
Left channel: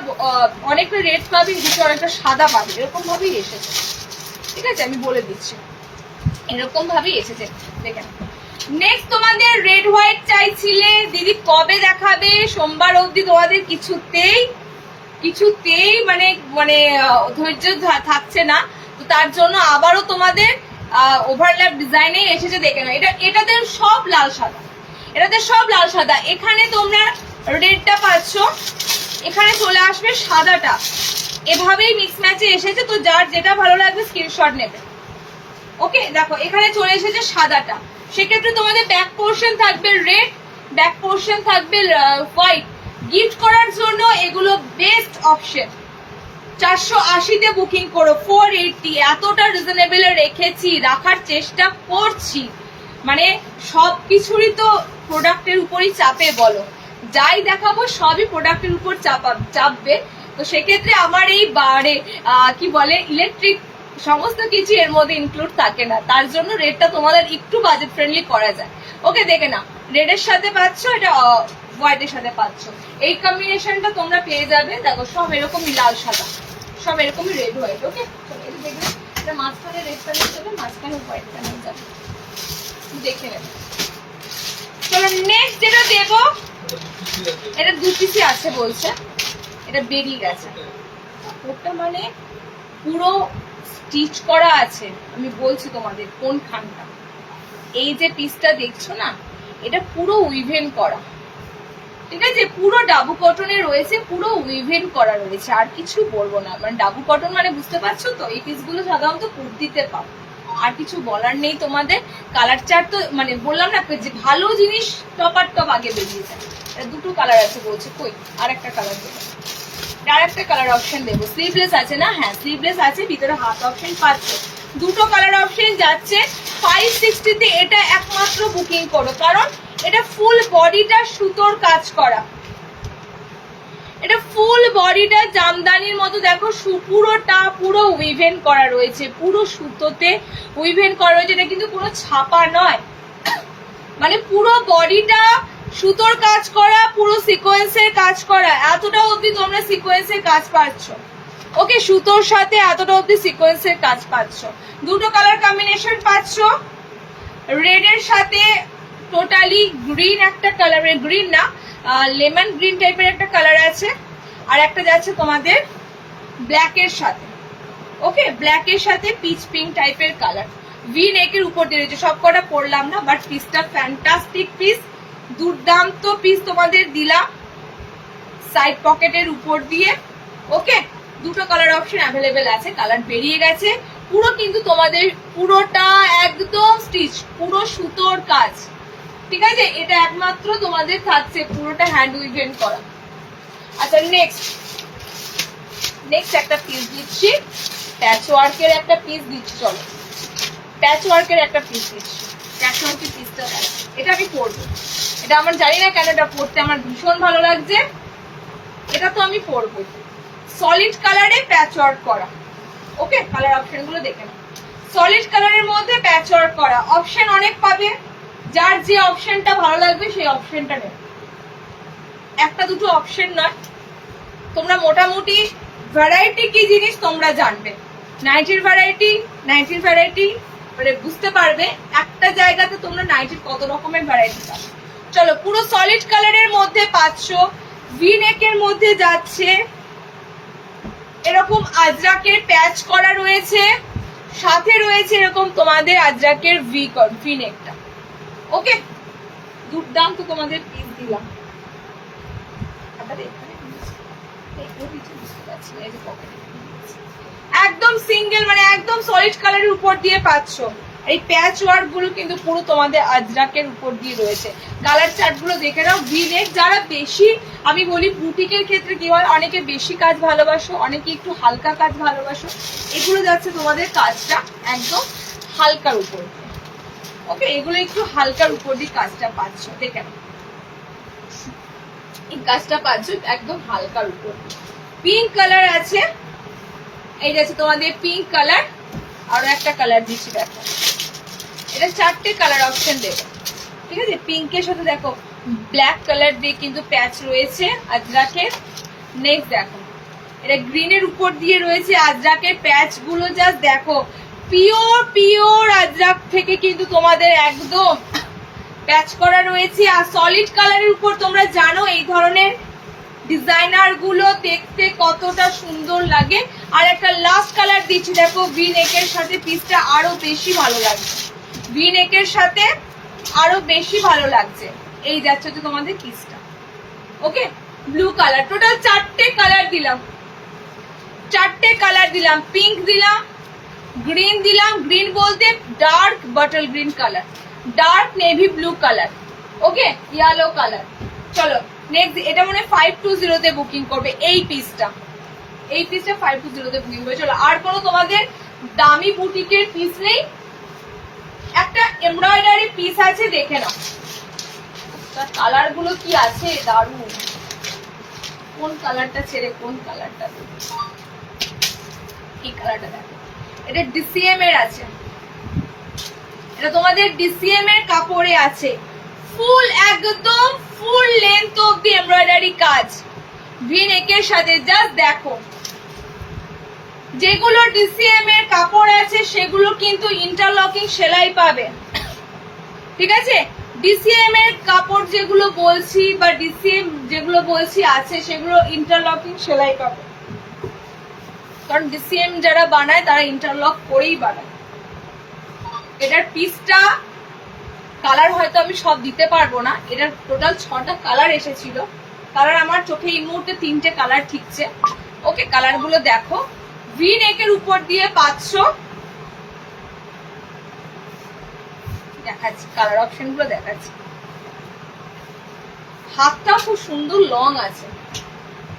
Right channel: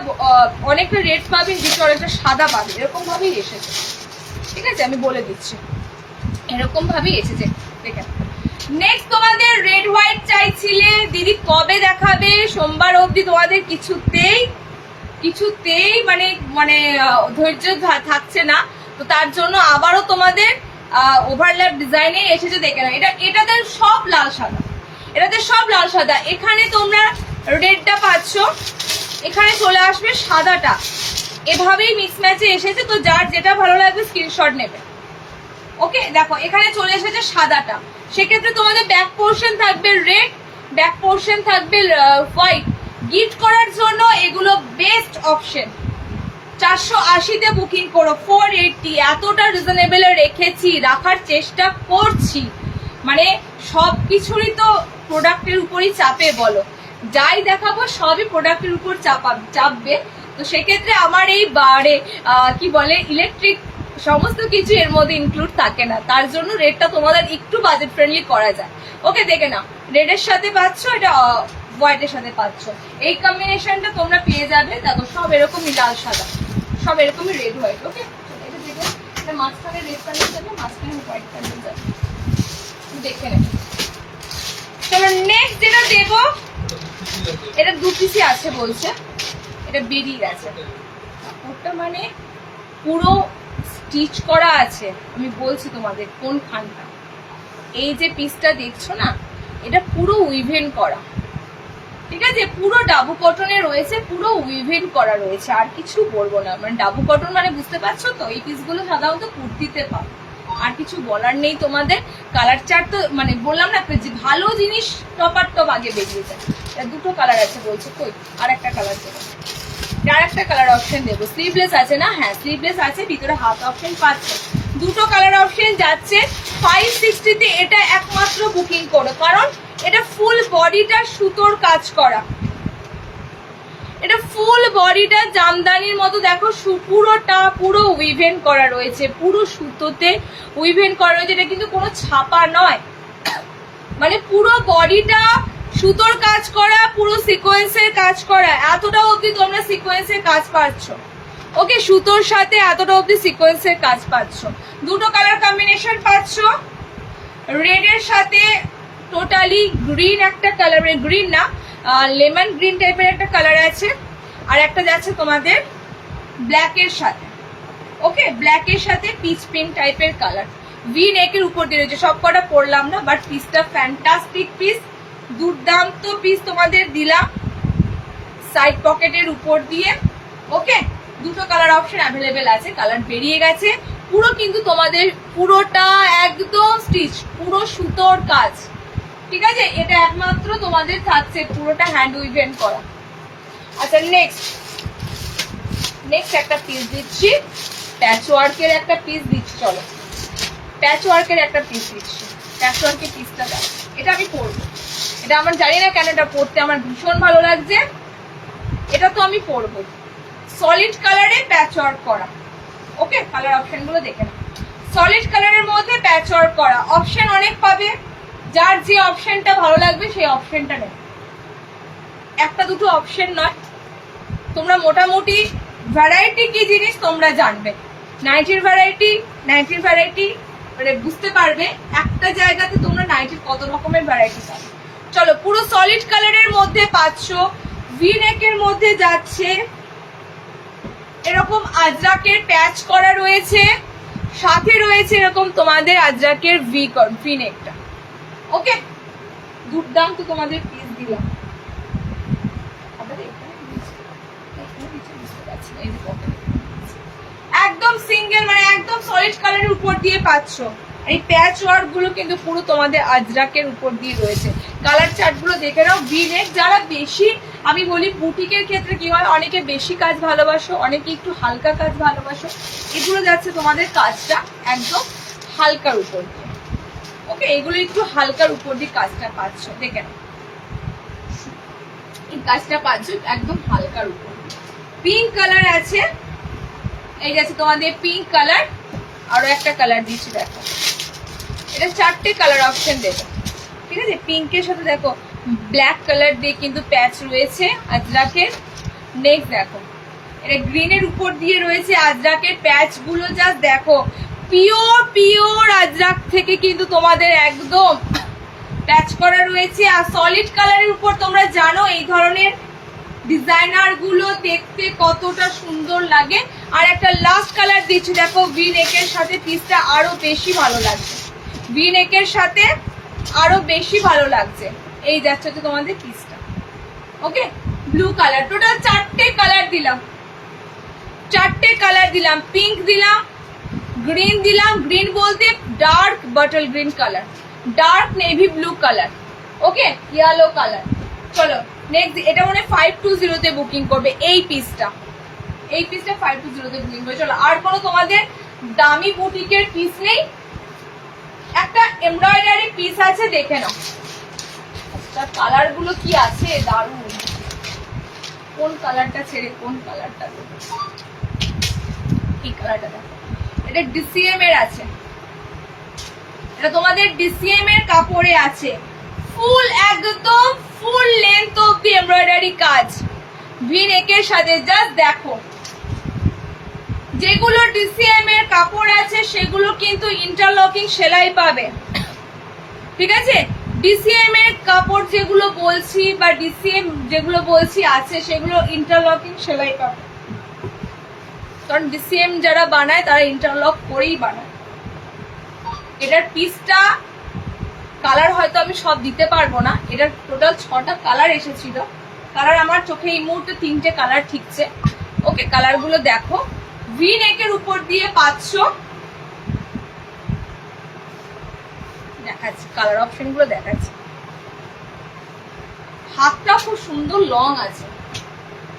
অনেকটা রেড পাবে, এই দিকটা অনেকটা সাদা পাবে, এরকম ভাবেই এসেছে। ঠিক আছে, আমি বলে দিচ্ছি, এরকম ভাবেই এসেছে। দেখে নেক্সট তোমাদের রেড হোয়াইট চাইছিলে, দিদি কবে দেখাবে? সোমবার অবধি তোমাদের কিছুতেই মানে মানে ধৈর্য থাকছে না, তো তার জন্য আবারও তোমাদের ওভারল্যাপ ডিজাইনে এসেছে। দেখে নাও, এটাতে সব লাল সাদা, এটাতে সব লাল সাদা। এখানে তোমরা রেডটা পাচ্ছ, এখানে চলে আসবে সাদাটা, এভাবেই মিক্স ম্যাচে এসেছে। তো যার যেটা ভালো লাগবে স্ক্রিনশট নেবে। ওকে, দেখো এখানে চলে এসেছে সাদাটা, সেক্ষেত্রে তোমাদের ব্যাক পোর্শন থাকবে রেড, ব্যাক পোর্শন থাকবে হোয়াইট। গিফট করার জন্য এগুলো বেস্ট অপশন। 480-তে বুকিং করো, 480 এতটা রিজনেবল রেখেছি, রাখার চেষ্টা করছি। মানে সবকিছুরই তো প্রোডাক্টের উপরই চাপে, বলো যাই দেখাবো সবই প্রোডাক্টের উপর চাপবে। তো সেক্ষেত্রে আমার এই বারে কি বলে ইলেকট্রিক সমস্ত কিছু এর মধ্যে ইনক্লুড থাকে না, তার জন্য রেটটা তোমাদের একটু বাজেট ফ্রেন্ডলি করা যায়। ওকে, দেখে নাও, রেডের সাথে পাচ্ছ, এটা হোয়াইটের সাথে পাচ্ছ, এই কম্বিনেশনটা তোমরা পেয়ে যাবে। দেখো সব এরকমই লাল সাদা, সব এরকমই রেড হোয়াইট। ওকে, এটা দেখবে, এটা মাঝখানে রেড প্যানেল যাবে, মাঝখানে হোয়াইট প্যানেল যাবে, দেখে নেবে। চলো নেক্সট যেটা দেবো, এটা 2 পিসই আছে বলছে, এটা বেরিয়ে গেছে কাপড়টা, মানে পুরো স্টিচ করা আছে। আমি বলছি তোমাদের কোন খানটা, এই যে পিসটা দেখছো না, এটা পুরো উইভেন করা। ঠিক আছে, পুরো ডাবু কটনে রয়েছে, পুরো উইভেন করা রয়েছে, আর কিছু বলবো না। মানে ডাবু কটন মানে বুঝতে পারছো তো, এই পিসগুলো সাধারণত কুর্তিতে পাও, আর কিছু বলার নেই তোমাদের। কালার চার্ট তো মানে বললাম না, যে ভালো জিনিস টপার টপ আগে বেরিয়ে যায়। দুটো কালার আছে বলছে, কই আর একটা কালার দেবো, আর একটা কালার অপশন দেবো। স্লিভলেস আছে না? হ্যাঁ স্লিভলেস আছে, ভিতরে হাত অপশন পাচ্ছে। দুটো কালার অপশন যাচ্ছে 560-তে। এটা একমাত্র বুকিং করো, কারণ এটা ফুল বডিটা সুতোর কাজ করা, এটা ফুল বডিটা জামদানির মতো। দেখো পুরোটা পুরো উইভেন করা রয়েছে, পুরো সুতোতে উইভেন করা রয়েছে। এটা কিন্তু কোনো ছাপা নয়, মানে পুরো বডিটা সুতোর কাজ করা, পুরো সিকোয়েন্সের কাজ করা। এতটা অবধি তোমরা সিকোয়েন্সের কাজ পাচ্ছ। ওকে, সুতোর সাথে এতটা অবধি সিকোয়েন্সের কাজ পাচ্ছ। দুটো কালার কম্বিনেশন পাচ্ছ, রেডের সাথে টোটালি গ্রিন একটা কালার, গ্রিন না লেমন গ্রিন টাইপের একটা কালার আছে, আর একটা যাচ্ছে তোমাদের ব্ল্যাকের সাথে। ওকে, ব্ল্যাকের সাথে পিচ পিঙ্ক টাইপের কালার, ভি নেকের উপর দিয়ে রয়েছে। সব কটা পরলাম না, বাট পিসটা ফ্যান্টাস্টিক পিস, দুর্দান্ত পিস তোমাদের দিলাম সাইড পকেটের উপর দিয়ে। ওকে, দুটো কালার অপশন অ্যাভেলেবেল আছে, কালার বেরিয়ে গেছে। পুরো কিন্তু তোমাদের পুরোটা একদম স্টিচ, পুরো সুতোর কাজ। ঠিক আছে, এটা একমাত্র তোমাদের থাকছে, পুরোটা হ্যান্ড উইভেন করা। আচ্ছা নেক্সট একটা পিস দিচ্ছি, প্যাচ ওয়ার্কের একটা পিস দিচ্ছি। চলো প্যাচ ওয়ার্কের একটা পিস দিচ্ছি, প্যাচ ওয়ার্কের পিসটা দেখো, এটা আমি পরবো। এটা আমার জানি না কেন, এটা পরতে আমার ভীষণ ভালো লাগছে, এটা তো আমি পরবো। সলিড কালারে প্যাচ ওয়ার্ক করা। ওকে, কালার অপশন গুলো দেখে নাও, সলিড কালারের মধ্যে প্যাচ ওয়ার্ক করা। অপশন অনেক পাবে, যার যে অপশনটা ভালো লাগবে সেই অপশনটা নেবে, একটা দুটো অপশন নয়। তোমরা মোটামুটি ভ্যারাইটি কি জিনিস তোমরা জানবে, নাইটির ভ্যারাইটি মানে বুঝতে পারবে একটা জায়গাতে তোমরা নাইটির কত রকমের ভ্যারাইটি পাবে। চলো, পুরো সলিড কালারের মধ্যে পাচ্ছ, ভি নেকের মধ্যে যাচ্ছে, এরকম আজরাকের প্যাচ করা রয়েছে, সাথে রয়েছে এরকম তোমাদের আজরাকের ভি নেকটা। ওকে, দুর্দান্ত তোমাদের পিস দিলাম। একদম সিঙ্গেল মানে একদম সলিড কালারের উপর দিয়ে পাচ্ছ। এই প্যাচ ওয়ার্ক গুলো কিন্তু পুরো তোমাদের আজরাকের উপর দিয়ে রয়েছে। কালার চার্ট গুলো দেখে নাও। ভি-নেক যারা বেশি, আমি বলি বুটিকের ক্ষেত্রে কি হয়, অনেকে বেশি কাজ ভালোবাসো, অনেকে একটু হালকা কাজ ভালোবাসো, এগুলো যাচ্ছে তোমাদের কাজটা একদম হালকার উপর দিয়ে। ওকে, এগুলো একটু হালকার উপর দিয়ে কাজটা পাচ্ছ, দেখে নাও এই কাজটা পাচ্ছ একদম হালকার উপর। পিঙ্ক কালার আছে, এই যাচ্ছে তোমাদের পিঙ্ক কালার। আরো একটা কালার দিচ্ছি, দেখো এটা 4টে কালার অপশন দেবে, ঠিক আছে। পিঙ্কের সাথে দেখো ব্ল্যাক কালার দিয়ে কিন্তু প্যাচ রয়েছে আজরাকের। নেক্সট দেখো এটা গ্রিনের উপর দিয়ে রয়েছে আজরাকের প্যাচ গুলো, জাস্ট দেখো পিওর আজরাক থেকে কিন্তু তোমাদের একদম প্যাচ করা রয়েছে। আর সলিড কালারের উপর তোমরা জানো এই ধরনের ডিজাইনার গুলো দেখতে কতটা সুন্দর লাগে। আর একটা লাস্ট কালার দিচ্ছি, দেখো ভি-নেকের সাথে পিসটা আরো বেশি ভালো লাগছে, ভি-নেকের সাথে আরো বেশি ভালো লাগছে। এই যাচ্ছে তো তোমাদের পিসটা। ওকে, ব্লু কালার, টোটাল 4টে কালার দিলাম, 4টে কালার দিলাম। পিঙ্ক দিলাম, গ্রিন দিলাম, গ্রিন বলতে dark bottle green colour, dark navy blue colour, okay, yellow colour. চলো নেক্সট, এটা মনে 520 তে বুকিং করবে এই পিসটা, এই পিসটা 520 তে বুকিং করবে। চলো আর কোনো তোমাদের দামি বুটিকের পিস নেই, একটা এমব্রয়ডারি পিস আছে, দেখে নাও। আচ্ছা কালার গুলো কি আছে, দারুণ। কোন কালারটা ছেড়ে কোন কালারটা দেবো, এই কালারটা দেখো, এটা ডিসিএম এর আছে, এটা তোমাদের ডিসিএম এর কাপড়ে আছে, ফুল একদম ফুল লেন্থ অব্দি এমব্রয়ডারি কাজ ভি-নেকের সাথে। জাস্ট দেখো যেগুলো ডিসিএম এর কাপড় আছে সেগুলো কিন্তু ইন্টারলকিং সেলাই পাবে, ঠিক আছে। ডিসিএম এর কাপড় যেগুলো বলছি বা ডিসিএম যেগুলো বলছি আছে সেগুলো ইন্টারলকিং সেলাই পাবে, কারণ ডিসিএম যারা বানায় তারা ইন্টারলক করেই বানায়। এটার পিসটা কালার হয়তো আমি সব দিতে পারবো না, এটার টোটাল 6টা কালার এসেছিল, কালার আমার চোখে এই মুহূর্তে 3টে কালার ঠিকছে। ওকে, কালার গুলো দেখো, ভি-নেকের উপর দিয়ে পাচ্ছ, দেখাচ্ছি কালার অপশন গুলো দেখাচ্ছি। হাতটা খুব সুন্দর লং আছে,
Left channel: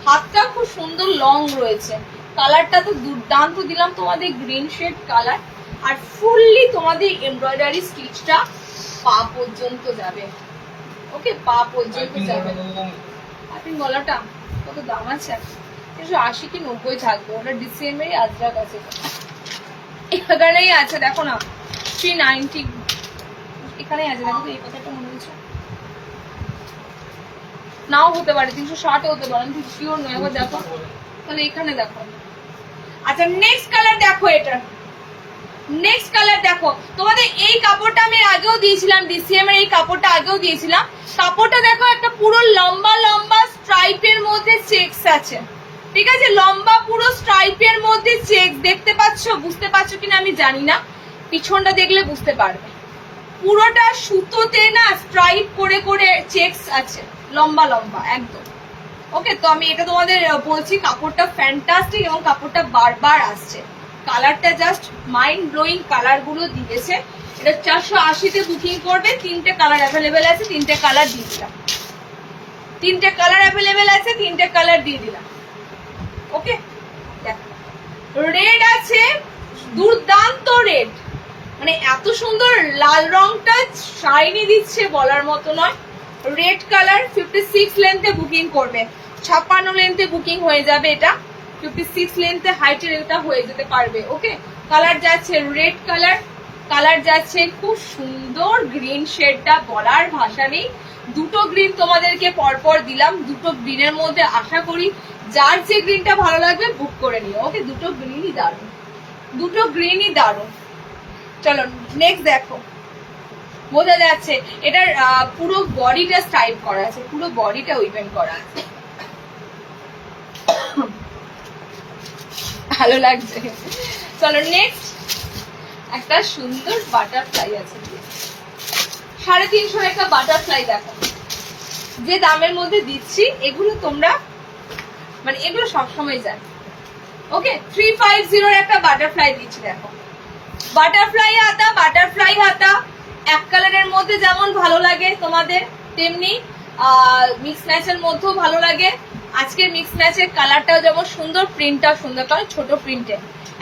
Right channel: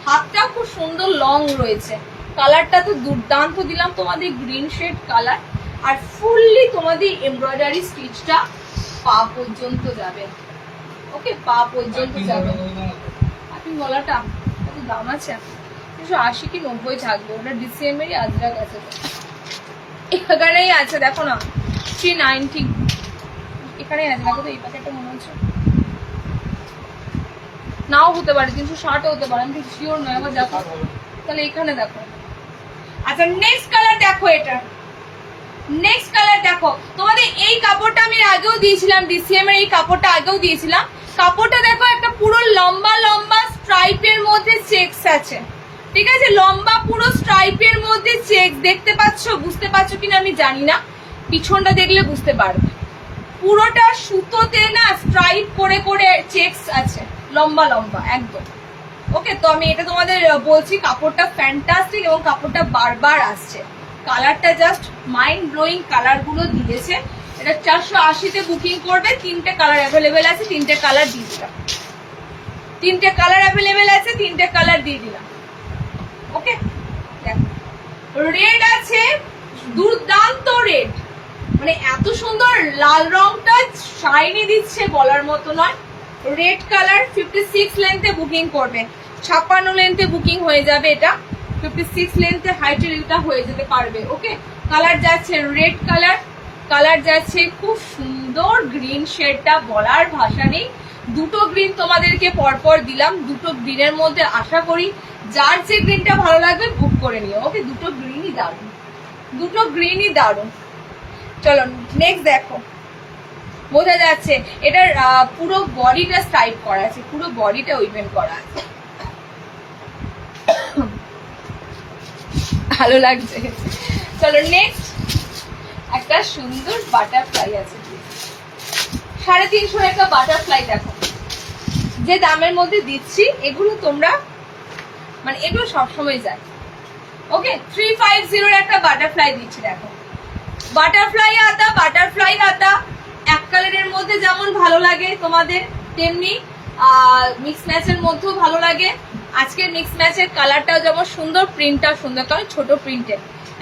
হাতটা খুব সুন্দর লং রয়েছে। কালারটা তো দুর্দান্ত দিলাম তোমাদের, গ্রিন শেড কালার। আর ফুললি তোমাদের এমব্রয়ডারি স্টিচটা পা পর্যন্ত যাবে, ওকে, পা পর্যন্ত যাবে। আপনি গলাটা কত দাম আছে, 380 কি 90 থাকবে, ওটা ডিসিএম এরই আজরাক আছে, এখানেই আছে দেখো না 390, এখানে আছে দেখো তো। এই পাতাটা মনে হচ্ছে নাও হতে পারে, 360 হতে পারে, আমি ঠিক শিওর নয়, একবার দেখো তাহলে। এখানে দেখো। আচ্ছা নেক্সট কালার দেখো, এটা নেক্সট কালার দেখো, তোমাদের এই কাপড়টা আমি আগেও দিয়েছিলাম, ডিসিএম এর এই কাপড়টা আগেও দিয়েছিলাম। কাপড়টা দেখো একটা পুরো লম্বা লম্বা স্ট্রাইপের মধ্যে চেকস আছে, ঠিক আছে, লম্বা পুরো স্ট্রাইপের মধ্যে চেক দেখতে পাচ্ছ, বুঝতে পারছো কিনা আমি জানি না, পিছনটা দেখলে বুঝতে পারবে। পুরোটা সুতোতে না স্ট্রাইপ করে করে চেকস আছে, লম্বা লম্বা একদম। ওকে, তো আমি এটা তোমাদের বলছি, কাপড়টা ফ্যান্টাস্টিক এবং কাপড়টা বারবার আসছে। কালারটা জাস্ট মাইন্ড ব্লোয়িং কালার গুলো দিয়েছে। এটা 480 তে বুকিং করবে, 3টে কালার অ্যাভেলেবেল আছে, 3টে কালার দিয়ে দিলাম, 3টে কালার অ্যাভেলেবেল আছে, 3টে কালার দিয়ে দিলাম। ওকে, দেখো রেড আছে, দুর্দান্ত রেড, মানে এত সুন্দর লাল রংটা শাইনি দিচ্ছে বলার মতো নয়। রেড কালার 56 লেন্থে বুকিং করবে, 56 লেন্থে বুকিং হয়ে যাবে, এটা 56 লেন্থে হাইটের এটা হয়ে যেতে পারবে। ওকে, কালার যাচ্ছে রেড কালার, কালার যাচ্ছে খুব সুন্দর গ্রিন শেডটা বলার ভাষা নেই। দুটো গ্রিন তোমাদেরকে পরপর দিলাম, দুটো গ্রিনের মধ্যে আশা করি যার যে গ্রিনটা ভালো লাগবে বুক করে নিও। ওকে, দুটো গ্রিনই দারুণ, দুটো গ্রিনই দারুণ। চলো নেক্সট দেখো, বোঝা যাচ্ছে এটার পুরো বডিটা স্টাইল করা আছে, পুরো বডিটা উইভেন করা আছে, ভালো লাগছে। চলো নেক্সট, একটা সুন্দর বাটারফ্লাই আছে, 350 একটা বাটারফ্লাই দেখো, যে দামের মধ্যে দিচ্ছি এগুলো তোমরা মানে এগুলো সবসময় যায়। ওকে, 350 একটা বাটারফ্লাই দিচ্ছি দেখো, বাটারফ্লাই হাতা, বাটারফ্লাই হাতা এক কালারের মধ্যে যেমন ভালো লাগে তোমাদের, তেমনি মিক্স ম্যাচের মধ্যেও ভালো লাগে। আজকে মিক্স ম্যাচের কালারটাও যেমন সুন্দর, প্রিন্টটাও সুন্দর, কারণ ছোট প্রিন্টের,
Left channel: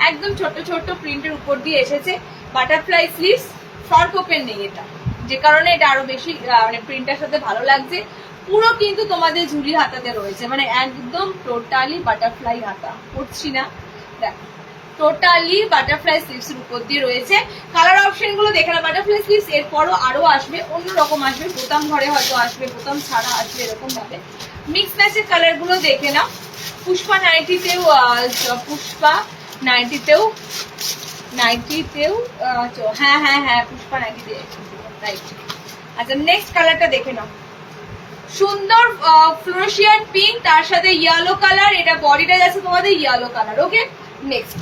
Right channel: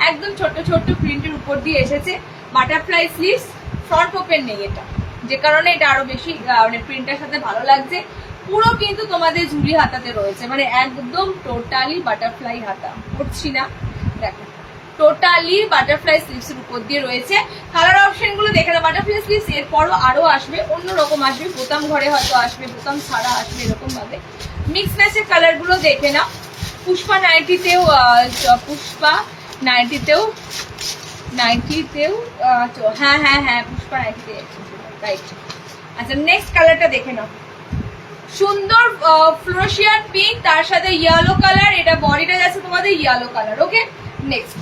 একদম ছোট ছোট প্রিন্টের উপর দিয়ে এসেছে। বাটারফ্লাই স্লিভস, ফ্রন্ট ওপেন নেই এটা, যে কারণে এটা আরো বেশি মানে প্রিন্টের সাথে ভালো লাগছে। পুরো কিন্তু তোমাদের ঝুড়ি হাতাতে রয়েছে, মানে একদম টোটালি বাটারফ্লাই হাতা, করছি না দেখো, টোটালি বাটারফ্লাই স্লিভস এর উপর দিয়ে রয়েছে। কালার অপশন গুলো দেখে না, বাটারফ্লাই স্লিভস এরপরও আরো আসবে, অন্যরকম আসবে, বোতাম ঘরে হয়তো আসবে, বোতাম ছাড়া আসবে, এরকম ভাবে। মিক্স ম্যাচের কালার গুলো দেখে না। পুষ্পা নাইটিতেও, পুষ্পা নাইটিতেও, হ্যাঁ হ্যাঁ হ্যাঁ পুষ্পা নাইটিতে, রাইট। আচ্ছা নেক্সট কালারটা দেখে নাও, সুন্দর ফ্লোরোশিয়ান পিঙ্ক, তার সাথে ইয়েলো কালার, এটা বডিটা যাচ্ছে তোমাদের ইয়েলো কালার। ওকে, নেক্সট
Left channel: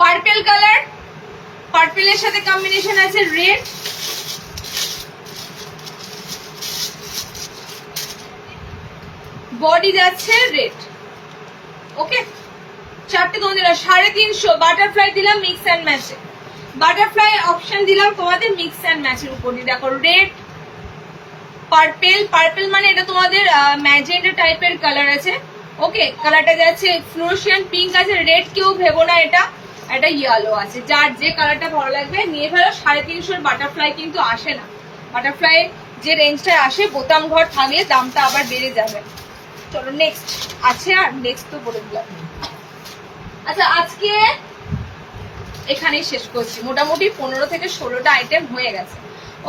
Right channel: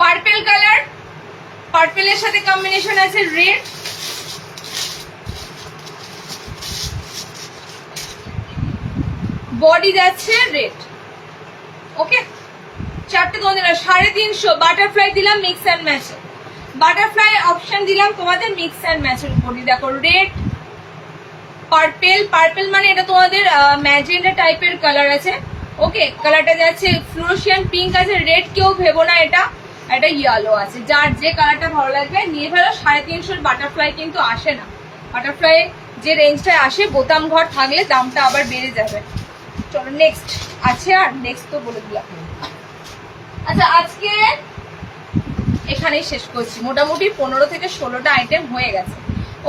পার্পেল কালার, পার্পেলের সাথে কম্বিনেশন আছে রেড, বডি যাচ্ছে রেড। ওকে, চারটে তোমাদের 350, বাটারফ্লাই দিলাম মিক্স অ্যান্ড ম্যাচে, বাটারফ্লাই অপশন দিলাম তোমাদের মিক্স অ্যান্ড ম্যাচের উপরই। দেখো রেড, পার্পেল, পার্পেল মানে এটা তোমাদের ম্যাজেন্টা টাইপের কালার আছে। ওকে, কালারটা যাচ্ছে ফ্লোরোশিয়ান পিঙ্ক আছে, রেড কেউ ভেবো না, এটা এটা ইয়েলো আছে, যার যে কালারটা ভালো লাগবে নিয়ে ফেলো। 350 বাটারফ্লাই কিন্তু আসে না, বাটারফ্লাই যে রেঞ্জটায় আসে বোতাম ঘর থাকলে দামটা আবার বেড়ে যাবে। চলো নেক্সট আছে, আর নেক্সট তো বলে দিলাম। আচ্ছা আজকে এখানেই শেষ করছি, মোটামুটি 15 থেকে 16টা আইটেম হয়ে গেছে।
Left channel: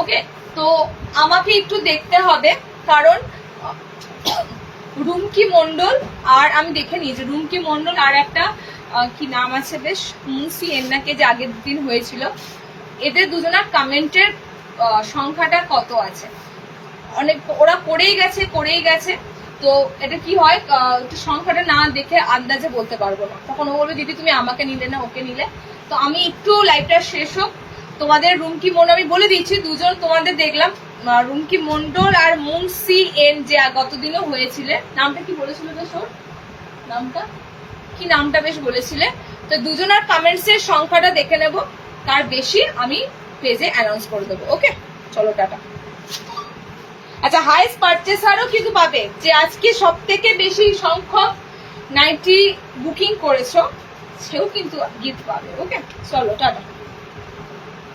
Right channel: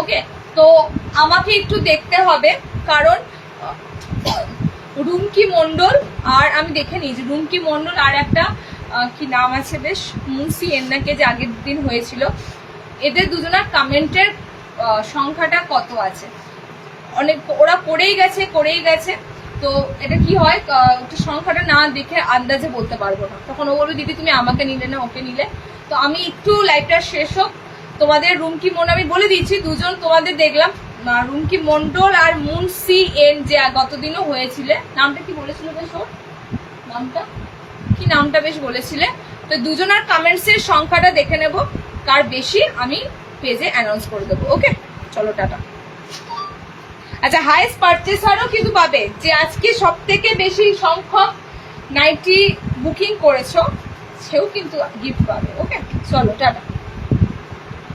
ওকে, তো আমাকে একটু দেখতে হবে, কারণ রুমকি মন্ডল আর আমি দেখে নিয়েছি, রুমকি মন্ডল আর একটা কি নাম আছে বেশ, মুন্সি এন্নাকে যে আগের দিন হয়েছিল, এদের দুজনের কমেন্টের সংখ্যাটা কত আছে, অনেক ওরা করেই গেছে। তো এটা কি হয়, একটু সংখ্যাটা না দেখে আন্দাজে বলতে পারবো না, তখন ও বলবে দিদি তুমি আমাকে নিলে না ওকে নিলে। তো আমি একটু লাইভটা শেষ হোক, তোমাদের রুমকি মন্ডল আমি বলে দিচ্ছি, দুজন তোমাদের দেখলাম, রুমকি মন্ডল আর মুন্সি এন যে গতদিনও হয়েছিল, নামটা কি বলেছিল বেশ, ওর নামটা বেশ বলেছিলে। তো দুজনের কমেন্টস এর সংখ্যাটা দেখে নেব, কার বেশি আমি পেজে অ্যানাউন্স করে দেবো। ওকে, চলো টাটা। আচ্ছা হাইস্ট পারচেসারও কিন্তু পাবে, যে আজকে সব থেকে বেশি সংখ্যক নাইটি বুকিং করেছো সেও কিন্তু গিফট পাবে। ওকে, চলো টাটা।